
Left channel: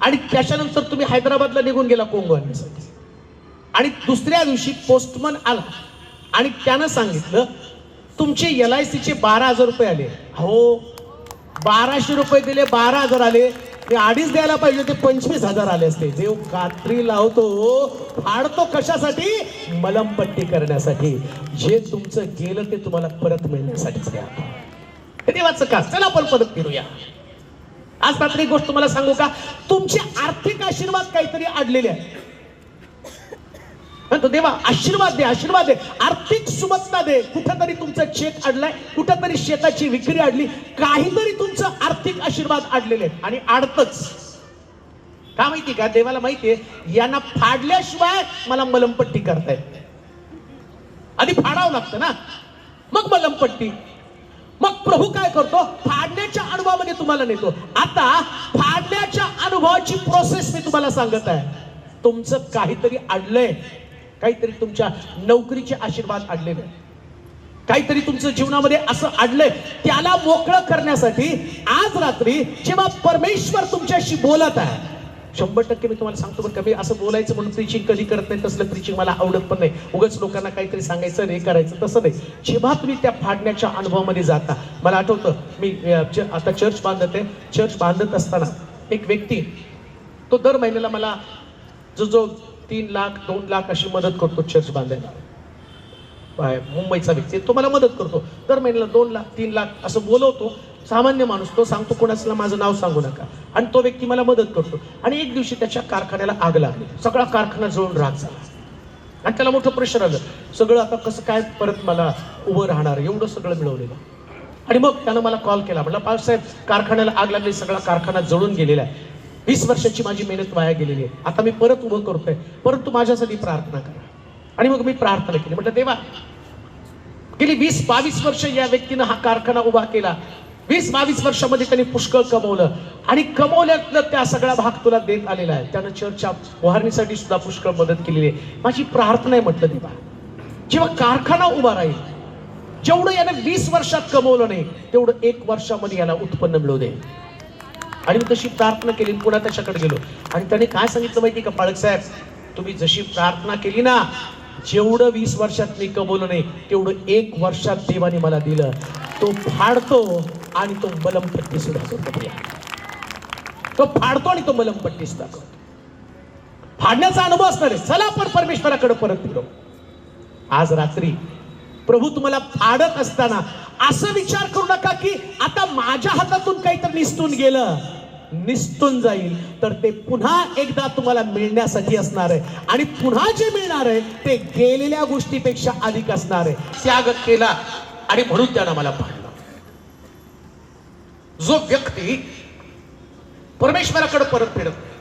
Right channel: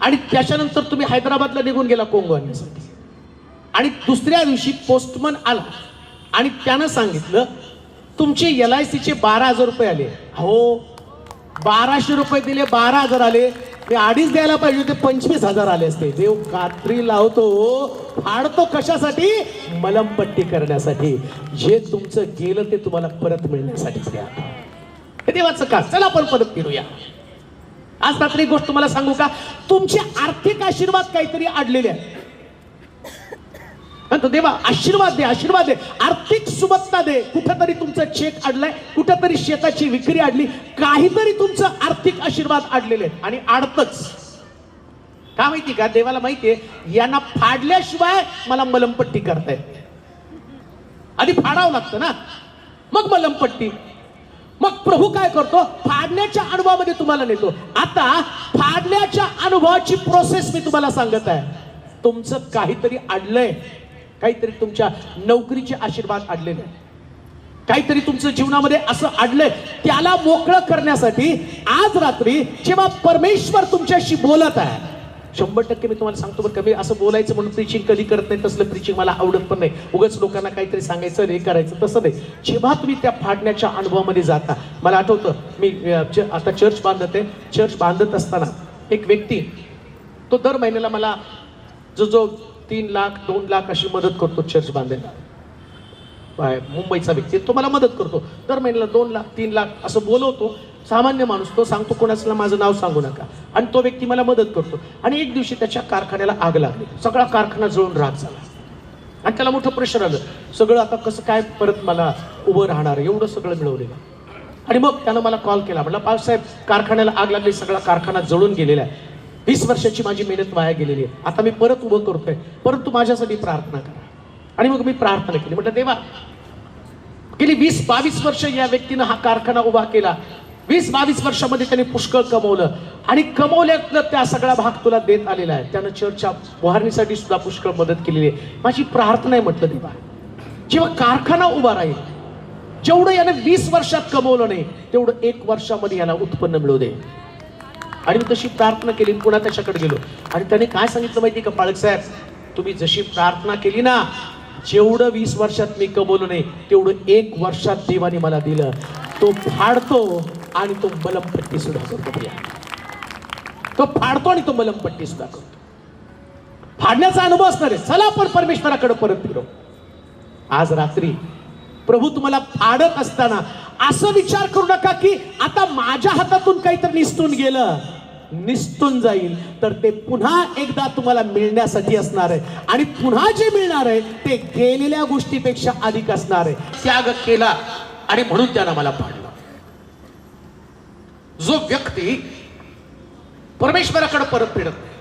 आणि त्याच्यानंतर तुम्ही हैदराबादला निघून गेला कोंगो आणण्यासाठी. आणि दुसऱ्या दिवशी पोस्टमन आला आणि त्यानं सांगितलं तुमचे LICचे 12,000 रुपये आले. हो, 1200 रुपये दिले, 12,000 आले. ते 2.5 द्यायला पाहिजे होते, 25,000 आले असते. देव कात्री लावतो, फाडतो कशासाठी? मलमपट्टी करण्यासाठी. जे तुमचं गेलं ते तुम्हाला परत मिळण्यासाठी. हे देवाचं का? चला आपण परत फिरूया. आज रात्री गोष्ट तुम्हाला सांगू का? तुमचे आर्थिक आशीर्वाद काहीतरी अडलेले आहेत. तो देवा आशीर्वाद दे, आशीर्वाद दे, आर्थिक सुबत्ता दे. कुठेतरी तुमचा चेक अडलाय, कुठेतरी शेताची विक्री अडली, काहीतरी तुमचं आर्थिक आशीर्वाद अडलेले आहेत. आणि अडतच का माहिती का? देवाला माहितीये यांना फाडल्याशिवाय मला मलमपट्टी करतायत. आधी फाडावं लागतं ना, मग मलमपट्टी. मग प्रभू काय करतो? फाडण्याच्या अनुभवामध्ये तुम्हाला नेतो. आता फाडण्याच्या अनुभवाची प्रोसेस मी तुम्हाला सांगत आहे. तुमचं काहीतरी अडलंय, काहीतरी तुमच्या नोकरीचे आशीर्वाद अडलेले, काहीतरी तुमच्या जीवनामध्ये असं अडलंय, त्याला मोकळं करण्यासाठी आज रात्री जेव्हा परमेश्वर तुमच्याशी बोलत आहे, 100% मी तुम्हाला सांगतो बरं का, मी असं बोलायचं म्हणून प्रीचिंग कधी करत नाही. तसलं प्रीचिंग मला आवडत पण नाही. उगाच लोकांना काहीतरी सांगायचं, हे करायचं, तसं नाही. जेव्हा तुम्ही त्या फाडण्याच्या अनुभवामध्ये जाता, मला आठवतं मी आता चर्च बांधते. चर्च बांधत असताना एक व्यक्ती, तो दर महिन्याला मला जो 3 लाख 2 लाख अशी मदत करतो चर्च बांधायला. मुंबईचा व्यक्ती, तो मला मदत करतो दर महिन्याला 2 लाख 3 लाख असं बोलवतो. सामान्य माणूस तो, सांगतो कोणाला माझं नाव सांगू नका. आणि तो व्यक्ती मला मदत करतो. आणि एक दिवशी त्याच्या कारखान्याला आग लागली, सगळा कारखाना जळून राख झाला आणि त्याला मोठं प्रेशर आलं. सगळं आता कसं काय परत मला उभं राहणार, एवढं सगळं मिळवलेलं. आणि मग त्यानं मला कॉल केला, म्हटलं पावसाहेब कारखान्याला आग लागली, सगळा कारखाना जळून गेलेला आहे, 20 वर्षाची माझी मेहनत वाया गेलेली आहे, आता मी परत उभं करतोय, परंतु माझ्यासाठी प्रार्थना करा. आणि मग मी प्रार्थना केली. म्हटलं देवा, गेली 20-22 वर्ष या व्यक्तीनं हा कारखाना उभा केला. 20-22 वर्षामध्ये त्यांनी पुष्कळ कमवलं आणि कमवल्यातलं त्या सगळा भाग तुला देत आलेला आहे. त्यानं चर्चच्या उभारणीसाठी सुद्धा पुष्कळ मदत केलेली आहे. माझी प्रार्थना आहे म्हटलं देवा, जेव्हा कारखाना उभा राहील, जेवढं यानं 20 वर्षात कमवलं नाही तेवढं 1 वर्षामध्ये याला उत्पन्न मिळू दे. आणि मी तशी प्रार्थना केली, पुन्हा त्याच्याकडे गेलो आणि त्याने काय सांगितलं माहिती का, पाळक साहेब, तुम्ही जशी प्रार्थना केली ना, जेवढं 20 वर्षात मी कमवलं नाही तेवढं 1 वर्षात देवाने मला दिलं. तो फाडतो आणि तो मलमपट्टी सुद्धा करतो. तो फाडतो आणि तो मलमपट्टी सुद्धा करतो. फाडण्याचा अनुभव असणार आहे. चला आपण परमेश्वराकडे परत फिरू. आज रात्री प्रभू तुम्हाला फाडत असताना असं विचार करू नका की आता माझ्या हातातून काहीतरी निसटून गेलं, निसटून जाईल, तर ते पुन्हा एकदा तुम्हाला मिळण्यासाठी असणार आहे. आणि पुन्हा जे मिळणार आहे ते गेलेल्या गोष्टीपेक्षा अधिक असणार आहे. त्याग केला आणि म्हणून त्यानं मला फाडलं. जो व्यक्ती परमेश्वराकडे परत फिरत नाही,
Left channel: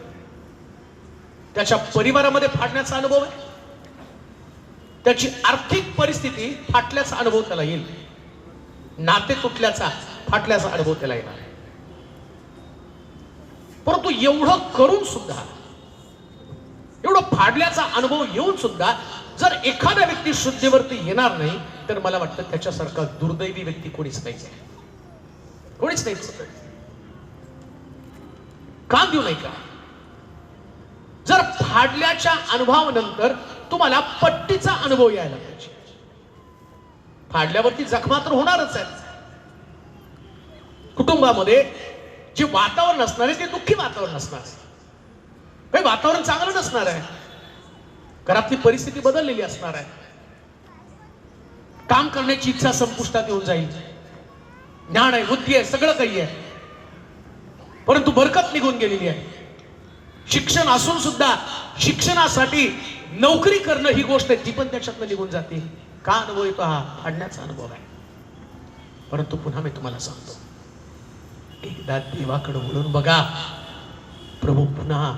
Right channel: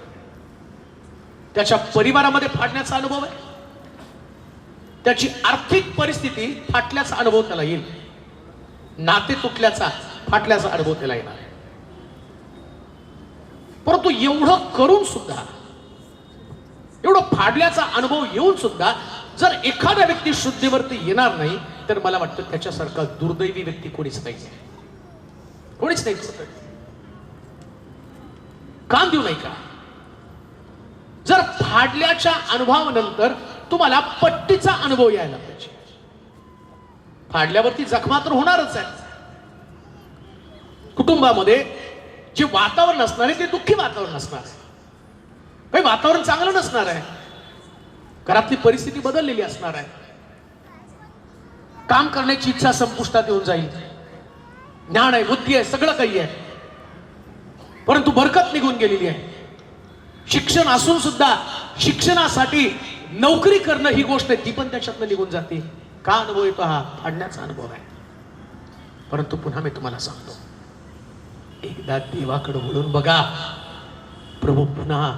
त्याच्या परिवारामध्ये फाडण्याचा अनुभव, त्याची आर्थिक परिस्थिती फाटल्याचा अनुभव त्याला येईल, नाते तुटल्याचा फाटल्याचा अनुभव त्याला येईल. परंतु एवढं करून सुद्धा, एवढं फाडल्याचा अनुभव येऊन सुद्धा जर एखाद्या व्यक्ती शुद्धीवरती येणार नाही तर मला वाटतं त्याच्यासारखा दुर्दैवी व्यक्ती कोणीच नाही, कोणीच नाही. काम देऊ नाही का? जर फाडल्याच्या अनुभवानंतर तुम्हाला पट्टीचा अनुभव यायला पाहिजे. फाडल्यावरती जखमा तर होणारच आहे. कुटुंबामध्ये जे वातावरण असणार आहे ते दुःखी वातावरण असणार आहे. वातावरण चांगलं नसणार आहे. घरातली परिस्थिती बदललेली असणार आहे. काम करण्याची इच्छा संपुष्टात येऊन जाईल. ज्ञान आहे, बुद्धी आहे, सगळं काही आहे, परंतु बरकत निघून गेलेली आहे. शिक्षण असून सुद्धा शिक्षणासाठी नोकरी करणं ही गोष्ट आहे, ती पण त्याच्यातनं निघून जाते. का अनुभव येतो? हा फाडण्याचा अनुभव आहे. परंतु पुन्हा मी तुम्हाला सांगतो, एकदा देवाकडे वळून बघा. प्रभू पुन्हा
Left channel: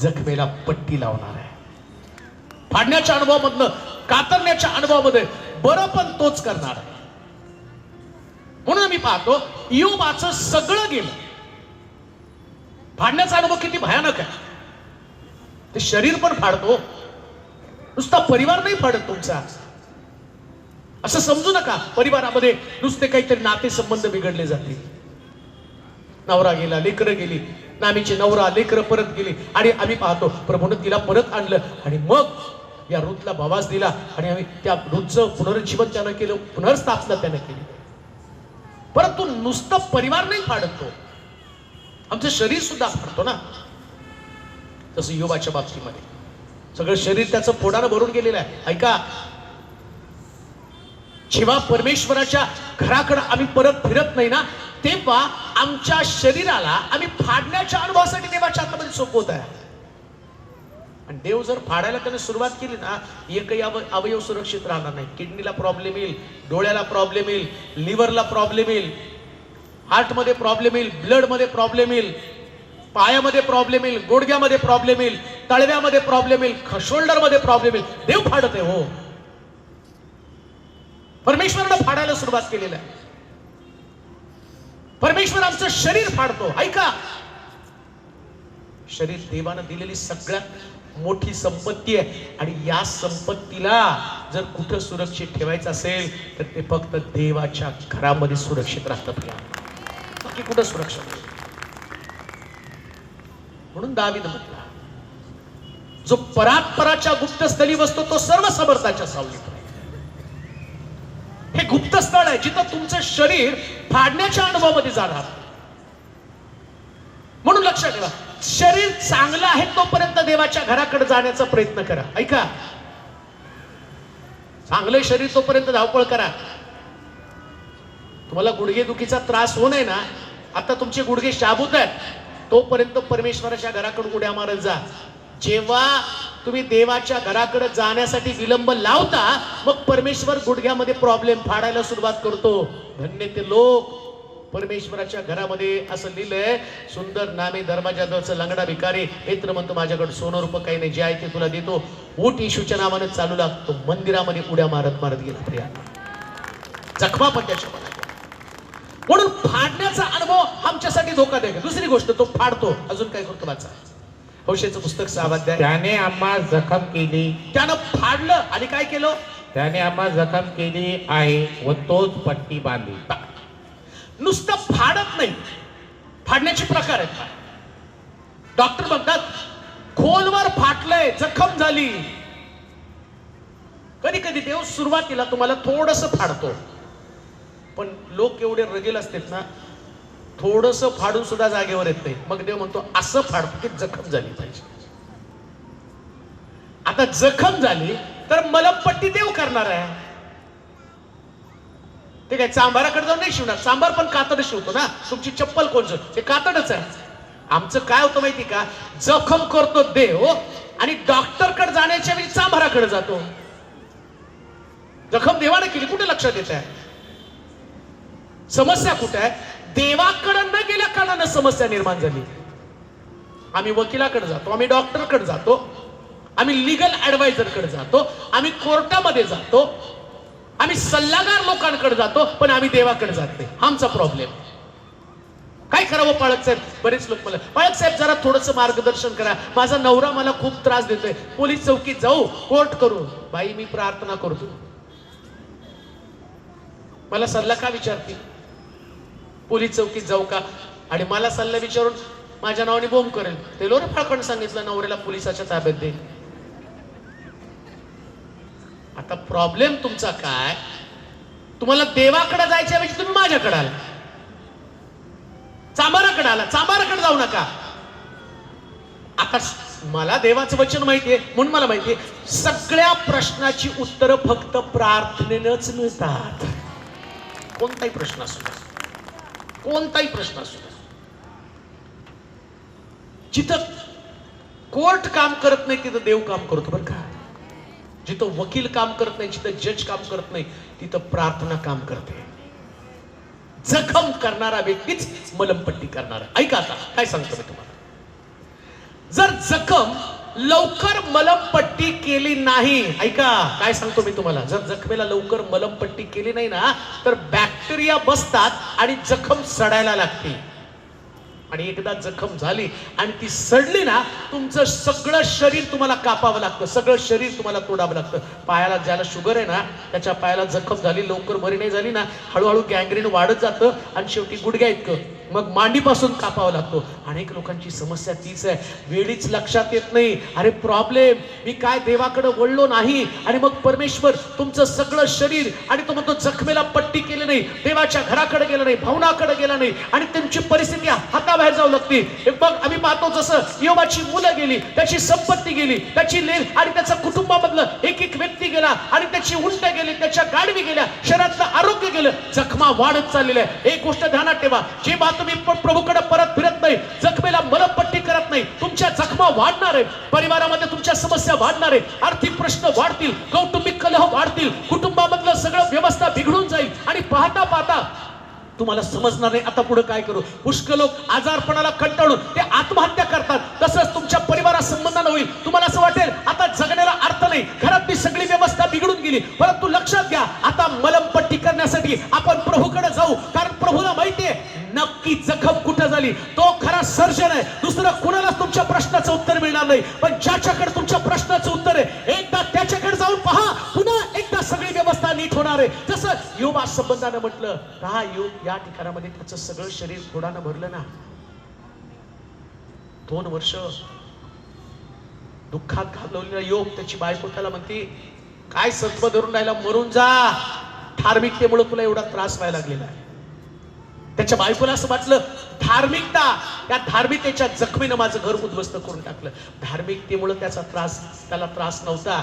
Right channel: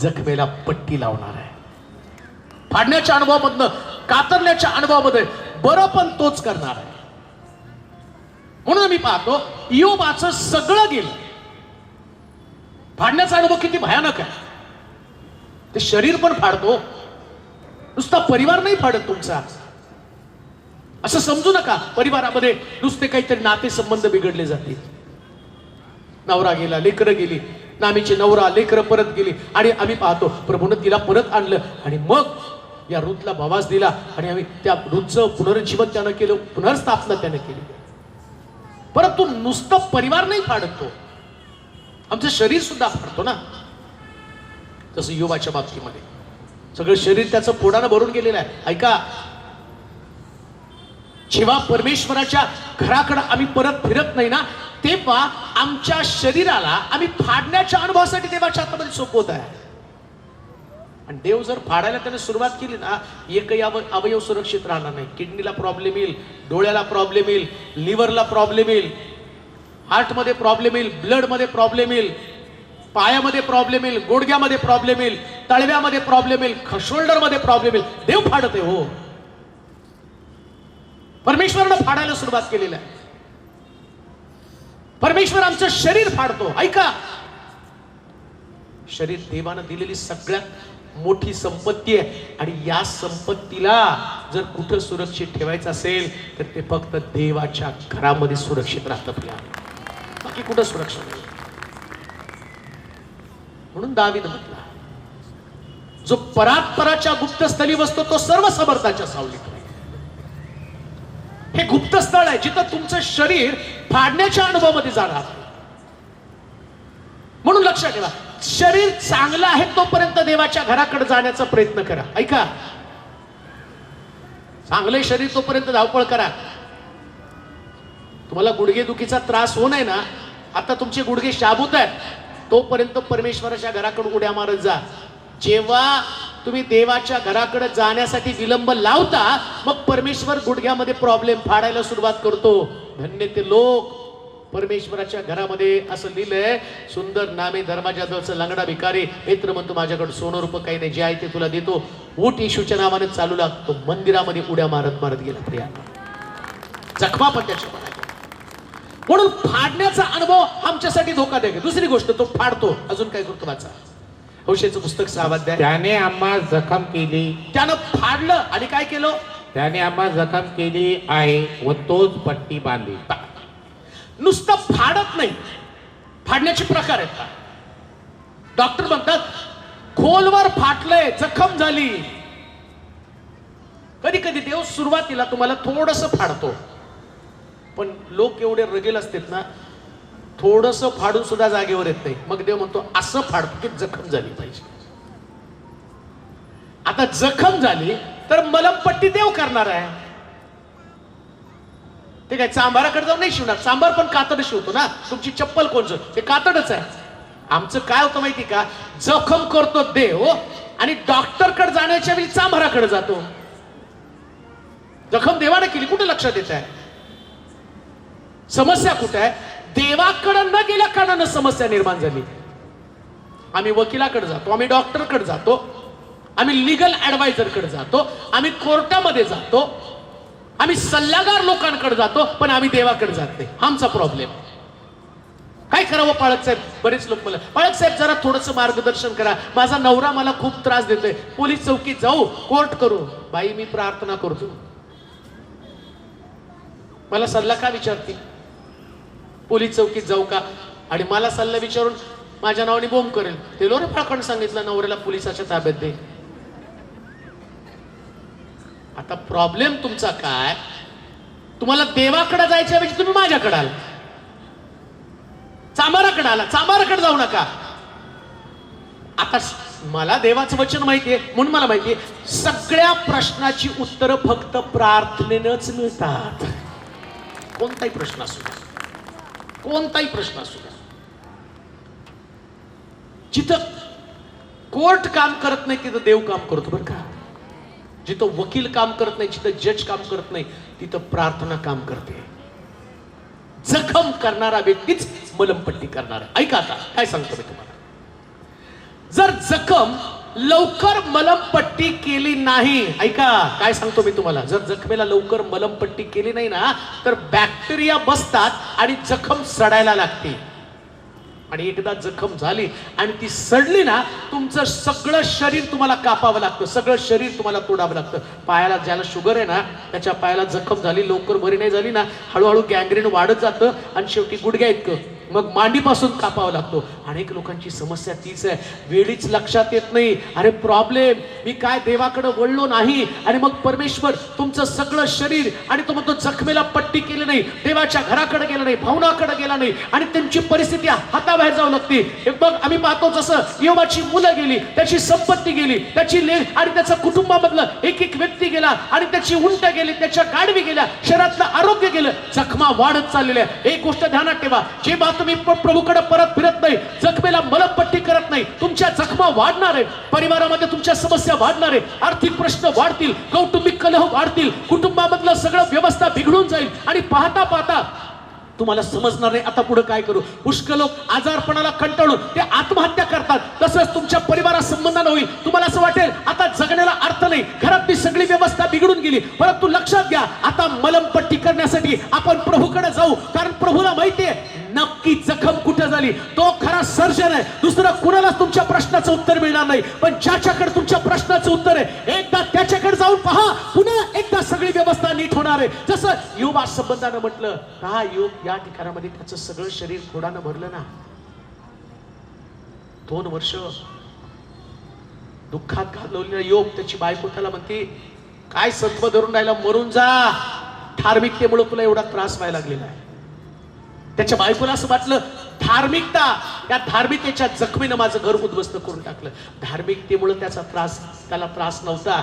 जखमेला पट्टी लावणार आहे. फाडण्याच्या अनुभवामधनं, कातरण्याच्या अनुभवामध्ये बरं पण तोच करणार आहे. म्हणून मी पाहतो इयोबाचं सगळं गेलं. फाडण्याचा अनुभव किती भयानक आहे. ते शरीर पण फाडतो, नुसता परिवार नाही फाडत तुमचा. असं समजू नका परिवारामध्ये नुसते काहीतरी नाते संबंध बिघडले जातील. नवरा गेला, लेकरं गेली, नामीची नवरा लेकरं परत गेली आणि आम्ही पाहतो प्रभूनं तिला परत आणलं आणि मग या रूथला भावास दिला आणि आम्ही त्या रूथचं पुनरुज्जीवन त्यानं केलं, पुनर्स्थापना त्यानं केली. परंतु नुसतं परिवार नाही फाडतो, आमचं शरीर सुद्धा फाडतो ना. तसं इयोबाच्या बाबतीमध्ये सगळं शरीर त्याचं फोडानं भरून गेलेलं आहे. ऐका, जेव्हा परमेश्वराच्या घराकडे आम्ही परत फिरत नाही ना, तेव्हा आमच्या शरीराला आम्ही फाडण्याच्या अनुभवासाठी देवाच्या हातामध्ये सोपवत आहे. आणि देव जर फाडायला त्याने सुरुवात केली ना, एकही अवयव सुरक्षित राहणार नाही. किडनीला प्रॉब्लेम येईल, डोळ्याला प्रॉब्लेम येईल, लिव्हरला प्रॉब्लेम येईल, हार्टमध्ये प्रॉब्लेम येईल, ब्लडमध्ये प्रॉब्लेम येईल, पायामध्ये प्रॉब्लेम येईल, गुडघ्यामध्ये प्रॉब्लेम येईल, तळव्यामध्ये प्रॉब्लेम येईल, शोल्डरमध्ये प्रॉब्लेम येईल. देव फाडते हो. परमेश्वरानं फाडायला सुरुवात केलेली आहे. परमेश्वर आमचं शरीर फाडतो. ऐका, शरीर देवानं दिलेली सगळ्यात मोठी संपत्ती आहे आणि या संपत्तीला जर कुठे सुरक्षित ठेवायचं असेल तर ते फक्त देवाच्या घरामध्ये सुरक्षित राहतात, बाकी कुठं सुरक्षित नाही. म्हणून दावीद म्हटला, जो परात्पराच्या गुप्तस्थळी बसतो तो सर्व समर्थाच्या सावलीत. हे गुप्तस्थळ आहे जिथं तुमचं शरीर फाडण्याच्या अनुभवामध्ये जाणार. म्हणून लक्षात ठेवा, शरीर चांगलं आहे तोपर्यंत देवाच्या घराकडे जाण्याचा प्रयत्न करा. ऐका, चांगले शरीर तोपर्यंत धावपळ करा. तुम्हाला गुडघेदुखीचा त्रास होऊ नये ना, आता तुमचे गुडघे शाबूत आहेत तोपर्यंत परमेश्वराच्या घराकडे उड्या मारत जा. जेव्हा तुम्ही देवाच्या घराकडे जाण्यासाठी विलंब लावता, मग परमेश्वर गुडघ्यामध्ये प्रॉब्लेम फाडायला सुरुवात करतो. धन्य ते लोक परमेश्वराच्या घरामध्ये. असं लिहिलंय, सुंदर नामे धर्माच्या लंगडा भिकारी मित्र म्हणतो माझ्याकडे सोनं रूप काही नाही, जे आहे ते तुला देतो. ऊट येशूच्या नावाने चालू लागतो. मंदिरामध्ये उड्या मारत मारत गेला प्रिया. जखमा पण त्याच्या. म्हणून फाडण्याचा अनुभव आमच्यासाठी धोकादायक आहे. दुसरी गोष्ट, तो फाडतो. अजून काय करतो? वाचा हौशेचं पुस्तक 6 अध्याय. त्याने आम्हा जखम केली, त्यानं फाडलं आणि काय केलं? त्याने आम्हा जखम केली आहे व तोच पट्टी बांधली. नुसतं फाडत नाही, फाडण्याचे प्रकार आहेत. डॉक्टर म्हणतात खोलवर फाटलंय, जखम झाली. कधी कधी देव सुरुवातीला तुम्हाला थोडस फाडतो, पण लोक एवढे रगेल असतात ना, थोडस फाडून सुद्धा जागेवर येत नाही. मग देव म्हणतो असं फाडतो की जखम झाली पाहिजे. आता जखम झाली तर मलमपट्टी देव करणार आहे. ते काय चांभाराकडे जर नाही शिवणार, चांभार पण कातड शिवतो ना. तुमची चप्पल कोणचं? ते कातडच आहे. आमचं काय होतं माहिती का, जखम करतो देव आणि डॉक्टरकडे जाण्याच्या वेळी चांभाराकडे जातो. जखम देवाने केली, कुठे लक्षात येत आहे? समस्या कुठे आहे? देवाकडे न गेल्या कारणानं समस्या निर्माण झाली. आम्ही वकिलाकडे जातो, आम्ही डॉक्टरकडे जातो, आम्ही लिगल ऍडवायझरकडे जातो, आम्ही कोर्टामध्ये जातो, आम्ही सल्लागार लोकांकडे जातो, पण आम्ही देवाकडे जात नाही. आमचा प्रॉब्लेम. काय करावं पाळक साहेब? बरेच लोक मला, पाळक साहेब जरा थोडंसं मार्गदर्शन करा, माझा नवरा मला खूप त्रास देतोय, पोलीस चौकीत जाऊ, कोर्ट करू? बाई मी प्रार्थना करतो, मला सल्ला का विचारते? पोलीस चौकीत जाऊ का? आणि मला सल्ला विचारून माझ्या नावाने बोंब करेल. तेलो रे पाकण सांगितलं नवऱ्याला पोलिसाच्या ताब्यात दे. आता प्रॉब्लेम तुमचा काय? तुम्हाला देवाकडे जायच्या ऐवजी तुम्ही माझ्याकडे आला, चामाराकडे आला. चामाराकडे जाऊ नका. आता मला देवाचं वचन माहितीये म्हणून मला माहितीये सगळ्या प्रश्नाची उत्तरं फक्त प्रार्थनेनंच मिळतात. कोणताही प्रश्न असू दे, कोणताही प्रश्न असू दे. जिथं कोर्ट काम करत नाही तिथं देव काम करतो बरं का. जिथं वकील काम करत नाही, जिथं जज काम करत नाही, तिथं प्रार्थना काम करते. जखम करणारा व्यक्तीच मलमपट्टी करणारा. ऐका आता काय सांगतो मी तुम्हाला. जर जखम लवकर मलमपट्टी केली नाही, ऐका काय सांगतो मी तुम्हाला, जर जखमेला लवकर मलमपट्टी केली नाही ना तर बॅक्टेरिया बसतात आणि जखम सडायला लागते. आणि एकदा जखम झाली आणि ती सडली ना तुमचं सगळं शरीर तुम्हाला कापावं लागतं, सगळं शरीर तुम्हाला तोडावं लागतं. पायाला ज्याला शुगर आहे ना त्याच्या पायाला जखम झाली, लवकर बरी नाही झाली ना, हळूहळू गँग्रीन वाढत जातं आणि शेवटी गुडघ्या इतकं, मग मांडीपासून कापावं लागतो. अनेक लोकांची समस्या तीच आहे, वेळीच लक्षात येत नाही. अरे प्रॉब्लेम मी काय देवाकडे वळलो नाही आणि मग परमेश्वर तुमचं सगळं शरीर आणि तो म्हणतो जखमेला पट्टी केली नाही, देवाच्या घराकडे गेला नाही, भावनाकडे गेला नाही आणि तुमची परिस्थिती हाताबाहेर जाऊ लागते. मग आम्ही पाहतो जसं योबाची मुलं गेली, त्याची संपत्ती गेली, त्याची लेख आणि त्याच्या कुटुंबामधलं एक एक व्यक्ती गेला आणि त्याची उंट्या गेली, त्याच्या गाडवी गेल्या, शरीरातलं आरोग्य गेलं, जखमा वाढत चाललेल्या. एक गोष्ट ध्यानात ठेवा, जे तुम्ही प्रभूकडे परत फिरत नाही, जखमेला मलमपट्टी करत नाही, तुमच्या जखमा वाढणार आहे, परिवारामध्ये तुमच्या समस्या वाढणार आहे, आर्थिक प्रश्न वाढतील, कौटुंबिक कलह वाढतील, कुटुंबामधलं सगळं व्यवस्था बिघडून जाईल आणि पाहता पाहता तुम्हाला समजणार नाही आता पुढे काय करू. पुष्कळ लोक आजारपणाला कंटाळून ते आत्महत्या करतात. तसंच तुमच्या परिवारा संबंधानं होईल. तुम्हाला असं वाटेल आता जगण्याला अर्थ नाही, घरातली सगळी व्यवस्था बिघडून गेली. परंतु लक्षात घ्या आता मलमपट्टी करण्यासाठी आपण प्रभूकडे जाऊ, कारण प्रभूला माहितीये नक्की जखम कुठे झाली. तो खरा सर्जन आहे, दुसरा कुणाला तुमच्या प्रश्नाचं उत्तर मिळणार नाही. पण ज्याच्याकडे तुमच्या प्रश्नाचं उत्तर आहे एकदा त्याच्याकडे जाऊन पहा, पुन्हा एकदा सगळी व्यवस्था नीट होणार आहे. जसं योबा संबंधानं म्हटलं, हा योग या ठिकाणामध्ये त्याचं सगळं शरीर फोडानं भरलं ना, 2 वर्ष दुःखात घालवलेला योग. त्याची बायको त्याला म्हणते काय सत्व धरून राहिला, मरून जा, धार्मिकतेमुळे तुला एवढा त्रास व्हायला लागलेला आहे. त्याच्या बायकोला असं वाटलं धार्मिकता, त्या धार्मिकतेच्या जखमीनं माझं घर उद्ध्वस्त करून टाकलं. धार्मिकतेमुळे त्याला त्रास नव्हता.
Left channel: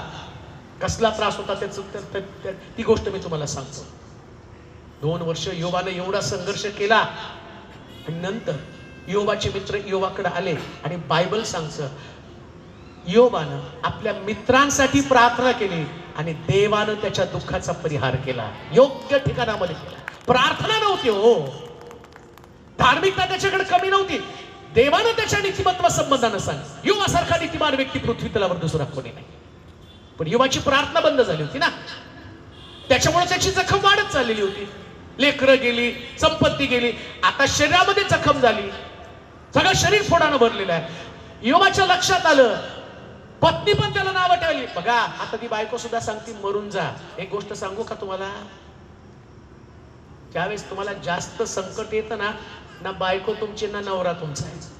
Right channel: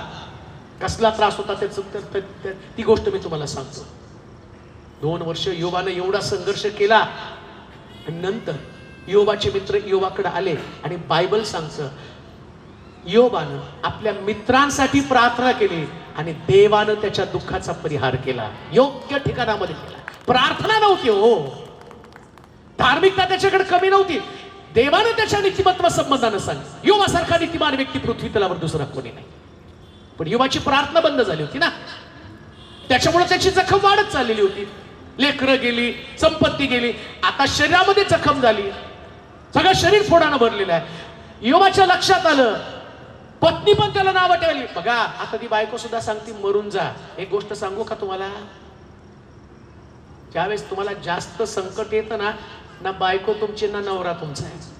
कसला त्रास होता त्याचं ती गोष्ट मी तुम्हाला सांगतो. 2 वर्ष योबाने एवढा संघर्ष केला. नंतर योबाचे मित्र योबाकडे आले आणि बायबल सांगतं योबानं आपल्या मित्रांसाठी प्रार्थना केली आणि देवानं त्याच्या दुःखाचा परिहार केला, योग्य ठिकाणामध्ये केला. प्रार्थना नव्हती हो, धार्मिकता त्याच्याकडे कमी नव्हती, देवानं त्याच्या नीतिमत्व संबंधानं सांग. योबासारखा नीतिमान व्यक्ती पृथ्वी तलावर दुसरा कोणी नाही. पण योबाची प्रार्थना बंद झाली होती ना, त्याच्यामुळे त्याची जखम वाढत चाललेली होती. लेकरं गेली, संपत्ती गेली, आता शरीरामध्ये जखम झाली, सगळं शरीर फोडानं भरलेलं आहे. योबाच्या लक्षात आलं, पत्नी पण त्याला नाव वाटायली. बघा आता ती बायको सुद्धा सांगते मरून जा. एक गोष्ट सांगू का तुम्हाला, ज्यावेळेस तुम्हाला जास्त संकट येतं ना, ना बायको तुमची ना नवरा तुमचा आहे.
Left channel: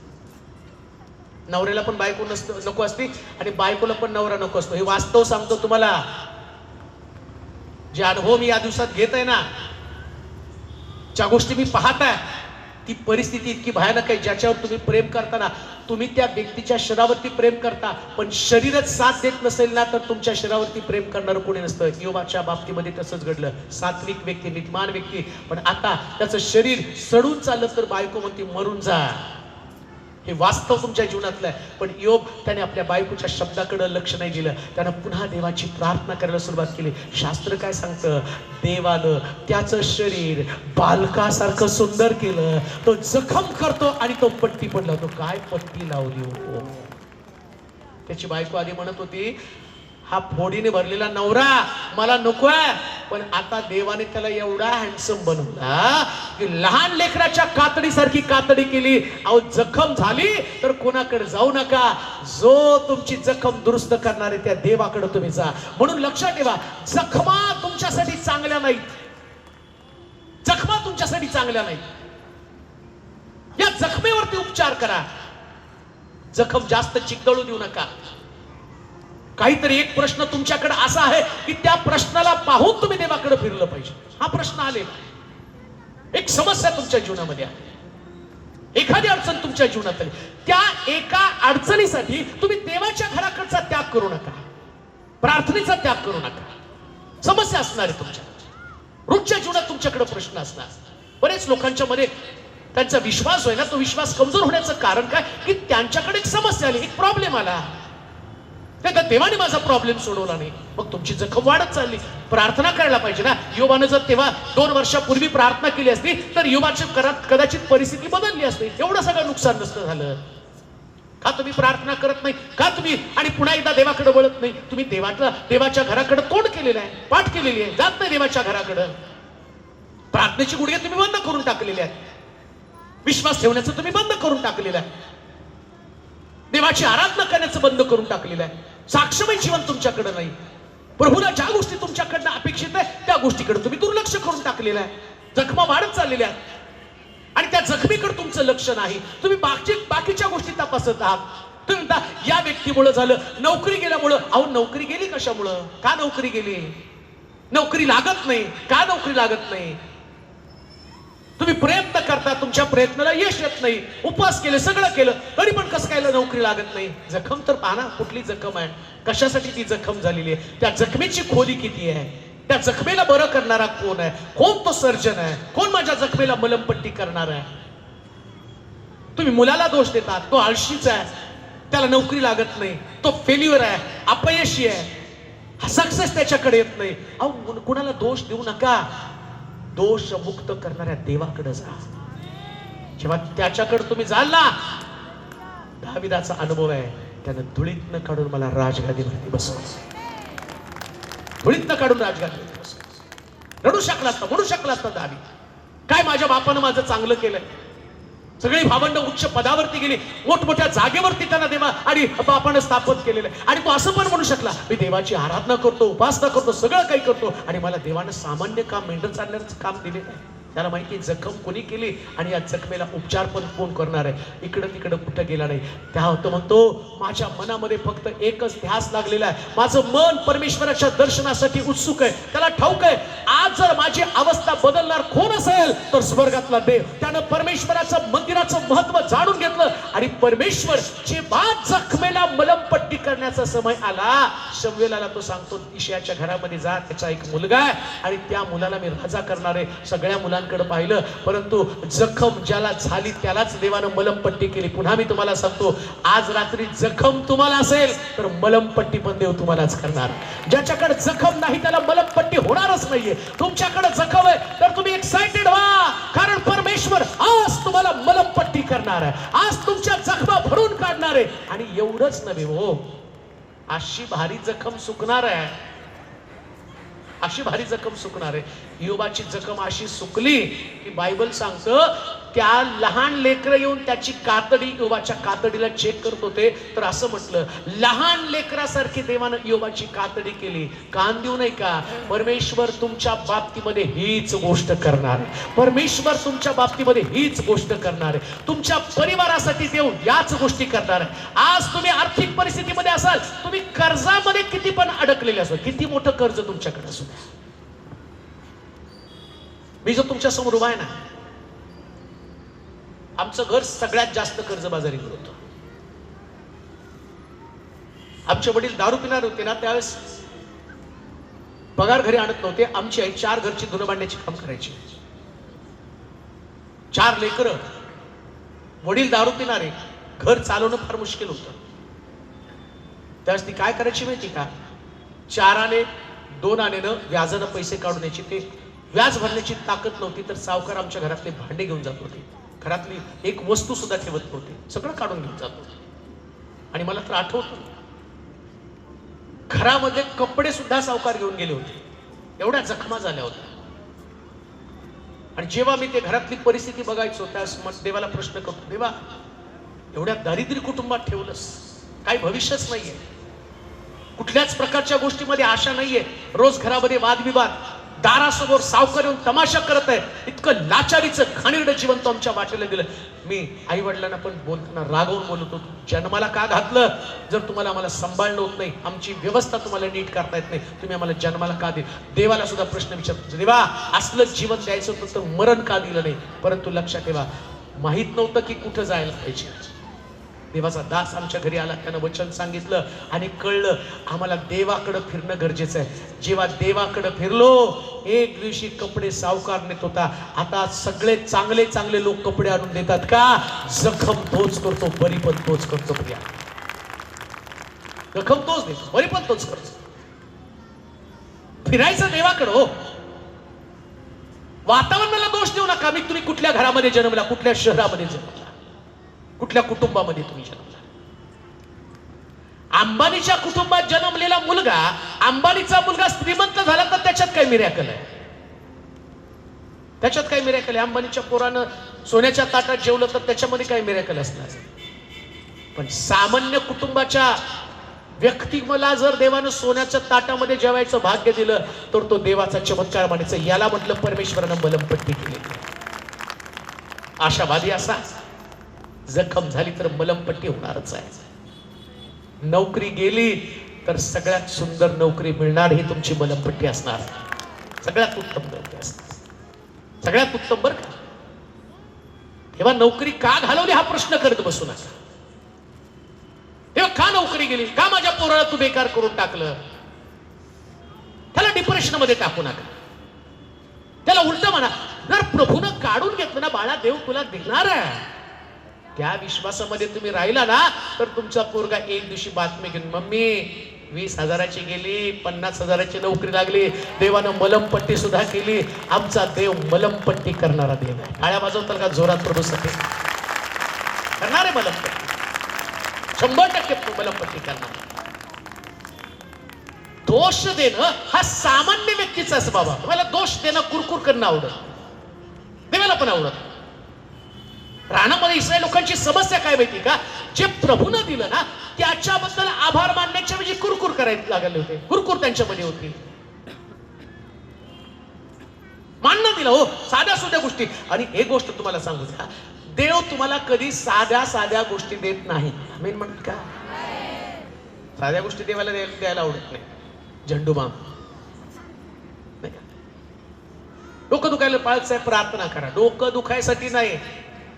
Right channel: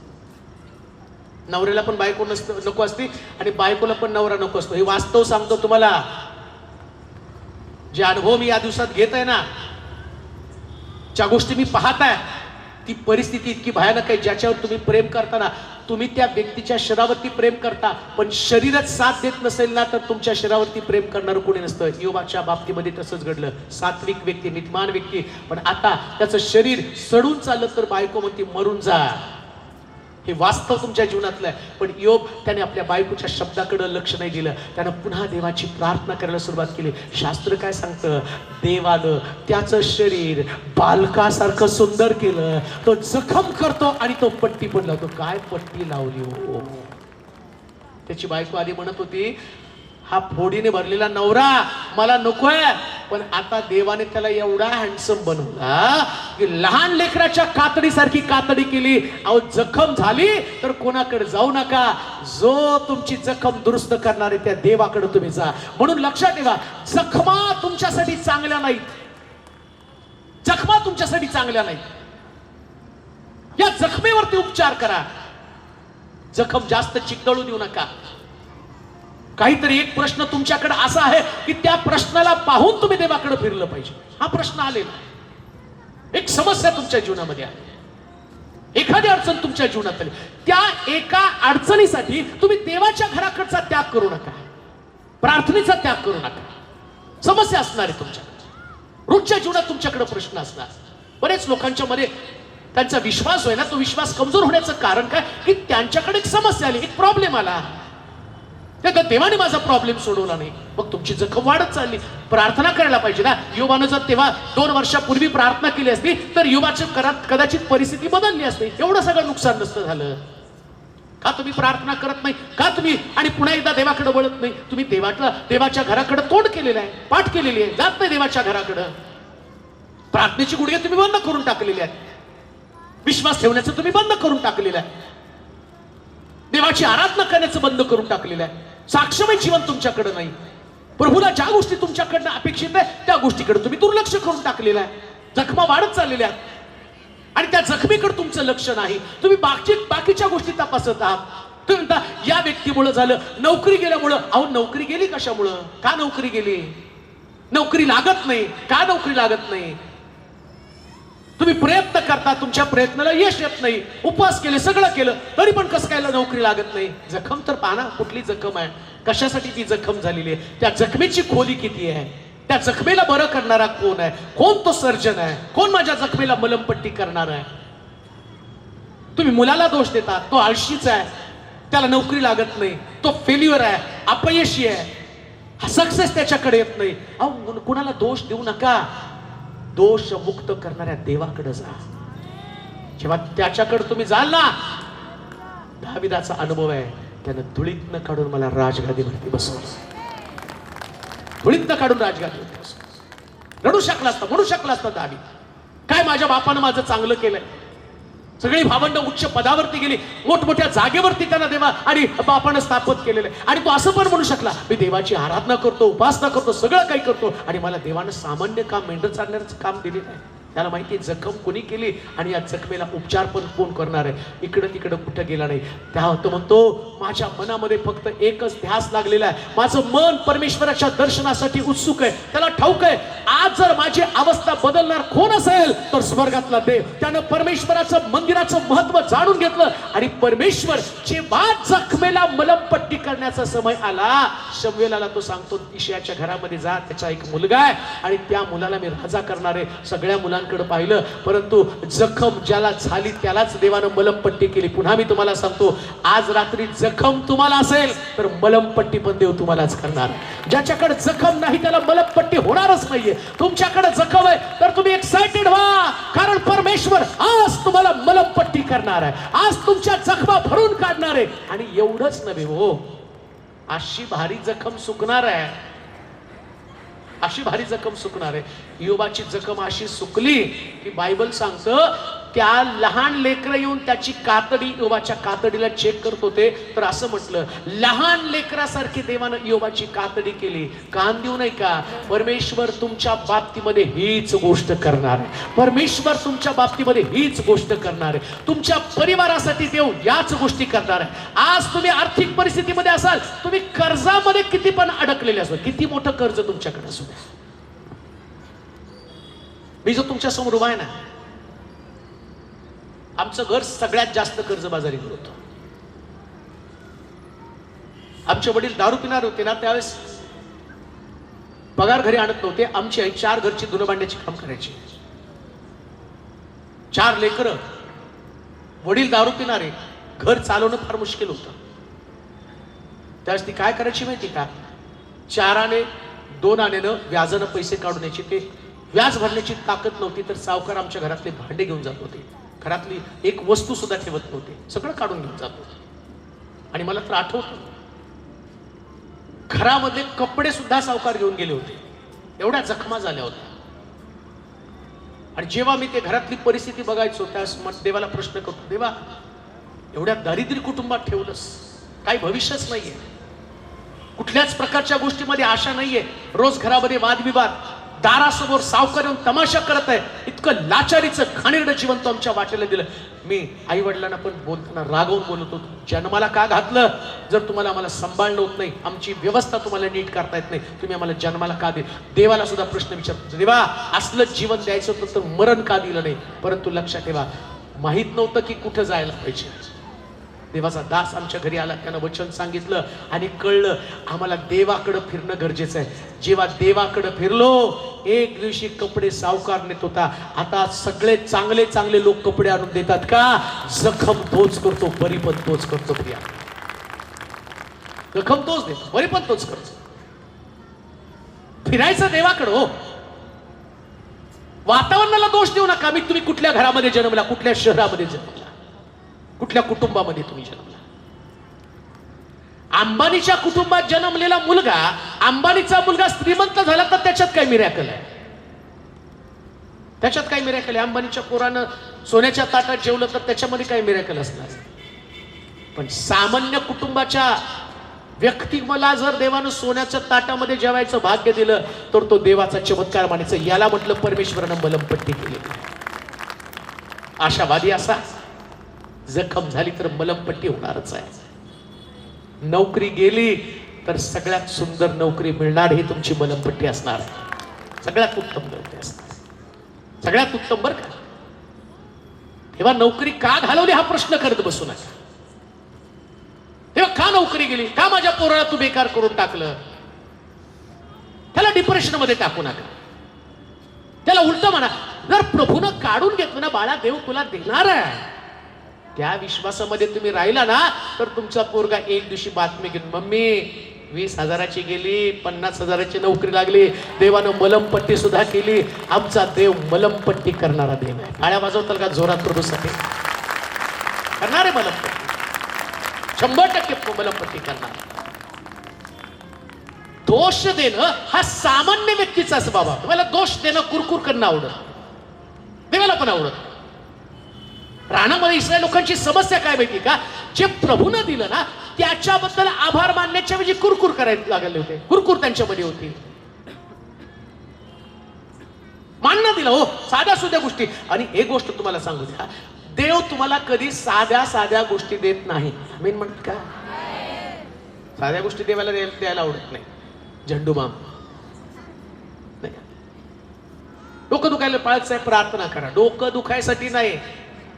नवऱ्याला पण बायको नको असते आणि बायकोला पण नवरा नको असतो. हे वास्तव सांगतो तुम्हाला, जे अनुभव मी या दिवसात घेत आहे ना, ज्या गोष्टी मी पाहताय, ती परिस्थिती इतकी भयानक आहे. ज्याच्यावर तुम्ही प्रेम करताना तुम्ही त्या व्यक्तीच्या शरीरावरती प्रेम करता, पण शरीरच साथ देत नसेल ना तर तुमच्या शरीरावरती प्रेम करणारं कोणी नसतं. योबाच्या बाबतीमध्ये तसंच घडलं. सात्विक व्यक्ती, नीतिमान व्यक्ती, पण आता त्याचं शरीर सडून चाललं तर बायको म्हणते मरून जा. हे वास्तव तुमच्या जीवनातलं आहे. पण योब त्याने आपल्या बायकोच्या शब्दाकडे लक्ष नाही दिलं, त्यानं पुन्हा देवाची प्रार्थना करायला सुरुवात केली. शास्त्र काय सांगतं, देवानं त्याचं शरीर बालकासारखं सुंदर केलं. तो जखम करतो आणि तो पट्टी पडला. तो काय पट्टी लावली हो. त्याची बायको आधी म्हणत होती हा फोडीने भरलेला नवरा मला नकोय. पण आता देवाने त्याला एवढा हँडसम बनवला की लहान लेकराच्या कातडीसारखी कातडी केली. अहो जखम झाली तर कोणाकडे जाऊ नका, जो तुमची जखम दुरुस्त करणार आहे त्या देवाकडे तुम्ही जा. म्हणून लक्षात ठेवा, जखमा तुमच्यासाठी चांगल्या नाहीत, जखमा तुमच्यासाठी चांगल्या नाहीत. या जखमेवरती उपचार करा. जखम जास्त चिकटळू देऊ नका. काहीतरी एक प्रश्न तुमच्याकडे असा आहे की त्या प्रश्नाला पाहून तुम्ही देवाकडे फिरलं पाहिजे. हा प्रश्न आलेला, एक समस्या तुमच्या जीवनामध्ये आहे, एखादी अडचण तुमच्या जीवनात आली, त्या एका अडचणीसाठी तुम्ही देवाच्या घराकडचा त्याग करू नका, प्रार्थनेचा त्याग करू नका. समस्या असणार आहे तुमच्या रोजच्या जीवनात, तुमच्याकडे प्रश्न असणार. बरेच लोकांच्या मध्ये त्यांचा विश्वास आहे ना, तो विश्वास कमजोर होण्याचं कारण काय की त्यांच्याकडे एक समस्या आली, एक प्रॉब्लेम आला, त्या देवाने माझा प्रॉब्लेम सोडवला नाही. मग तुमची जखम वाढत चालली. प्रार्थना करायला पाहिजे ना. योबानं जर तेव्हा 2 वर्षापूर्वी प्रार्थना केली असती तर योबाची कदाचित परिस्थिती बदलली असती, एवढं सगळं नुकसान नसतं झालं. का तुम्ही प्रार्थना करत नाही, का तुम्ही आणि पुन्हा एकदा देवाकडे वळत नाही? तुम्ही देवाच्या घराकडे तोंड केलेलं आहे, पाठ केलेली आहे, जात नाही देवाच्या घराकडे. प्रार्थनेची गुडघे तुम्ही बंद करून टाकलेले आहेत, विश्वास ठेवण्याचं तुम्ही बंद करून टाकलेलं आहे, देवाची आराधना करण्याचं बंद करून टाकलेलं आहे. साक्षमय जीवन तुमच्याकडे नाही. प्रभूला ज्या गोष्टी तुमच्याकडनं अपेक्षित आहे त्या गोष्टीकडे तुम्ही दुर्लक्ष करून टाकलेलं आहे. जखमा वाढत चाललेल्या आहेत आणि त्या जखमीकडे तुमचं लक्ष नाही. तुम्ही बाकीच्या गोष्टी तपासत आहात. तुम्ही म्हणता या व्यक्तीमुळे झालं, नोकरी गेल्यामुळं. अहो नोकरी गेली कशामुळं? का नोकरी गेली? नोकरी लागत नाही. का नोकरी लागत नाही? तुम्ही प्रयत्न करता, तुमच्या प्रयत्नाला यश येत नाही, उपवास केले, सगळं केलं, तरी पण कसं काय नोकरी लागत नाही? जखम तर पाहा ना, कुठली जखम आहे, कशासाठी ती जखम झालेली आहे, त्या जखमेची खोली किती आहे, त्या जखमेला बरं करणारा कोण आहे, कोण तो सर्जन आहे, कोण माझ्या जखमेला मलमपट्टी करणार आहे? तुम्ही मुलाला दोष देता, तो आळशीच आहे, त्याला नोकरी लागत नाही, तो फेल्युअर आहे, अपयशी आहे, सक्सेस त्याच्याकडे येत नाही. अहो कुणाला दोष देऊ नका. दोष मुक्त करणाऱ्या देवाकडे जा. जेव्हा त्याच्याकडे तुम्ही जाल ना, दाविदाचा अनुभव आहे, त्यानं धुळीतनं काढून मला राजगादीवरती बसवलं, धुळीतनं काढून राजगादीवरती बसवलं. रडू शकला असता, म्हणू शकला असता दावी, काय माझ्या बापानं माझं चांगलं केलं, सगळी भावंड उच्च पदावरती गेली, मोठमोठ्या जागेवरती त्याला देवा आणि बापानं स्थापित केलेलं. आणि तो असं पण म्हणू शकला, मी देवाची आराधना करतो, उपासना करतो, सगळं काही करतो, आणि मला देवानं सामान्य काम, मेंढर चालण्याचं काम दिले नाही. त्याला माहिती जखम कोणी केली आणि या जखमेला उपचार पण कोण करणार आहे. इकडं तिकडं कुठं गेला नाही. त्या होतं म्हणतो, माझ्या मनामध्ये फक्त एकच ध्यास लागलेला आहे, माझं मन परमेश्वराच्या दर्शनासाठी उत्सुक आहे. त्याला ठाऊक आहे, आज जर माझी अवस्था बदलणार कोण असेल तर स्वर्गातला देव. त्यानं परमेश्वराचं मंदिराचं महत्व जाणून घेतलं आणि परमेश्वर बात जखमेला मलमपट्टी करण्याचा समय आला. शमूएलाला तो सांगतो, इशायाच्या घरामध्ये जा, त्याचा एक मुलगा आहे आणि त्या मुलाला मी राजा करणार आहे. सगळ्या मुलांकडे पाहिलं, परंतु जखम ज्याला झाली त्यालाच देवानं मलमपट्टी केली. पुन्हा मी तुम्हाला सांगतो, आज रात्री जखम तुम्हाला असेल तर मलमपट्टी पण देव तुम्हालाच करणार. ज्याच्याकडे जखम नाही त्याला मलमपट्टी होणारच नाहीये. तुमच्याकडे जखम आहे तर तुम्ही एक्साइटेड व्हा, कारण परमेश्वर आज तुम्हाला मलमपट्टी करणार आहे, आज तुमच्या जखमा भरून काढणार आहे. आणि एवढंच नव्हे हो, अशी भारी जखम सुकणार आहे, अशी भारी जखम सुकणार आहे. योबाची जखम अशी सुकली की बायबल सांगतं, त्या लहान लेकरं येऊन त्याची कातडी, योबाच्या कातडीला चेक करत होते, तर असं म्हटलं, लहान लेकरासारखी देवानं योबाची कातडी केली. कान देऊ नये का? परमेश्वर तुमच्या बाबतीमध्ये हीच गोष्ट करणार, परमेश्वर तुमच्या बाबतीमध्ये हीच गोष्ट करणार आहे. तुमच्या परिवारासाठी देव याच गोष्टी करणार आहे. आज तुम्ही आर्थिक परिस्थितीमध्ये असाल, तुम्ही कर्जामध्ये किती पण अडकलेले असाल, किती मोठं कर्ज तुमच्याकडे असू द्या, मी जो तुमच्या समोर उभा आहे ना, आमचं घर सगळ्यात जास्त कर्जबाजारी होतं. आमचे वडील दारू पिणार होते ना, त्यावेळेस पगार घरी आणत नव्हते. आमची आई 4 घरची धुणं भांड्याची काम करायची. 4 लेकरं, वडील दारू पिणारे, घर चालवणं फार मुश्किल होतं. त्यावेळेस ती काय करायची माहिती का? 4 आणे 2 आण्यानं व्याजानं पैसे काढून यायचे. ते व्याज भरण्याची ताकद नव्हती तर सावकार आमच्या घरातले भांडे घेऊन जात होते, घरातली एक वस्तू सुद्धा ठेवत नव्हते, सगळं काढून घेऊन जात होते. आणि मला तर आठवतं, घरामध्ये कपडे सुद्धा सावकार घेऊन गेले होते, एवढ्या जखमा झाल्या होत्या. आणि जेव्हा मी ते घरातली परिस्थिती बघायचो त्यावेळेस देवाला प्रश्न करतो, देवा एवढ्या दारिद्र्य कुटुंबात ठेवलंस, काही भविष्यच नाहीये, कुठल्याच प्रकारच्या गोष्टीमध्ये आशा नाहीये, रोज घरामध्ये वादविवाद, दारासमोर सावकार येऊन तमाशा करत आहे, इतकं लाचारीचं घाणेरडं जीवन तो आमच्या वाटेला दिलं. मी आई वडिलांना पण बोलताना रागवून बोलतो, जन्माला का घातलं? जर तुम्हाला आम्हाला सांभाळणं होत नाही, आमची व्यवस्था तुम्हाला नीट करता येत नाही, तुम्ही आम्हाला जन्माला का दे? देवाला सुद्धा प्रश्न विचारतो, देवा असलं जीवन द्यायचं होतं तर मरण का दिलं नाही? परंतु लक्षात ठेवा, माहित नव्हतं की कुठं जायला पाहिजे. देवाचा दास आमच्या घरी आला, त्यानं वचन सांगितलं आणि कळलं आम्हाला देवाकडे फिरणं गरजेचं आहे. जेव्हा देवाकडे फिरलो, एक दिवशी कपडे सावकार नेत होता, आता सगळे चांगले चांगले लोक कपडे आणून देतात का? जखम तोच करतो, बरी पण तोच करतो. प्रिया, जखम तोच देतो, बरी पण तोच करतो. फिरायचं देवाकडे हो. वातावरणाला दोष देऊ नका. मी तुम्ही कुठल्या घरामध्ये जन्मला, कुठल्या शहरामध्ये जन्मला, कुठल्या कुटुंबामध्ये तुम्ही जन्मला. अंबानीच्या कुटुंबात जन्मलेला मुलगा, अंबानीचा मुलगा श्रीमंत झाला तर त्याच्यात काय मिरॅकल आहे? त्याच्यात काय मिरॅकल आहे? अंबानीच्या पोरानं सोन्याच्या ताटात जेवलं तर त्याच्यामध्ये काय मिरॅकल असणार? पण सामान्य कुटुंबाच्या व्यक्तीला जर देवानं सोन्याच्या ताटामध्ये जेवायचं भाग्य दिलं तर तो देवाचा चमत्कार मानायचं. याला म्हटलं परमेश्वरानं मलमपट्टी केलेली. आशावादी असा, जखम झाली तर मलमपट्टी होणारच आहे. नोकरी गेली तर सगळ्यात सुंदर नोकरी मिळणार ही तुमची मलमपट्टी असणार. सगळ्यात उत्तम नोकरी असणार, सगळ्यात उत्तम. बरं का, तेव्हा नोकरी का घालवली हा प्रश्न करत बसू नका. तेव्हा का नोकरी गेली, का माझ्या पोराला तू बेकार करून टाकलं, त्याला डिप्रेशन मध्ये टाकू नका. त्याला उलट म्हणा, जर प्रभूनं काढून घेतलं ना बाळा, देव तुला देणार आहे. त्या विश्वासामध्ये तुम्ही राहिला ना तर तुमचा पोरगा एक दिवशी बातमी घेऊन, मम्मी 20,000ची गेली, 50,000ची नोकरी लागली, देवानं मलमपट्टी सुद्धा केली. आमचा देव मलमपट्टी करणारा देव आहे. टाळ्या वाजवताल का जोरात? प्रभूसाठी करणार आहे मलमपट्टी, 100% मलमपट्टी करणार. दोष देणं हा सामान्य व्यक्तीचा स्वभाव आहे. तुम्हाला दोष देणं, कुरकुर करणं आवडत, देवाला पण आवडत. रानामध्ये इस्रायल लोकांची समस्या काय माहिती का? जे प्रभूनं दिलं ना त्याच्याबद्दल आभार मानण्याच्या म्हणजे कुरकुर करायला लागले होते. कुरकुर त्यांच्यामध्ये होती. मानणं दिलं हो, साध्या सुध्या गोष्टी. आणि एक गोष्ट तुम्हाला सांगू द्या, देव तुम्हाला कधी साध्या साध्या गोष्टी देत नाही. मी म्हणत का साध्या गोष्टी देवाला द्यायला आवडत नाही. झंडूबाम, डोकं दुखायला पाळत साहेब प्रार्थना करा. डोकं दुखायसाठी नाही,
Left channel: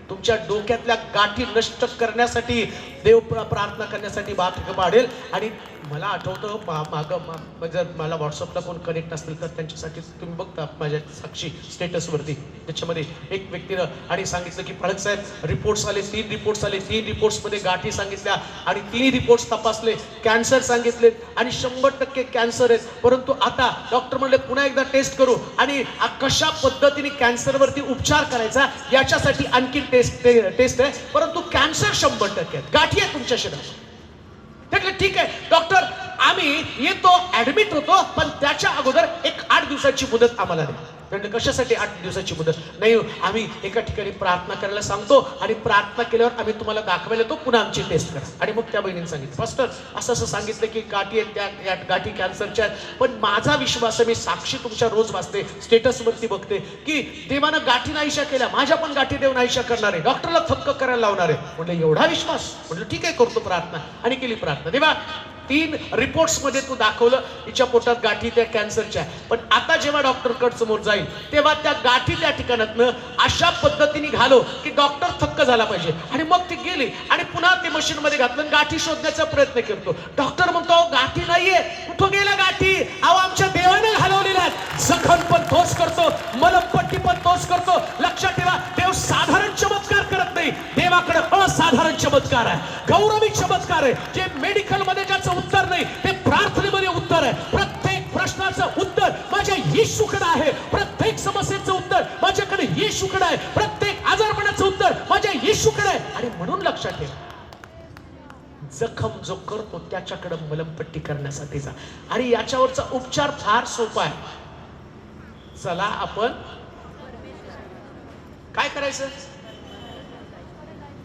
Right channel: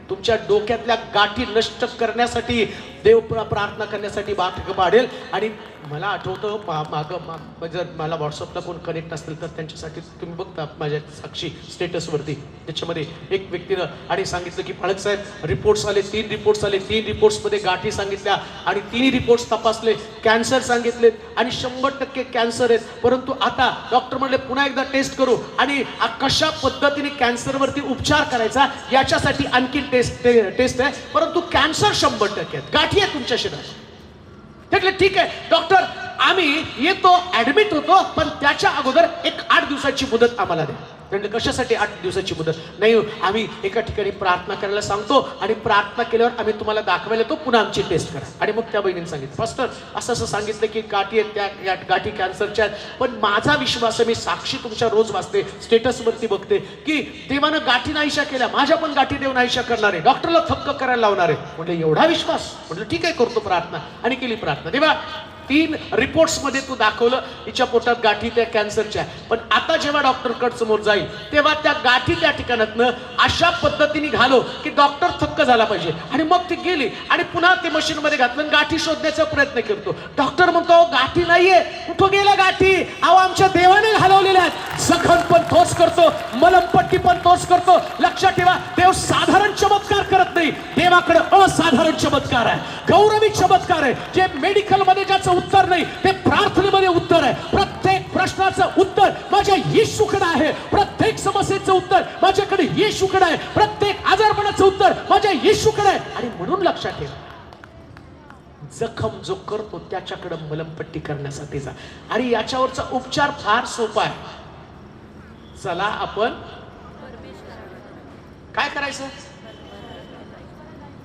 तुमच्या डोक्यातल्या गाठी नष्ट करण्यासाठी देव प्रार्थना करण्यासाठी बात पाडेल. आणि मला आठवतं जर मला व्हॉट्सअपला कोण कनेक्ट असतील तर त्यांच्यासाठी तुम्ही बघता माझ्या साक्षी स्टेटसवरती, त्याच्यामध्ये एक व्यक्तीनं आणि सांगितलं की फळक साहेब रिपोर्ट्स आले, 3 रिपोर्ट्स आले, 3 रिपोर्ट्समध्ये गाठी सांगितल्या आणि 3 रिपोर्ट्स तपासले, कॅन्सर सांगितले आणि 100% कॅन्सर आहेत. परंतु आता डॉक्टर म्हणले पुन्हा एकदा टेस्ट करू आणि कशा पद्धतीने कॅन्सरवरती उपचार करायचा याच्यासाठी आणखी टेस्ट आहे. परंतु कॅन्सर 100% आहेत, गाठी आहेत तुमच्या शरीरात. म्हटलं ठीक आहे डॉक्टर, आम्ही येतो, ऍडमिट होतो, पण त्याच्या अगोदर एक 8 दिवसाची मुदत आम्हाला द्या. म्हणजे कशासाठी 8 दिवसाची मुदत? नाही, आम्ही एका ठिकाणी प्रार्थना करायला सांगतो आणि प्रार्थना केल्यावर आम्ही तुम्हाला दाखवायला येतो, पुन्हा आमची टेस्ट करा. आणि मग त्या बहिणीने सांगितलं, फास्टर असं असं सांगितलं की गाठी आहेत, त्या गाठी कॅन्सरच्या आहेत. पण माझा विश्वास आहे, मी साक्षी तुमच्या रोज वाचते, स्टेटसवरती बघते की देवानं गाठी नाहीशा केल्या, माझ्या पण गाठी देव नाहीशा करणार आहे, डॉक्टरला थक्क करायला लावणार आहे. म्हटलं एवढा विश्वास? म्हटलं ठीक आहे, करतो प्रार्थना. आणि केली प्रार्थना. देवा 3 रिपोर्ट्स मध्ये तू दाखवलं हिच्या पोटात गाठी त्या कॅन्सरच्या. पण आता जेव्हा डॉक्टर कड समोर जाईल तेव्हा त्या गाठी त्या ठिकाणातनं अशा पद्धतीने घालो की डॉक्टर थक्क झाला पाहिजे. आणि मग ती गेली आणि पुन्हा ते मशीन मध्ये घातलं, गाठी शोधण्याचा प्रयत्न करतो. डॉक्टर म्हणतो गाठी नाहीये. कुठं गेला गाठी? अहो आमच्या देवाने घालवलेल्या आहेत. जखम पण तोच करतो, मलमपट्टी पण तोच करतो. लक्षात ठेवा, देव साधारण चमत्कार करत नाही, देवाकडे असाधारण चमत्कार आहे, गौरवी चमत्कार आहे. जे मेडिकल मध्ये त्याचं उत्तर नाही, ते प्रार्थनेमध्ये उत्तर आहे. प्रत्येक प्रश्नाचं उत्तर माझ्या येशूकडे आहे. प्रत्येक समस्येचं उत्तर माझ्याकडे येशूकडे आहे. प्रत्येक आजारपणाचं उत्तर माझ्या येशूकडे आहे. आणि म्हणून लक्षात ठेवा, जखम जो करतो त्याच्याकडे मलमपट्टी करण्यासाठी जा. आणि याच्यावरचा उपचार फार सोपा आहे. चला आपण काय करायचं,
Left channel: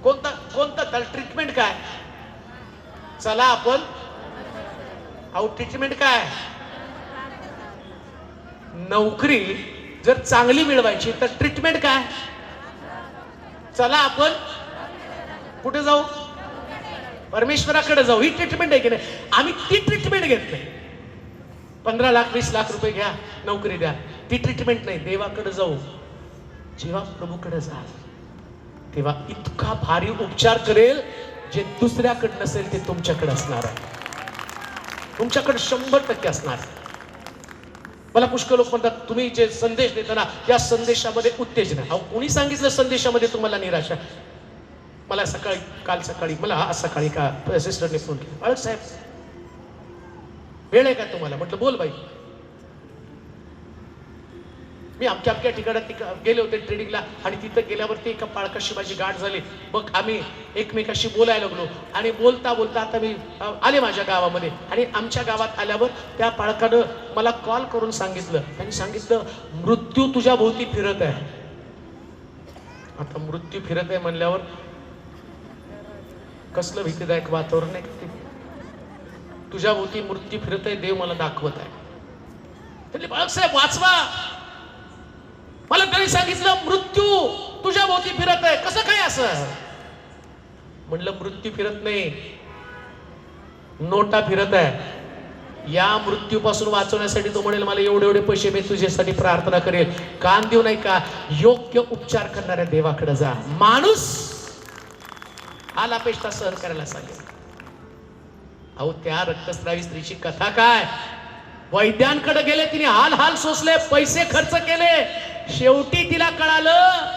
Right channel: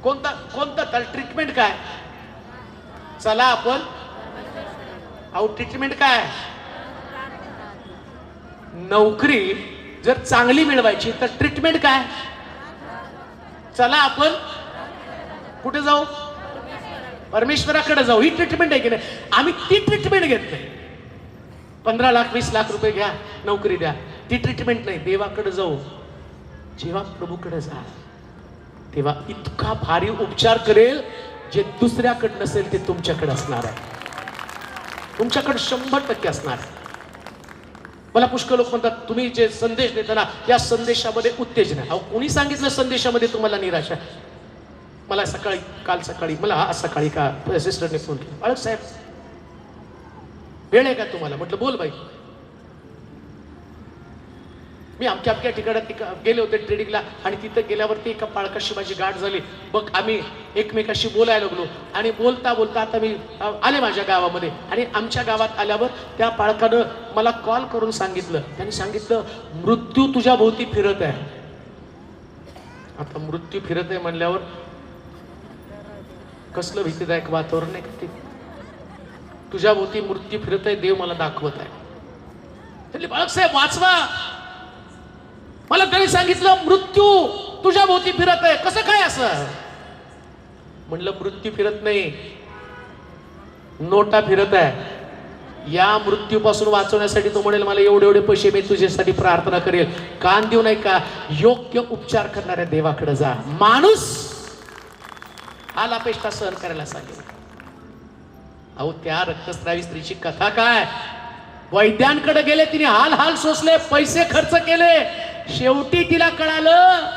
कोणता ट्रीटमेंट काय, चला आपण अहो ट्रीटमेंट काय, नोकरी जर चांगली मिळवायची तर ट्रीटमेंट काय, चला आपण कुठे जाऊ, परमेश्वराकडे जाऊ. ही ट्रीटमेंट आहे की नाही. आम्ही ती ट्रीटमेंट घेतली, 15 लाख 20 लाख रुपये घ्या, नोकरी द्या, ती ट्रीटमेंट नाही. देवाकडे जाऊ. जेव्हा प्रभूकडे जा तेव्हा इतका भारी उपचार करेल जे दुसऱ्याकडे नसेल ते तुमच्याकडे असणार आहे. तुमच्याकडे 100% असणार. मला पुष्कळ लोक म्हणतात तुम्ही जे संदेश देता ना या संदेशामध्ये उत्तेजन आहे. कोणी सांगितलं संदेशामध्ये तुम्हाला निराशा. मला काल सकाळी मला आज सकाळी का असिस्टंटने फोन केला, अरे साहेब वेळ आहे का तुम्हाला. म्हटलं बोल बाई. मी अमक्या ठिकाणी गेले होते ट्रेनिंगला आणि तिथे गेल्यावरती एका पाळकाशी माझी गाठ झाली. मग आम्ही एकमेकाशी बोलायला लागलो आणि बोलता बोलता आता मी आले माझ्या गावामध्ये. आणि आमच्या गावात आल्यावर त्या पाळकानं मला कॉल करून सांगितलं, त्यांनी सांगितलं मृत्यू तुझ्या भोवती फिरत आहे. आता मृत्यू फिरत आहे म्हणल्यावर कसलं भीतीदायक वातावरण आहे. तुझ्या भोवती मृत्यू फिरत आहे, देव मला दाखवत आहे. त्यांनी बाळासाहेब वाचवा. मला त्यांनी सांगितलं मृत्यू तुझ्या भोवती फिरत आहे. कसं काय असं. म्हणलं मृत्यू फिरत नाही, नोटा फिरत आहे. या मृत्यूपासून वाचवण्यासाठी तो म्हणेल मला एवढे एवढे पैसे मी तुझ्यासाठी प्रार्थना करेल. कान देऊ नाही का. योग्य उपचार करणाऱ्या देवाकडे जा. माणूस अपेक्षा सहन करायला सांगेल. अहो त्या रक्तस्रावी स्त्रीची कथा काय. वैद्यांकडे गेले, तिने हाल हाल सोसले, पैसे खर्च केले, शेवटी तिला कळालं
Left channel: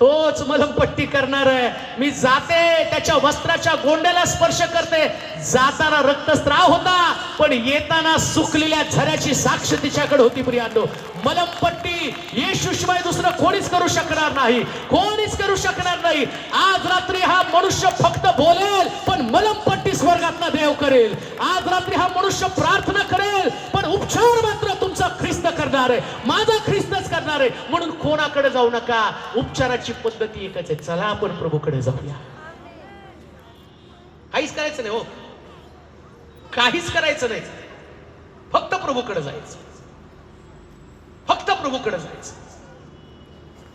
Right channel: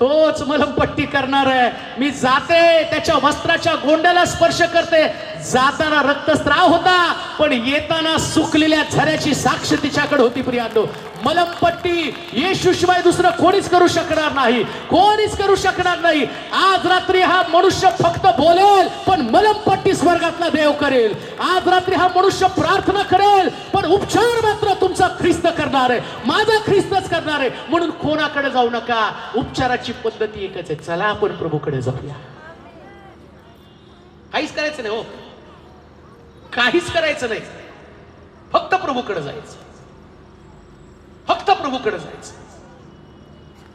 तोच मलमपट्टी करणार आहे. मी जाते त्याच्या वस्त्राच्या गोंड्याला स्पर्श करते. जाताना रक्तस्राव होता पण येताना सुकलेल्या झऱ्याची साक्ष तिच्याकडे होती. प्रियांनो मलमपट्टी येशूशिवाय दुसरं कोणीच करू शकणार नाही, कोणीच करू शकणार नाही. आज रात्री हा मनुष्य फक्त बोलेल पण मलमपट्टी स्वर्गातला देव करेल. आज रात्री हा मनुष्य प्रार्थना करेल पण उपचार मात्र तुमचा ख्रिस्त करणार आहे, माझा ख्रिस्तच करणार आहे. म्हणून कोणाकडे जाऊ नका. उपचाराची पद्धती एकच आहे. चला आपण प्रभूकडे जाऊया. काहीच करायचं नाही हो, काहीच करायचं नाही. फक्त प्रभूकडे जायचं, फक्त प्रभूकडे जायचं.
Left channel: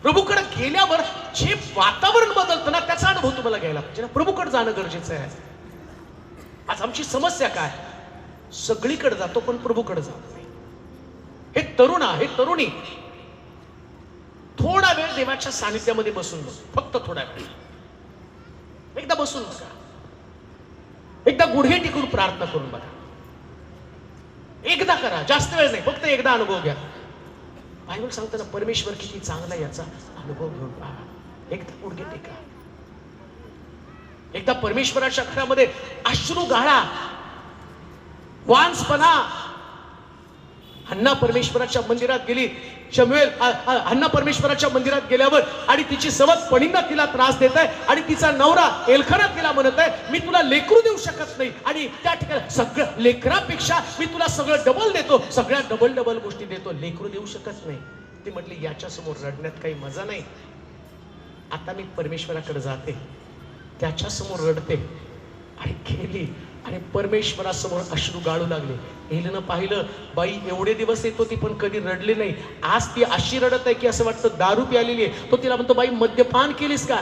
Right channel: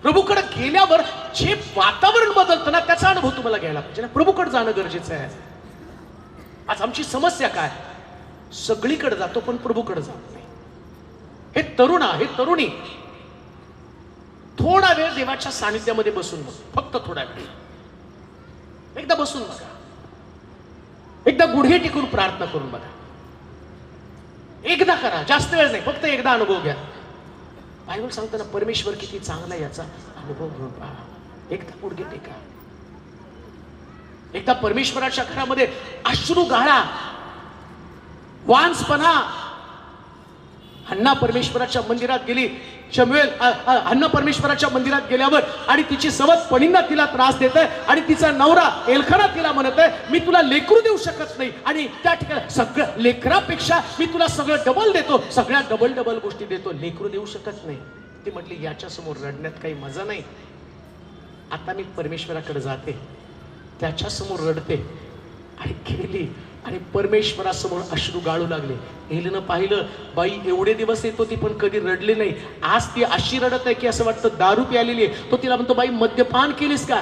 प्रभूकडे गेल्यावर जे वातावरण बदलतं ना त्याचा अनुभव तुम्हाला घ्यायला पाहिजे. प्रभूकडे जाणं गरजेचं आहे. आज आमची समस्या काय, सगळीकडे जातो पण प्रभूकडे जात नाही. हे तरुण हे तरुणी थोडा वेळ देवाच्या सानिध्यामध्ये बसून बसा. फक्त थोडा वेळ एकदा बसून बघा, एकदा गुडघे टिकून प्रार्थना करून बघा. एकदा करा, जास्त वेळ नाही, फक्त एकदा अनुभव घ्या. बायबल सांगताना परमेश्वर किती चांगला याचा अनुभव घेऊन पहा. एकदा गुडघे टेका, एकदा परमेश्वराच्या घरामध्ये अश्रू गाळा, वांसपणा. हन्ना परमेश्वराच्या मंदिरात गेली. शमूएल हन्ना परमेश्वराच्या मंदिरात गेल्यावर आणि तिची सवत पणींना तिला त्रास देत आहे आणि तिचा नवरा एल्खाना तिला म्हणत आहे मी तुला लेकरू देऊ शकत नाही आणि त्या ठिकाणी सगळं लेकरापेक्षा मी तुला सगळं डबल देतो, सगळ्या डबल डबल गोष्टी देतो, लेकरू देऊ शकत नाही. ती म्हटली याच्या समोर रडण्यात काही मजा नाही. आता मी परमेश्वराकडे जाते, त्याच्या समोर रडते. आणि गेली आणि परमेश्वरासमोर अश्रू गाळू लागले. एलीनं पाहिलं बाई एवढे दिवस येत होती पण कधी रडली नाही. आज ती अशी रडत आहे की असं वाटतं दारू प्यालेली आहे. तो तिला म्हणतो बाई मद्यपान केलीस का.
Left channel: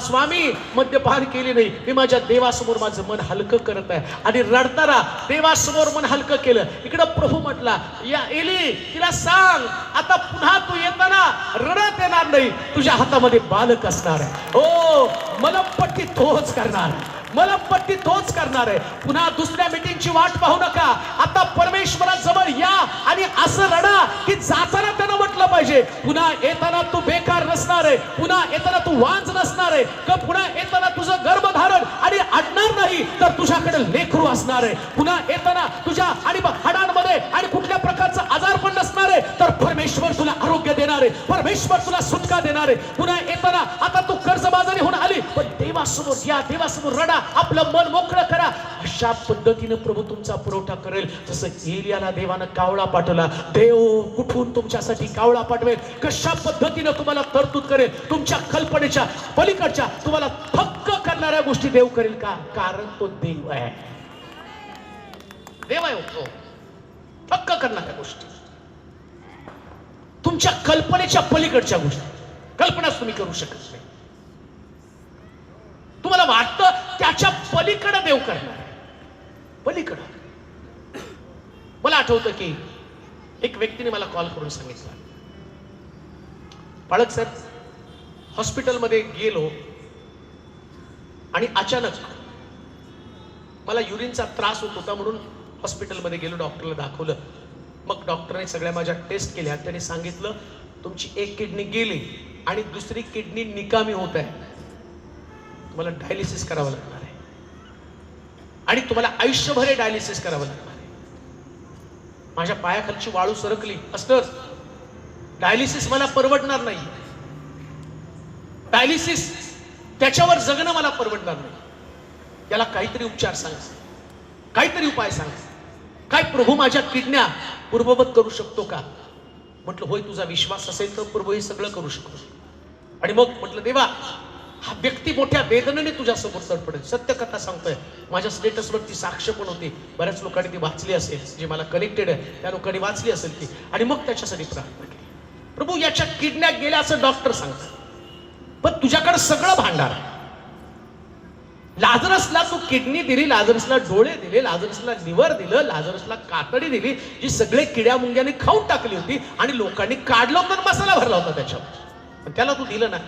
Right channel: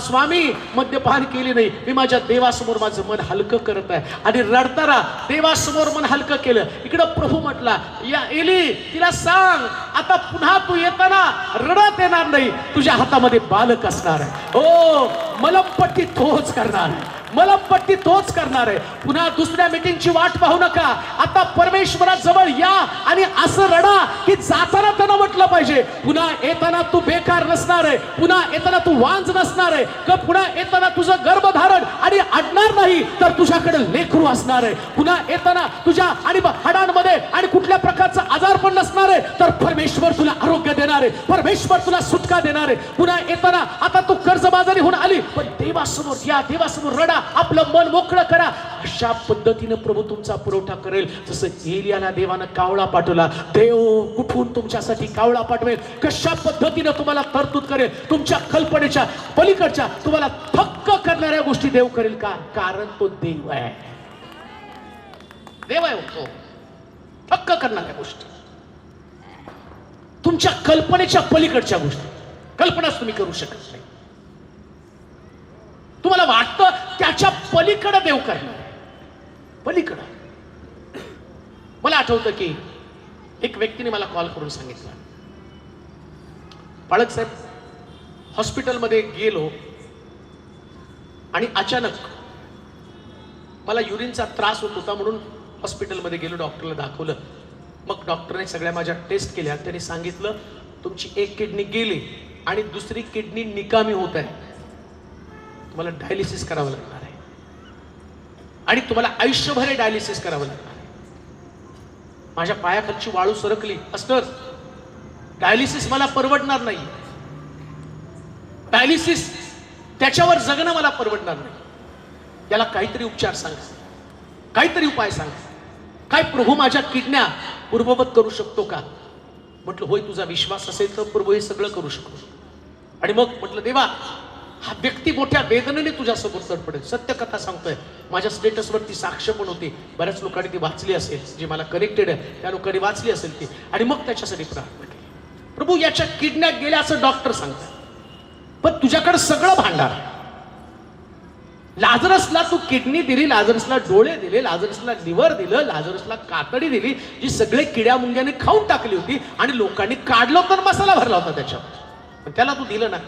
स्वामी मद्यपान केली नाही, मी माझ्या देवासमोर माझं मन हलकं करत आहे. आणि रडताना देवासमोर मन हलकं केलं. इकडं प्रभू म्हटला या एली तिला सांग आता पुन्हा तू येताना रडत येणार नाही, तुझ्या हातामध्ये बालक असणार आहे. हो मलमपट्टी तोच करणार आहे, मलमपट्टी तोच करणार आहे. पुन्हा दुसऱ्या मीटिंगची वाट पाहू नका. आता परमेश्वराजवळ या आणि असं रडा की जाताना त्यांना म्हटलं पाहिजे पुन्हा येताना तू बेकार नसणार आहे, पुन्हा येताना तू वांज नसणार आहे, पुन्हा येताना तुझं गर्भधारण आणि अडणार नाही तर तुझ्याकडे लेकरू असणार आहे. पुन्हा येताना तुझ्या आणि हाडांमध्ये आणि कुठल्या प्रकारचा आजार पण नसणार आहे तर परमेश्वर तुला आरोग्य देणार आहे, परमेश्वर तुला सुटका देणार आहे. पुन्हा येताना आता तू कर्जबाजारी होऊन आली पण देवासमोर देवासमोर या, देवासमोर रडा, आपलं मन मोकळं करा. अशा पद्धतीनं प्रभू तुमचा पुरवठा करेल. जसं एलियाला देवानं कावळा पाठवला, देव कुठून तुमच्यासाठी कावळा पाठवेल, कशा पद्धतीनं तुम्हाला तरतूद करेल. तुमच्या कल्पनेच्या पलीकडच्या तुम्हाला थक्क करणाऱ्या गोष्टी देव करेल. का? कारण तो देव आहे. देव आहे तो. थक्क करणाऱ्या गोष्टी, तुमच्या कल्पनेच्या पलीकडच्या गोष्टी, कल्पनाच तुम्ही करू शकत नाही. तुम्हाला वाटतं त्याच्या पलीकडे देव करणार, पलीकडे. मला आठवतं की एक व्यक्तीने मला कॉल करून सांगितलं, बाळक सर, हॉस्पिटलमध्ये गेलो आणि अचानक मला युरिनचा त्रास होत होता म्हणून हॉस्पिटलमध्ये गेलो, डॉक्टरला दाखवलं. मग डॉक्टरने सगळ्या माझ्या टेस्ट केल्या. त्याने सांगितलं तुमची एक किडनी गेली आणि दुसरी किडनी निकामी होत आहे, मला डायलिसिस करावं लागणार आहे आणि तुम्हाला आयुष्यभर डायलिसिस करावं लागणार आहे. माझ्या पायाखालची वाळू सरकली. असतं डायलिसिस मला परवडणार नाही, डायलिसिस त्याच्यावर जगणं मला परवडणार नाही. याला काहीतरी उपचार सांग, काहीतरी उपाय सांग. काय प्रभू माझ्या किडन्या पूर्ववत करू शकतो का? म्हटलं होय, तुझा विश्वास असेल तर प्रभू हे सगळं करू शकतो. आणि मग म्हटलं देवा, हा व्यक्ती मोठ्या वेदनेने तुझ्या समोर तडफडेल. सत्य कथा सांगतोय. माझ्या स्टेटसवरती साक्ष पण होती, बऱ्याच लोकांनी ती वाचली असेल, जे मला कनेक्टेड आहे त्या लोकांनी वाचली असेल ती. आणि मग त्याच्यासाठी प्रार्थना केली. प्रभू याच्या किडन्या गेल्या असं डॉक्टर सांगतात, पण तुझ्याकडे सगळं भांडार. लाजरसला तू किडनी दिली, लाजरसला डोळे दिले, लाजरसला लिव्हर दिलं, लाजरसला कातडी दिली, जी सगळे किड्या मुंग्याने खाऊन टाकली होती आणि लोकांनी काढलं तर मसाला भरला होता त्याच्यावर, त्याला तू दिलं ना.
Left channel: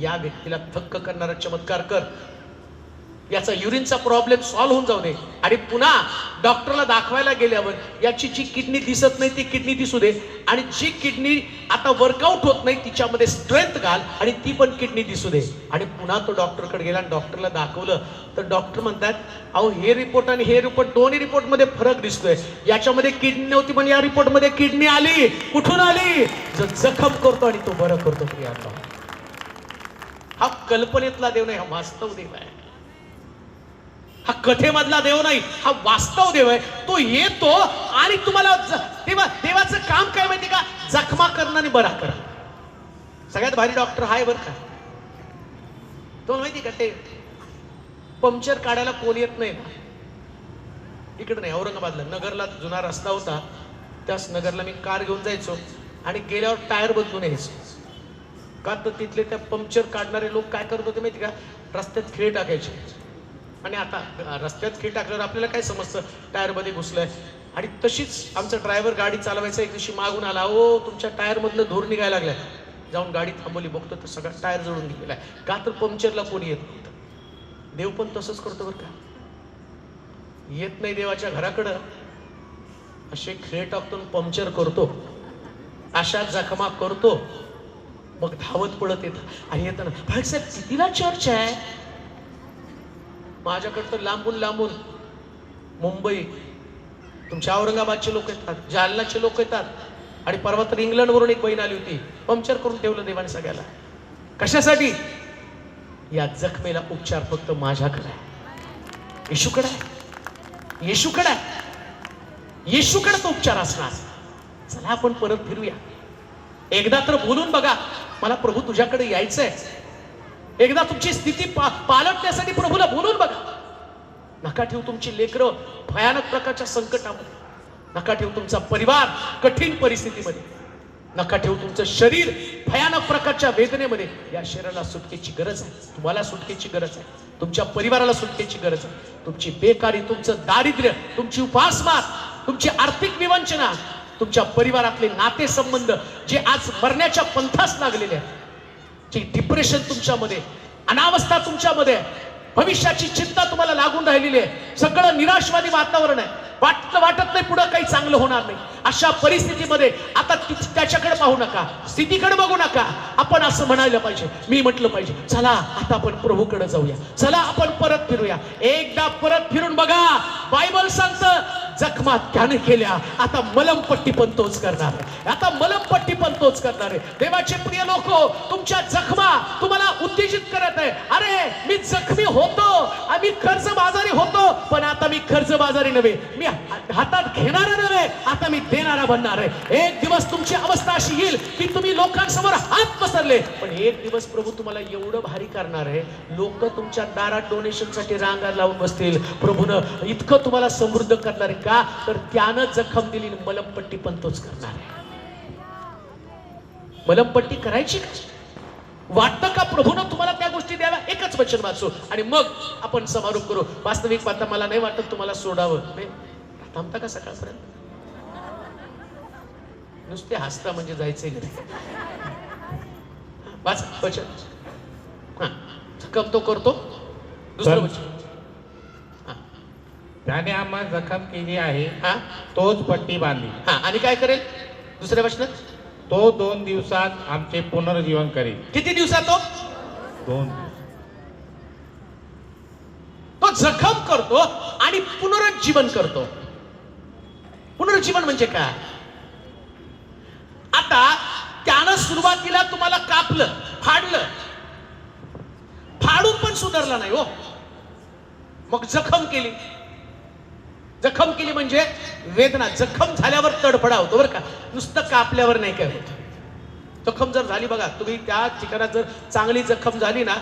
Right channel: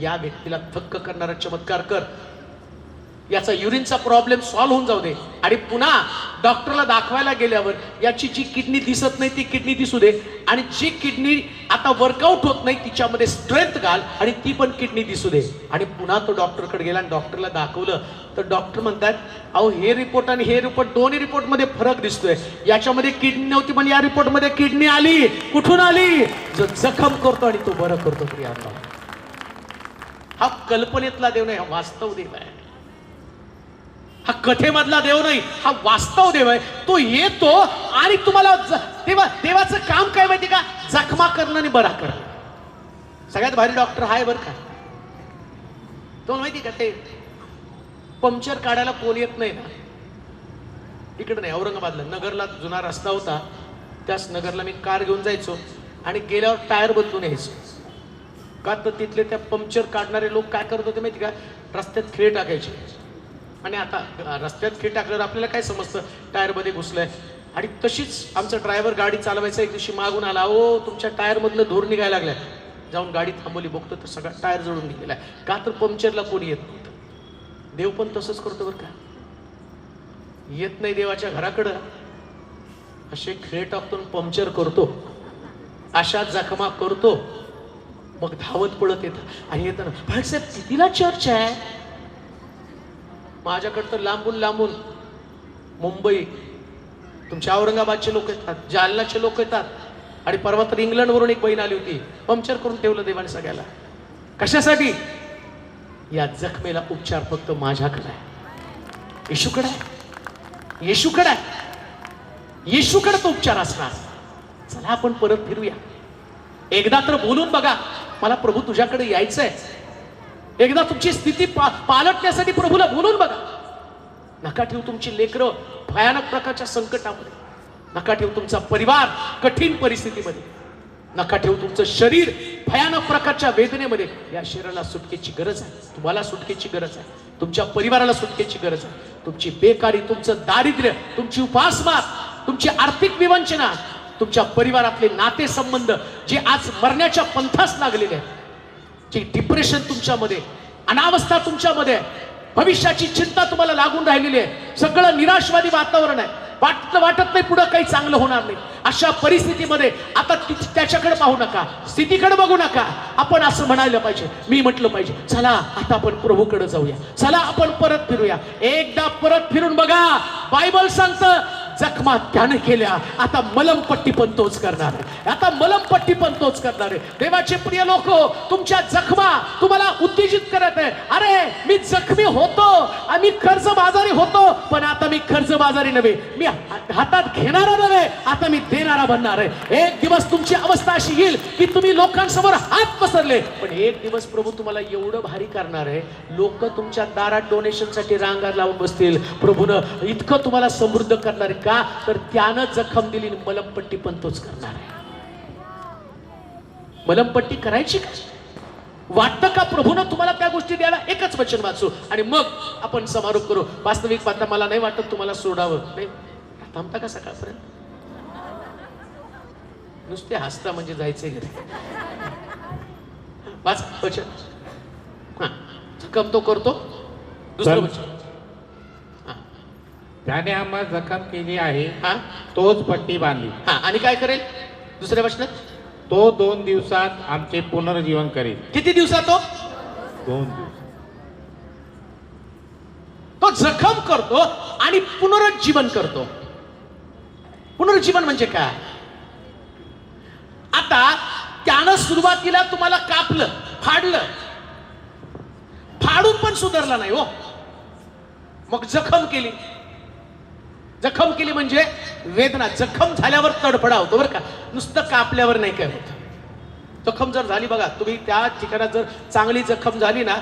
या व्यक्तीला थक्क करणारा चमत्कार कर. याचा युरिनचा प्रॉब्लेम सॉल्व्ह होऊन जाऊ दे आणि पुन्हा डॉक्टरला दाखवायला गेल्यावर याची जी किडनी दिसत नाही ती किडनी दिसू दे, आणि जी किडनी आता वर्कआउट होत नाही तिच्यामध्ये स्ट्रेंथ घाल आणि ती पण किडनी दिसू दे. आणि पुन्हा तो डॉक्टरकडे गेला आणि डॉक्टरला दाखवलं तर डॉक्टर म्हणतात, अहो हे रिपोर्ट आणि हे रिपोर्ट, दोन्ही रिपोर्ट मध्ये फरक दिसतोय. याच्यामध्ये किडनी नव्हती पण या रिपोर्ट मध्ये किडनी आली. कुठून आली? जो जखम करतो आणि तो बरं करतो. प्रियांका, हा कल्पनेतला देव नाही, हा वास्तव देव आहे. हा कथेमधला देव नाही, हा वास्तव देव आहे. तो येतो आणि तुम्हाला देवाचं काम काय माहिती का? जखमा करणं आणि बरा करणं. सगळ्यात भारी डॉक्टर हाय बरं का. तुम्हाला माहिती का, ते पंक्चर काढायला कोण येत नाही ना. इकडे नाही, औरंगाबादला नगरला जुना रस्ता होता, त्याच नगरला मी कार घेऊन जायचो आणि गेल्यावर टायर बदलून यायचो. का तर तिथले त्या पंक्चर काढणारे लोक काय करत होते माहिती का? रस्त्यात खिळे टाकायचे. आणि आता रस्त्यात खिळ टाकल्यावर आपल्याला काय समजतं, टायर मध्ये घुसलंय. आणि तशीच आमचा ड्रायव्हर गाडी चालवायचा एक दिवशी मागून आला, ओ तुमच्या टायर मधलं धूर निघायला लागलाय. जाऊन गाडी थांबवली, बघतो तर सगळा टायर जळून निघालाय. का तर पंक्चरला कोणी येत नव्हतं. देव पण तसंच करतो बरं का. येत नाही देवाच्या घराकडं, असे खिळे टाकतो, पंक्चर करतो, अशा जखमा करतो, मग धावत पळत येत आणि येत ना. साहेब कितीला चर्च आहे माझ्याकडे तर लांबून लांबून मुंबई, तुमच्या औरंगाबादचे लोक येतात, जालनाचे लोक येतात. आणि परवा तर इंग्लंड वरून एक बहीण आली होती, पंक्चर करून ठेवलं देवाने सगळ्याला. कशासाठी? या जखमेला उपचार फक्त माझ्याकडे आहे, येशूकडे आहे, येशूकडे आहे, येशूकडे तो उपचार असला. चला आपण परत फिरूया. एकदा तर बोलून बघा, मला प्रभू तुझ्याकडे यायचंय. एकदा तुमची स्थिती पालटण्यासाठी प्रभूला बोलून बघा. नका ठेवू तुमची लेकरं भयानक प्रकारच्या संकटामध्ये, नका ठेवू तुमचा परिवार कठीण परिस्थितीमध्ये, नका ठेवू तुमचं शरीर भयानक प्रकारच्या वेदनेमध्ये. या शरीराला सुटकेची गरज आहे, तुम्हाला सुटकेची गरज आहे, तुमच्या परिवाराला सुटकेची गरज आहे. तुमची बेकारी, तुमचं दारिद्र्य, तुमची उपासमार, तुमची आर्थिक विवंचना, तुमच्या परिवारातले नातेसंबंध जे आज मरण्याच्या पंथास लागलेले आहेत, जी डिप्रेशन तुमच्यामध्ये, अनावस्था तुमच्यामध्ये, भविष्याची चिंता तुम्हाला लागून राहिलेली आहे, सगळं निराशवादी वातावरण आहे, वाटत नाही पुढे काही चांगलं होणार नाही. अशा परिस्थितीमध्ये आता त्याच्याकडे पाहू नका, स्थितीकडे बघू नका. आपण असं म्हणायला पाहिजे, मी म्हटलं पाहिजे, चला आता आपण प्रभूकडे जाऊया, चला आपण परत फिरूया. एकदा परत फिरून बघा. बायबल सांगतं जखमा त्याने केल्या, आता मलमपट्टी पण तोच करणार आहे, आता मलमपट्टी पण तोच करणार आहे. देवाचे प्रिय लोक, तुमच्या जखमा तुम्हाला उत्तेजित करत आहे. अरे मी जखमी होतो, आम्ही कर्जबाजारी होतो, पण आता मी कर्जबाजारी नव्हे, मी हातात घेणारा नव्हे, आता मी देणारा बनणार आहे. एक दिवस तुमची अवस्था अशी येईल की तुम्ही लोकांसमोर हात पसरले, पण एक दिवस प्रभू तुम्हाला एवढं भारी करणार आहे, लोक तुमच्या दारात डोनेशन साठी रांगा लावून बसतील. प्रभूनं इतकं तुम्हाला समृद्ध करणार आहे. का तर त्यानं जखम दिली, मलमपट्टी पण तोच करणार आहे. मलमपट्टी करायची का? वाटतं का प्रभूनं तुम्हाला त्या गोष्टी द्यायला? एकच वचन वाचू आणि मग आपण समारोप करू. वास्तविक पाहता मला नाही वाटत तुम्हाला सोडावं. नाही थांबता का सकाळपर्यंत? नुसते हसता म्हणजे जायचंय वाच वचन. जखम तो करतो, दुसरं वचन. त्याने आम्हाला जखम केली आहे, हा तोच पट्टी बांधली. हा आणि काय करेल? दुसऱ्या वचनात, तो 2 दिवसात आमचे पुनर्जीवन करेल. किती दिवसात? तो 2 दिवस. तो जखम करतो आणि पुनरुज्जीवन करतो. पुनरुज्जीवन म्हणजे काय? आता त्यानं सुरुवातीला तुम्हाला कापलं, फाडलं, फाडून पण सुधारला नाही हो, मग जखम केली. जखम केली म्हणजे वेदना. जखम झाल्यावर तडफडा होतो बरं का, नुसतं कापल्यावर नाही काय होत. जखम जर झाली बघा, तुम्ही त्या ठिकाणात जर चांगली जखम झाली ना,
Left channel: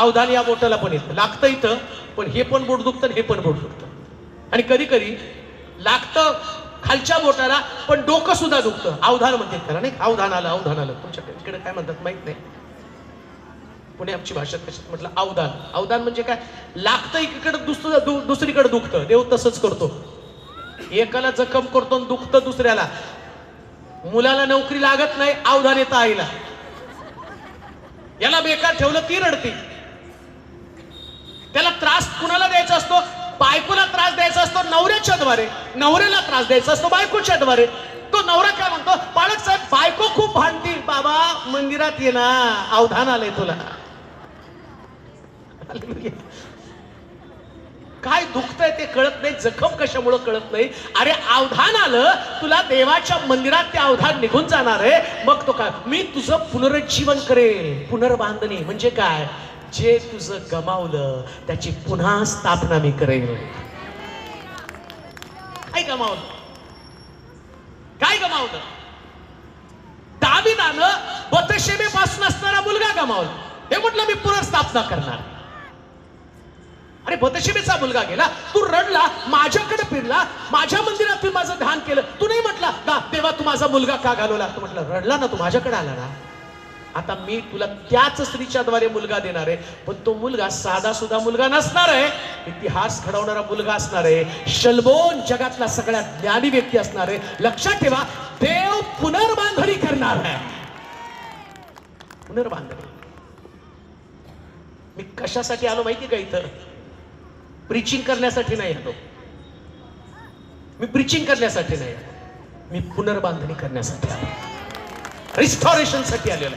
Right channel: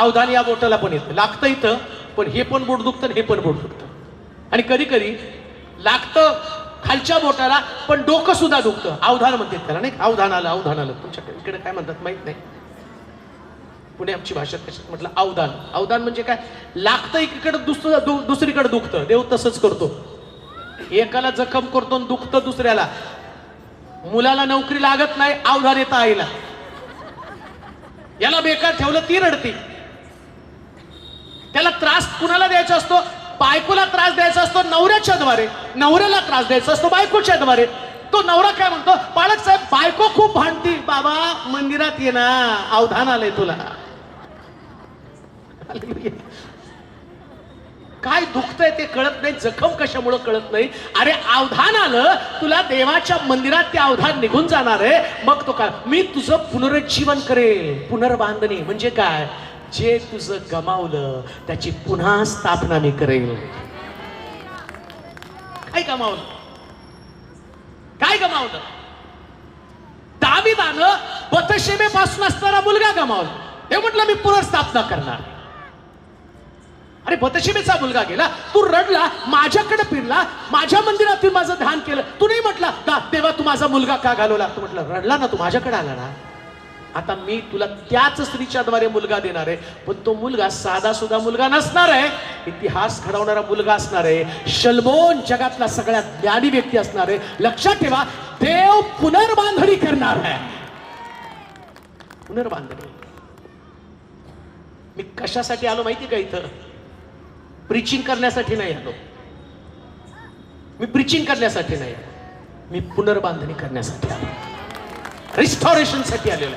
अवधान या बोटाला पण येतं, लागतं इथं, पण हे पण बोट दुखतं, हे पण बोट दुखतं. आणि कधी कधी लागतं खालच्या बोटाला, पण डोकं सुद्धा दुखतं. अवधान म्हणतात त्याला, नाही? अवधान आलं, अवधान आलं. तुमच्याकडे इकडे काय म्हणतात माहित नाही, पुणे आमची भाषा कशात म्हटलं अवधान. अवधान म्हणजे काय? लागतं एकीकडे, दुसरीकडे दुखतं. देव तसंच करतो, एकाला जखम करतो आणि दुखतं दुसऱ्याला. मुलाला नोकरी लागत नाही, अवधान येतं आईला. याला बेकार ठेवलं, ती रडती. त्याला त्रास कुणाला द्यायचा असतो? बायकोला त्रास द्यायचा असतो नवऱ्याच्या द्वारे, नवऱ्याला त्रास द्यायचा असतो बायकोच्या द्वारे. तो नवरा काय म्हणतो? पालक साहेब बायको खूप भांडती. बाबा मंदिरात ये ना, अवधान आलंय तुला. काय दुखतंय ते कळत नाही, जखम कशामुळे कळत नाही. अरे अवधान आलं तुला, देवाच्या मंदिरात ते अवधान निघून जाणार आहे. मग तो काय? मी तुझं पुनरुज्जीवन करेल. पुनर्बांधणी म्हणजे काय? जे तुझं गमावलं त्याची पुन्हा स्थापना मी करेल. काय गमावलं? काय गमावलं? दाविदानं बथशेबेपासून असणारा मुलगा गमावला. ते म्हटलं मी पुनर्स्थापना करणार. अरे बथशेबेचा मुलगा गेला, तू रडला, माझ्याकडे फिरला, माझ्या मंदिरात तू माझं ध्यान केलं, तू नाही म्हटला का तेव्हा तू माझा मुलगा का घालवला? तू म्हटलं रडला ना, तू माझ्याकडे आला ना, आता मी तुला त्याच स्त्रीच्या द्वारे मुलगा देणार आहे. पण तो मुलगा साधा सुद्धा मुलगा नसणार आहे, इतिहास घडवणारा मुलगा असणार आहे. शलमोन जगातला सगळ्यात ज्ञानी व्यक्ती असणार आहे. लक्षात ठेवा, देव पुनर्बांधणी करणार आहे. पुनर्बांधणी. मी कशासाठी आलो माहिती का इथं? प्रीचिंग करण्यासाठी नाही येतो मी, प्रीचिंग करण्यासाठी नाही, मी पुनर्बांधणी करण्यासाठी आलो, रिस्टॉरेशन साठी आलेलो.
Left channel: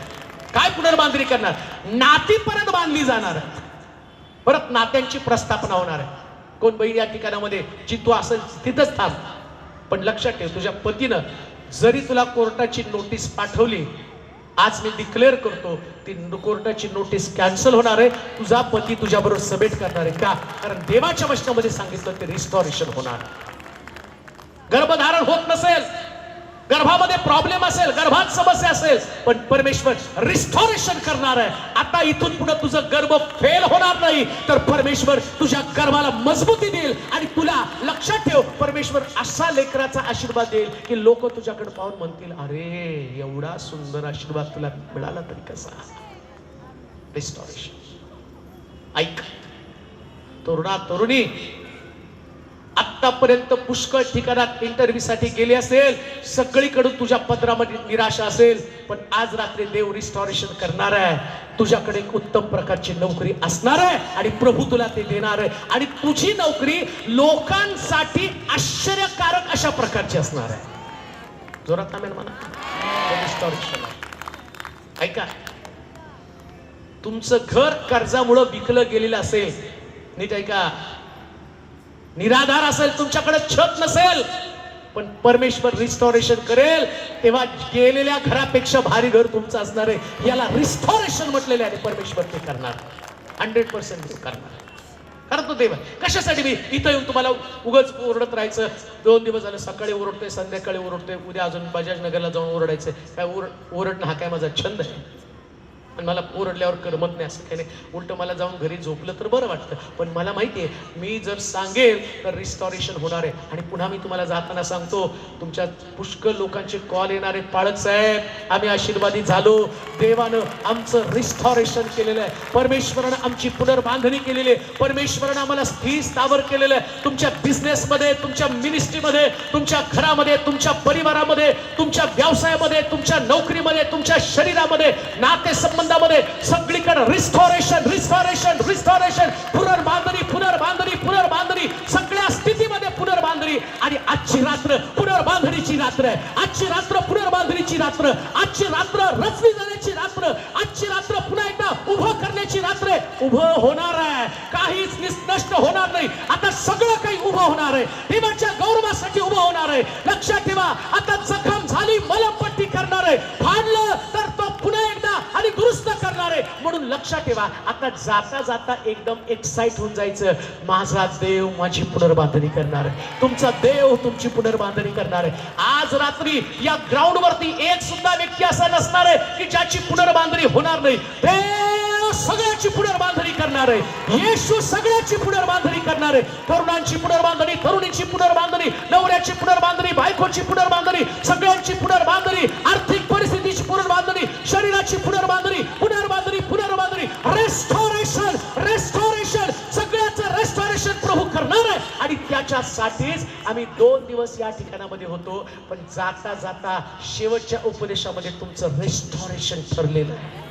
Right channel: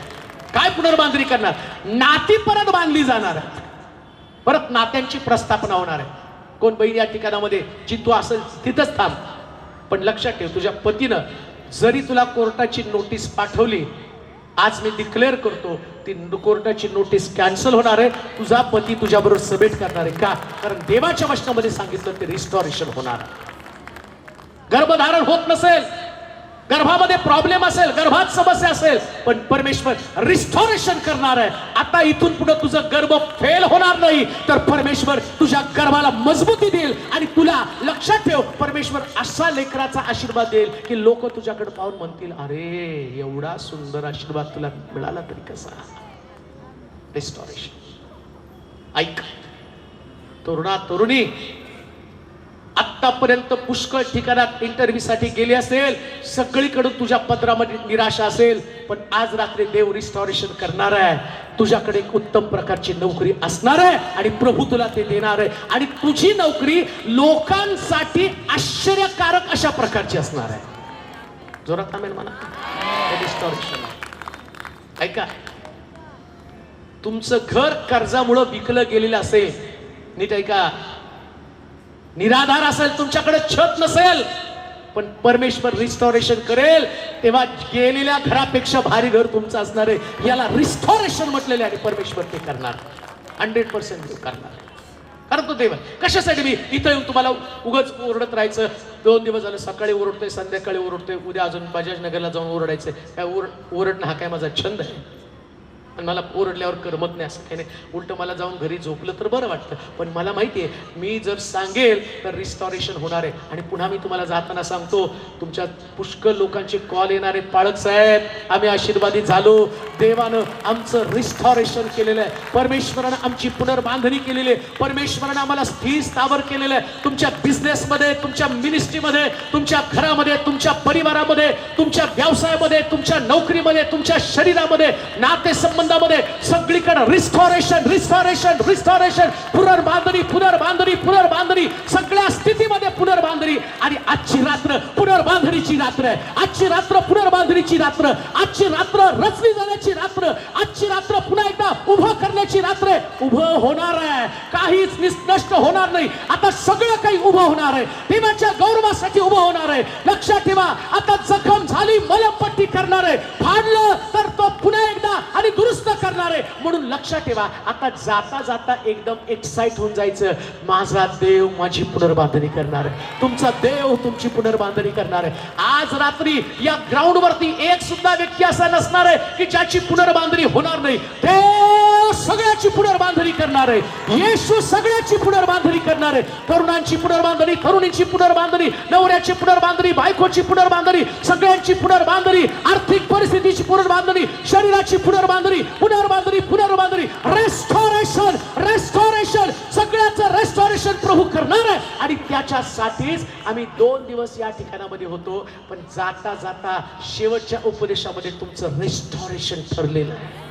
काय पुनर्बांधणी करणार? नाती परत बांधली जाणार, परत नात्यांची प्रस्थापना होणार आहे. कोण बहीण या ठिकाणामध्ये जी तू असेल तिथंच थांब, पण लक्षात ठेव, तुझ्या पतीनं जरी तुला कोर्टाची नोटीस पाठवली, आज मी डिक्लेअर करतो ती कोर्टाची नोटीस कॅन्सल होणार आहे. तुझा पती तुझ्याबरोबर सबेट करणार आहे. का? कारण देवाच्या वचनामध्ये सांगितलं ते रिस्टॉरेशन होणार. गर्भधारण होत नसेल, गर्भामध्ये प्रॉब्लेम असेल, गर्भात समस्या असेल, पण परमेश्वर रिस्टॉरेशन करणार आहे. आता इथून पुढे तुझं गर्भ फेल होणार नाही, तर परमेश्वर तुझ्या गर्भाला मजबूती देईल. आणि तुला लक्षात ठेव, परमेश्वर असा लेकराचा आशीर्वाद देईल की लोक तुझ्याकडे पाहून म्हणतील, अरे एवढा सुंदर आशीर्वाद तुला मिळाला तरी कसा? रिस्टॉरेशन. ऐक तरुणा तरुणी, आतापर्यंत पुष्कळ ठिकाणात इंटरव्ह्यू साठी गेली असेल, सगळीकडे तुझ्या पत्रामध्ये निराशा असेल, पण आज रात्री देव रिस्टॉरेशन करणार आहे. तुझ्याकडे एक उत्तम प्रकारची नोकरी असणार आहे आणि प्रभू तुला ते देणार आहे. आणि तुझी नोकरी लोकांसाठी आश्चर्यकारक अशा प्रकारची असणार आहे. जोरात थांबेल मला. रिस्टॉरेशन. ऐका, तुमचं घर कर्जामुळे विकलं गेलेलं असेल, नीट ऐका, निराधार असेल, तुमच्याकडे छत नसेल, पण परमेश्वर रिस्टोरेशन करेल. तेव्हा गेलेल्या घरापेक्षा भारी घर तुमचं असणार आहे. याला रिस्टोरेशन म्हटलेले आहे. परमेश्वर ते करणार, 100% करणार. कारण तो देव आहे. कशासाठी मी इथं येऊन तुम्हाला उगाच ओरडत राहायचं? 2 दिवस झालं, सकाळी ओरडते, संध्याकाळी ओरडते, उद्या अजून बजाज नगरला जाऊन ओरडायचं. काय ओरडणं हा काय माझा छंद आहे? पण मला ओरडल्यावर करमत नाही असं काही नाही. उलट मला जाऊन घरी झोपलं तर बरं वाटतं. पण मला माहिती आहे, मी जर सांगेल तर रिस्टॉरेशन होणार आहे. आणि पुन्हा मी तुम्हाला जाताना सांगतो, तुमच्या पुष्कळ लोकांचे कॉल येणार आहेत, पाळक साहेब आम्ही आशीर्वादी झालो, देवानं आमचं रिस्टॉरेशन केलेलं आहे, परमेश्वरानं आमची पुनर्बांधणी केलेली आहे, परमेश्वरानं आम्हाला स्थिर स्थावर केलेलं आहे. तुमच्या बिझनेसमध्ये, तुमच्या मिनिस्ट्रीमध्ये, तुमच्या घरामध्ये, तुमच्या परिवारामध्ये, तुमच्या व्यवसायामध्ये, तुमच्या नोकरीमध्ये, तुमच्या शरीरामध्ये, नातेसंबंध सगळीकडे रिस्टोरेशन, रिस्टोरेशन, रिस्टोरेशन, पुनर्बांधणी, पुनर्बांधणी, पुनर्बांधणी, सगळ्या स्थितीमध्ये पुनर्बांधणी. आणि आजची रात्र पुनर्बांधणीची रात्र आहे. आजची रात्र पुनर्बांधणीची रात्र, आजची रात्र रचली जाण्याची रात्र, आजची रात्र पुन्हा एकदा उभं करण्याची रात्र आहे. उभं होणार आहे, काहीच नष्ट होणार नाही. आता सगळं काही उभं होणार आहे, देवाच्या गौरवासाठी उभं होणार आहे. लक्षात ठेवा, आता जखम झाली, मलमपट्टी करणार आहे, फाडलं तर तो पुन्हा एकदा आणि दुरुस्त करणार आहे. म्हणून लक्षात ठेवा, आता जाता जाता एकदम एक्साइट होऊन जायचं. माझा देव माझी पुनर्बांधणी करणार आहे, तुमचा देव तुमची पुनर्बांधणी करणार आहे. आज रात्री या ग्राउंड वरती एक सुद्धा व्यक्ती असा नसणार आहे की ज्याची पुनर्बांधणी होणार नाही. देव सगळ्याची पुनर्बांधणी करणार आहे. येशू सगळ्याची पुनर्बांधणी करणार आहे. तरुणांची पुनर्बांधणी, तरुणीची पुनर्बांधणी, नवऱ्याची पुनर्बांधणी, बायकोची पुनर्बांधणी, सगळ्यांची पुनर्बांधणी, आर्थिक परिस्थितीची पुनर्बांधणी, शरीराची पुनर्बांधणी, पुनर्बांधणी, पुनर्बांधणी, रेस्टोरेशन, रेस्टोरेशन, सगळ्याचं रेस्टोरेशन प्रभू करणार आहे. आणि त्याच्यासाठीच आम्ही 2 दिवस या ठिकाणामध्ये होतो. पण जाता जाता शेवटच्या उपदेशामध्ये तुमचं रेस्टोरेशन ठरलेलं आहे,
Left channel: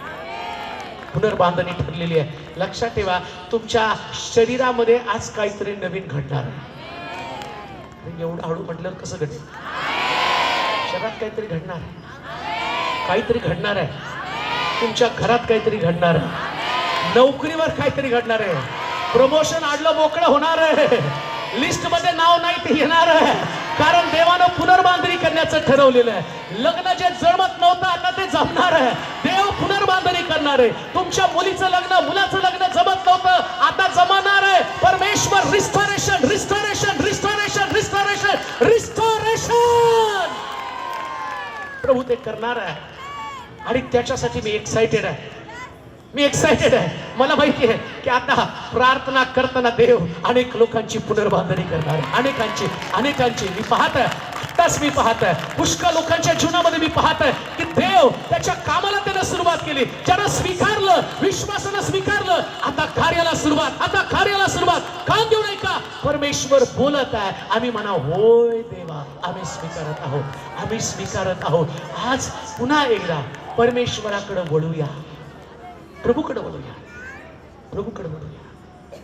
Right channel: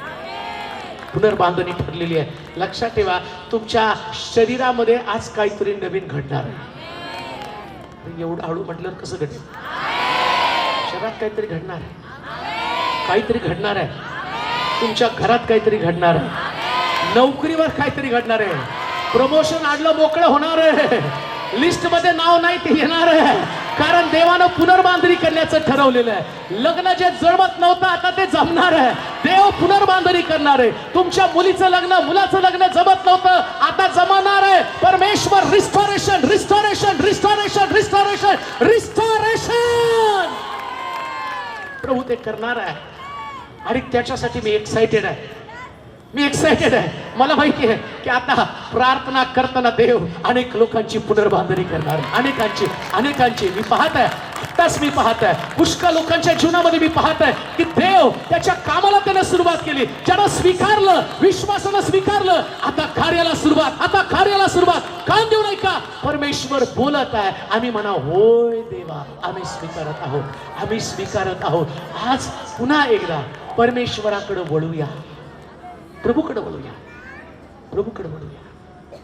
पुनर्बांधणी ठरलेली आहे. लक्षात ठेवा, तुमच्या शरीरामध्ये आज काहीतरी नवीन घडणार आहे. एवढं हळू म्हटलं कसं घडेल? शरीरात काहीतरी घडणार आहे, काहीतरी घडणार आहे. तुमच्या घरात काहीतरी घडणार आहे, नोकरीवर काहीतरी घडणार आहे, प्रमोशन आडलं मोकळं होणार आहे, लिस्ट मध्ये नाव नाही ते येणार आहे. कारण देवानं पुनर्बांधणी करण्याचं ठरवलेलं आहे. लग्न जे जमत नव्हतं आता ते जमणार आहे. देव पुनर्बांधणी करणार आहे. तुमच्या मुलीचं लग्न, मुलाचं लग्न जमत नव्हतं, आता जमणार आहे. परमेश्वर restoration, restoration, restoration, restoration, restoration प्रभू ते करणार आहे. आणि त्याच्यासाठी मी एक्साइटेड आहे, मी एक्साइटेड आहे. मला माहिती आहे की आता प्रार्थना करताना देव अनेक लोकांची पुनर्बांधणी करणार, अनेकांची अनेकांची. मी पाहत आहे, आत्ताच मी पाहत आहे, पुष्कळ लोकांच्या जीवनामध्ये मी पाहत आहे की देव त्याच्या कामाला त्याने सुरुवात केली. ज्यानं स्वीकारलं, विश्वासानं स्वीकारलं, आता कार्याला सुरुवात, आता कार्याला सुरुवात. काम देऊ नाही का? परमेश्वर बोलत आहे. आम्ही म्हणा, होय देवा, आम्ही स्वीकारत आहोत, आम्ही स्वीकारत आहोत. आज पुन्हा एकदा परमेश्वराकडे वळूया, प्रभूकडे वळूया, प्रभूकडे वळूया,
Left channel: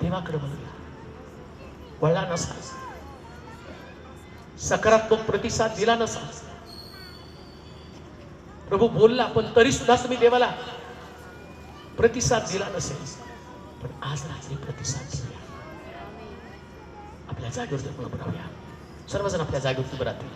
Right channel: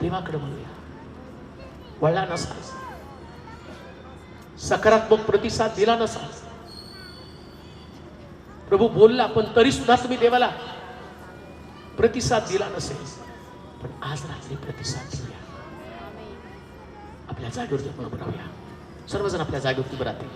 देवाकडे वळूया. वळला नसा, सकारात्मक प्रतिसाद दिला नसा, प्रभू बोलला पण तरी सुद्धा तुम्ही देवाला प्रतिसाद दिला नसेल, पण आज रात्री प्रतिसाद देऊया. आपल्या जागेवर उभं राहूया. सर्वजण आपल्या जागेवर उभं राहतील.